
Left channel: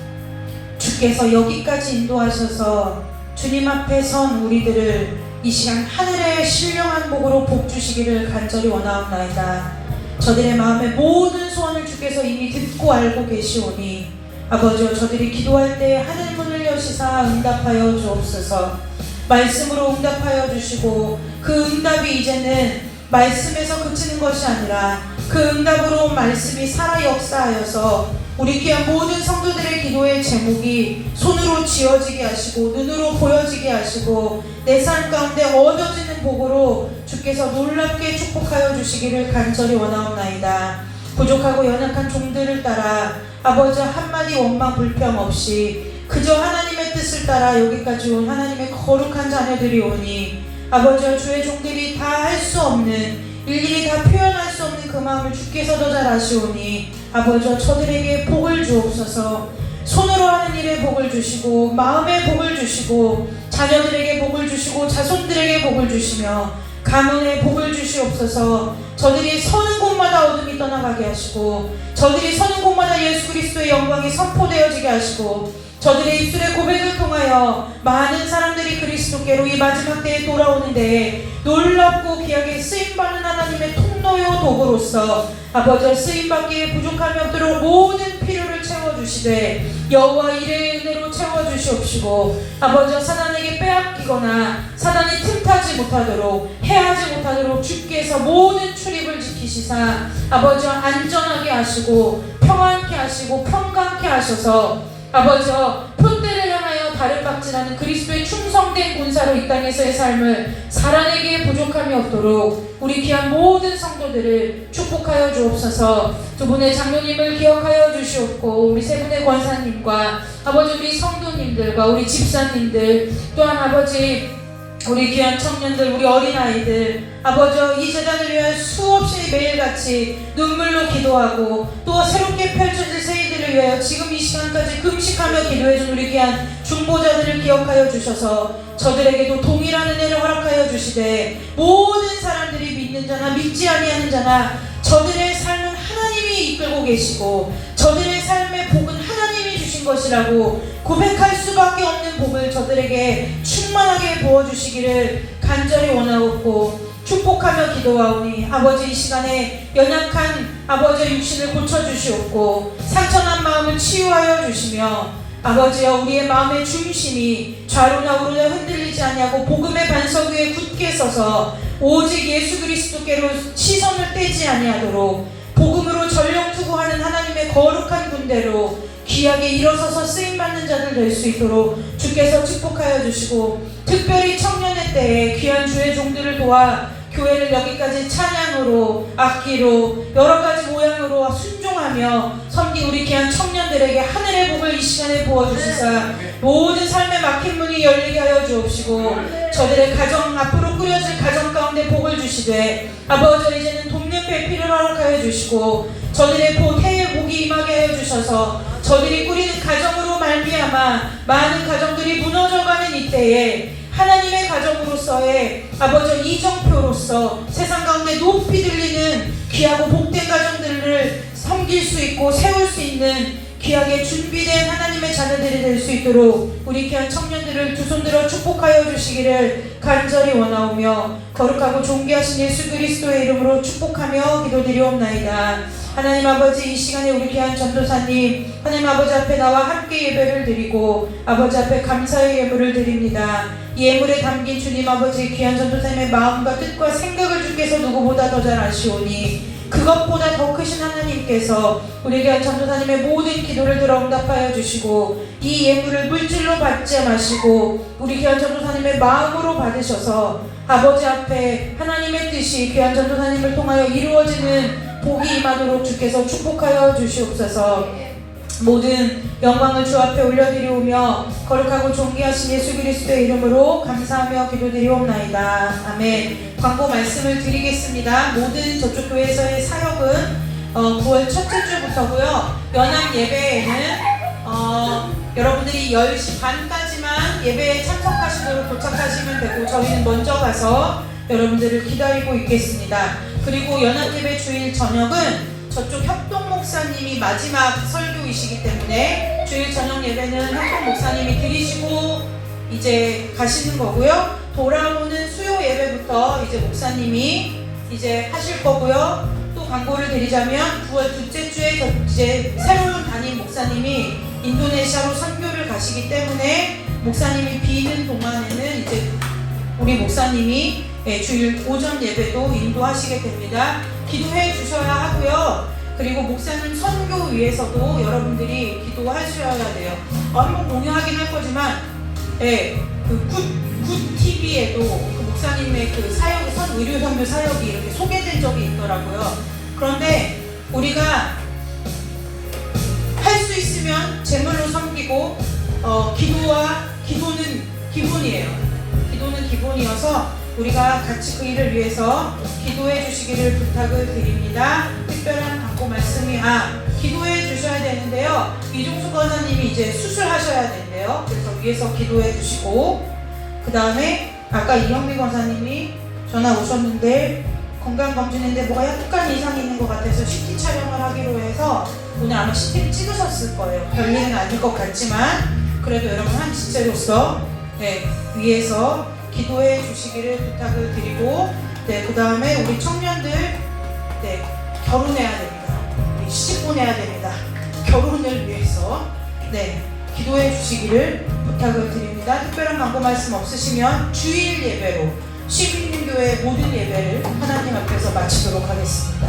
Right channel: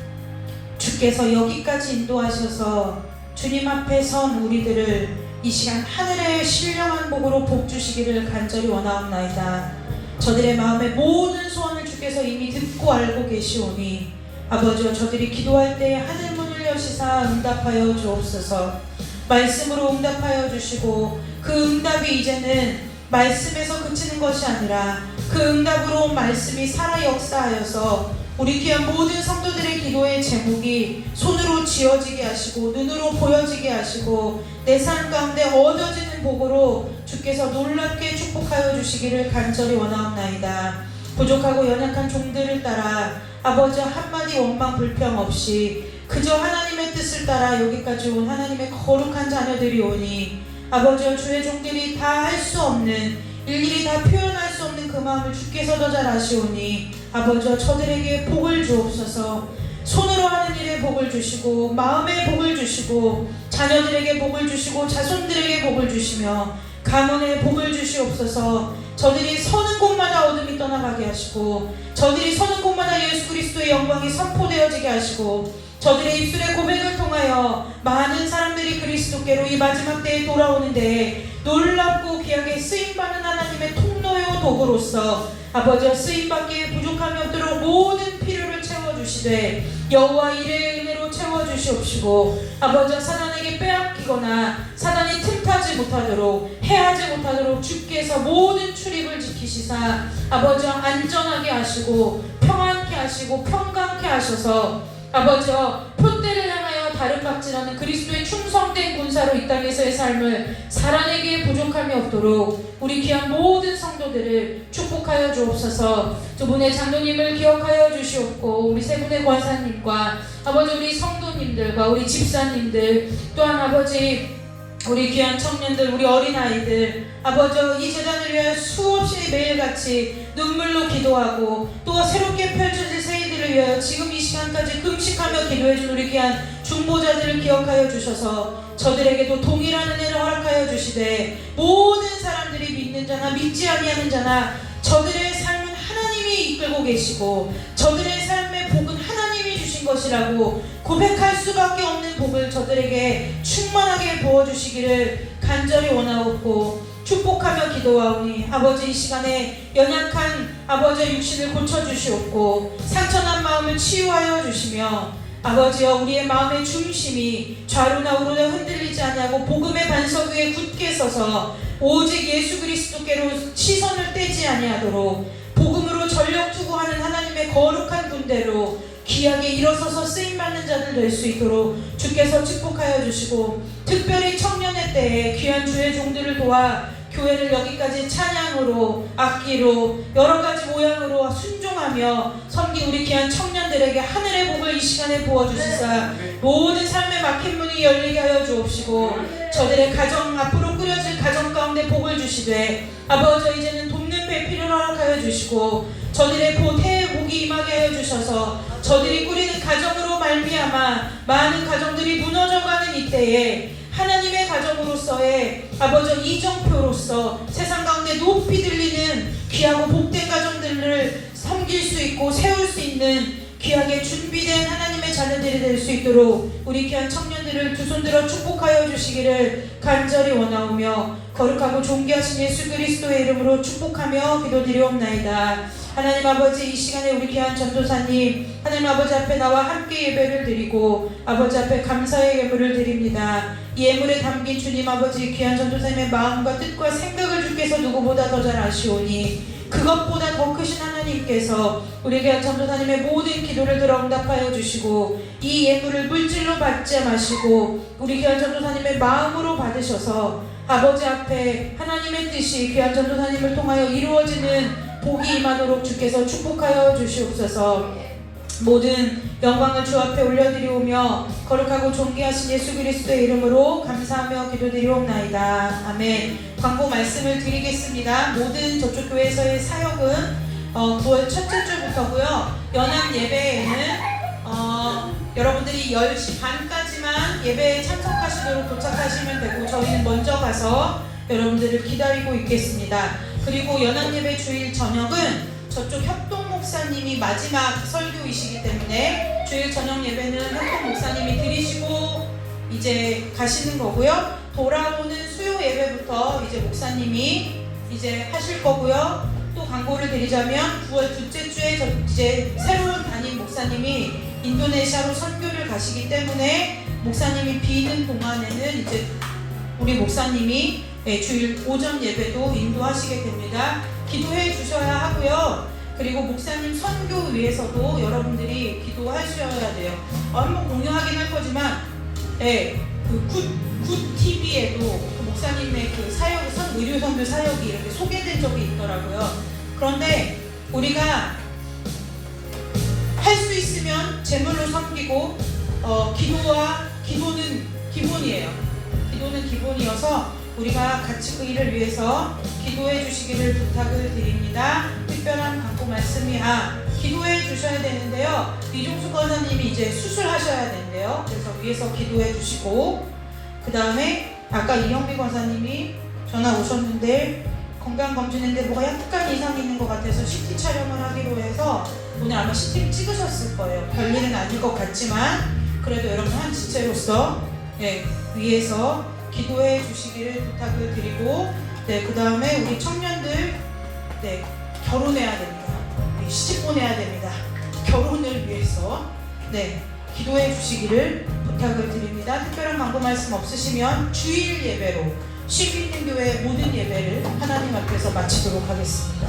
주께서 여기까지 인도하셔서 주님 앞에 선 우리들을 이 시간 하늘의 신령한 복으로 복 주시기를 간절히 원하옵나이다. 저들의 마음의 모든 소원을 주께서 이미 듣고 알고 계시오니 아버지여 저들이 기도할 때 하늘 문을 여시사 응답하여 주옵소서. 말씀으로 응답하여 주시고 그 응답이 이제는 말씀에서 그치는 것이 아니라 그 응답으로 말씀이 살아 역사하여서 우리 귀한 모든 성도들의 기도의 제목이 손으로 지어지게 하시고 눈으로 보여지게 하시고 내 삶 가운데 얻어지는 복으로 주께서 놀랍게 축복하여 주시기를 간절히 원하옵나이다. 부족하고 연약한 종들을 따라 아버지 한마디 원망 불평 없이 그저 하나님의 뜻을 따라 여기까지 온 하나님의 거룩한 자녀들이 오니 아버지와 주의 종들이 다 할 수 없는 일일이 다 표현할 수 없는 그 마음을 주께서 더 잘 아시오니 아버지와 저들에게 복을 주옵소서. 손으로 하는 일에 복을 주시고 마음에 복을 주시고 자녀들에게 복을 주시고 자손들에게 복을 주시며 가문에 복을 주시옵소서. 저들이 서는 곳마다 어둠이 떠나가게 하시고 저들이 서는 곳마다 예수 그리스도의 영광이 선포되어지게 하시고 저들의 입술의 고백을 통하여 많은 사람들이 그리스도께로 이 마지막 때에 돌아오는데 놀랍고 귀하게 쓰임받는 하나님의 통로요 도구로서 아버지여 쓰임받기에 부족함이 없도록 모든 필요를 채워주시되 여호와 이레의 은혜로 채워주시옵시고 아버지여 사단에게 빼앗기거나 사단이 틈타지 못하도록 해하지 못하도록 주께서 모든 출입을 지키시사 아버지여 안전하게 하시고 평안케 하시고 평강케 하셔서 아버지여 표대를 향하여 다른 박진하는 그리스도의 충성된 군사로 이 땅에서의 삶을 살아내기에 부족함이 없도록 우리 귀한 모든 성도들을 축복하여 주옵소서. 두 분의 장로님을 기억하여 주시옵고 우리 세 분의 권사님과 아버지 우리 성도님들과 우리 집사님들 또한 아버지 우리 귀한 청년들 우리 어린아이들 아버지 이 제단을 위하여 수없이 매일같이 눈물로 기도하고 또 새롭게 펼쳐질 새해들을 위하여 지금 이 시간까지 금식하며 기도해준 우리 귀한 중보자들을 기억하여 주셔서 저들에게도 동일한 은혜를 허락하여 주시되 모든 사람들이 믿는 자나 믿지 아니하는 자나 저들의 삶은 하나님이 이끌고 계시고 저들의 삶의 복은 하나님이 주신 것이라고 고백할 수밖에 없는 복을 저들에게 충만하게 부어주시기를 간절히 원하옵고 축복하며 기도하오니 아버지 이 시간에 연약한 아버지의 육신을 고쳐주시옵고 상처난 마음을 치유하여 주시며 아버지여 우리의 마음의 중심이 좌로나 우로나 흔들리지 아니하고 복음의 반석 위에 굳게 서서 오직 예수 그리스도께로 시선을 떼지 아니하도록 복음으로 전력 투구하는 하나님의 거룩한 군대로 귀하게 일어서서 쓰임받는 자들 될 수 있도록 주께서 축복하여 주시고 특별히 청년의 때에 귀한 주의 종들을 도와 교회를 여기까지 찬양으로, 악기로, 여러 가지 모양으로 순종하며 섬긴 우리 귀한 청년들에게 하늘의 복을 이 시간에 부어주시사 모든 삶의 막힌 문이 열리게 하여 주옵시고 저들의 가정, 앞으로 꾸려질 가정 가운데 복을 주시되 아버지 이제는 돕는 배필을 허락하여 주시고 저들의 해의 복이 임하게 하여 주셔서 저들이 꾸리는 가정으로 말미암아 많은 가정들이 무너져가는 이때에 하나님의 가정으로서의 아버지 이정표로서 세상 가운데 높이 들리는 귀하고 복된 가정들을 섬길 수 있고 세울 수 있는 귀하게 준비된 하나님의 자녀들이 될 수 있도록 우리 귀한 청년들을 두 손들어 축복하여 주시기를 간절히 원하오며 거룩하고 존귀하신 예수 그리스도의 이름으로 축복하며 기도드리옵나이다. 하나님 아버지 이 시간에 우리 귀한 전도사님 하나님 아버지 앞에 나와 함께 예배를 드리고 아버지 앞에 감사의 예물을 드립니다. 이 예물에 담긴 주님 아버지 귀한 전도사님의 마음과 뜻과 생각을 주께서 누구보다 더 잘 아시오니 그것보다 더 크신 하나님께서 우리 귀한 전도사님의 모든 기도를 들어 응답하여 주시고 이 예물을 물질로 받지 마시고 우리 귀한 전도사님의 마음으로 받으셔서 아버지 앞에 하나님의 뜻이 귀한 전도사님을 통하여 이루어지는 복이 임하도록 주께서 축복하여 주시옵소서. 모든 영광을 주 앞에 올려드리오며 거룩하고 존귀하신 예수 그리스도의 이름으로 감사하며 기도드리옵나이다. 아멘. 광고 말씀을 드리겠습니다. 모든 저쪽 교회에서의 사역은 9월 첫째 주부터고요. 연합 예배에는 여러분들이 10시 반까지만 예배에 참석하시도록 도착하시면 되고 저희는 먼저 가서 여러분들을 기다리고 있겠습니다. 그리고 연합 예배 주일 저녁은 저쪽 협동 목사님이 마지막 설교이시기 때문에 주일 저녁 예배는 협동 목사님이 드리시고 이제 가시는 거고요. 돌아오는 수요 예배부터 이제 목사님이 이제 하실 거고요. 또 광고를 드리자면 9월 둘째 주에 이제 새로운 담임 목사님이 인도네시아로 선교를 가시기 때문에 목사님이 비는 동안에는 이제 우리 목사님이 주일 오전 예배도 인도하시게 됩니다. 기도해 주셔야 하고요. 그리고 목사님 선교 위해서도 여러분들이 기도하셔야 돼요. 한번 공유하긴 할 거지만, 굿 TV에도 그 목사님의 그 사역, 의료 선교 사역이 이렇게 소개된 적이 있더라고요. 그런데 우리가 할 수 있으면 제물로 섬기고, 기도는 기본이에요. 기도는 기본이어서 우리가 같이 그 일을 위해서 기도해 주시기를 부탁을 드립니다. 특별한 광고 말씀이 기도해 주셔야 되는데요. 이종수 권사님이 이제 수술하셔야 되는데요. 그래서 위해서 기도해 주시고 그 다음에 아까 이영미 권사님이 전화 오셨는데 건강검진했는데 뭐가 약간 이상이 있는 것 같아서 CT 촬영을 하기로 해서 오늘 아마 CT를 찍으셨을 거예요. 별일은 아닐 것 같지만 그래도 여러분 한 지체로서 위해서 기도해 주시기를 부탁을 드리고 그 다음에 우리 청년들 결혼해야 됩니다. 우리 시집 보내야 됩니다. 결혼을 위해서 기도해 주시기를 부탁을 드립니다. 특별한 광고 말씀 없으시면 주일 예배로 시민교회 모든 예배를 하나님 앞에서 마치도록 하겠습니다.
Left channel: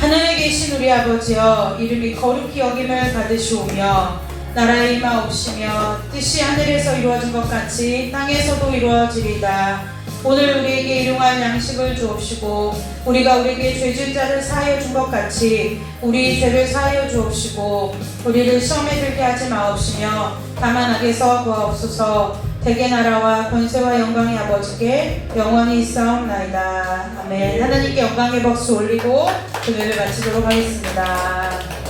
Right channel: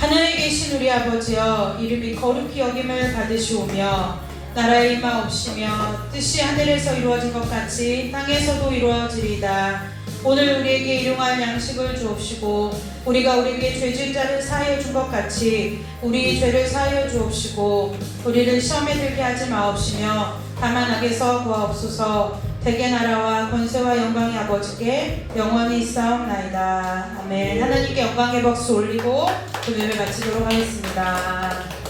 하늘에 계신 우리 아버지여 이름이 거룩히 여김을 받으시오며 나라의 임하옵시며 뜻이 하늘에서 이루어진 것 같이 땅에서도 이루어지리다. 오늘 우리에게 일용할 양식을 주옵시고 우리가 우리에게 죄진 자를 사하여 준 것 같이 우리 죄를 사하여 주옵시고 우리를 시험에 들게 하지 마옵시며 다만 악에서 구하옵소서. 대개 나라와 권세와 영광의 아버지께 영원히 있사옵나이다. 아멘. 하나님께 영광의 박수 올리고 그 예배 마치도록 하겠습니다.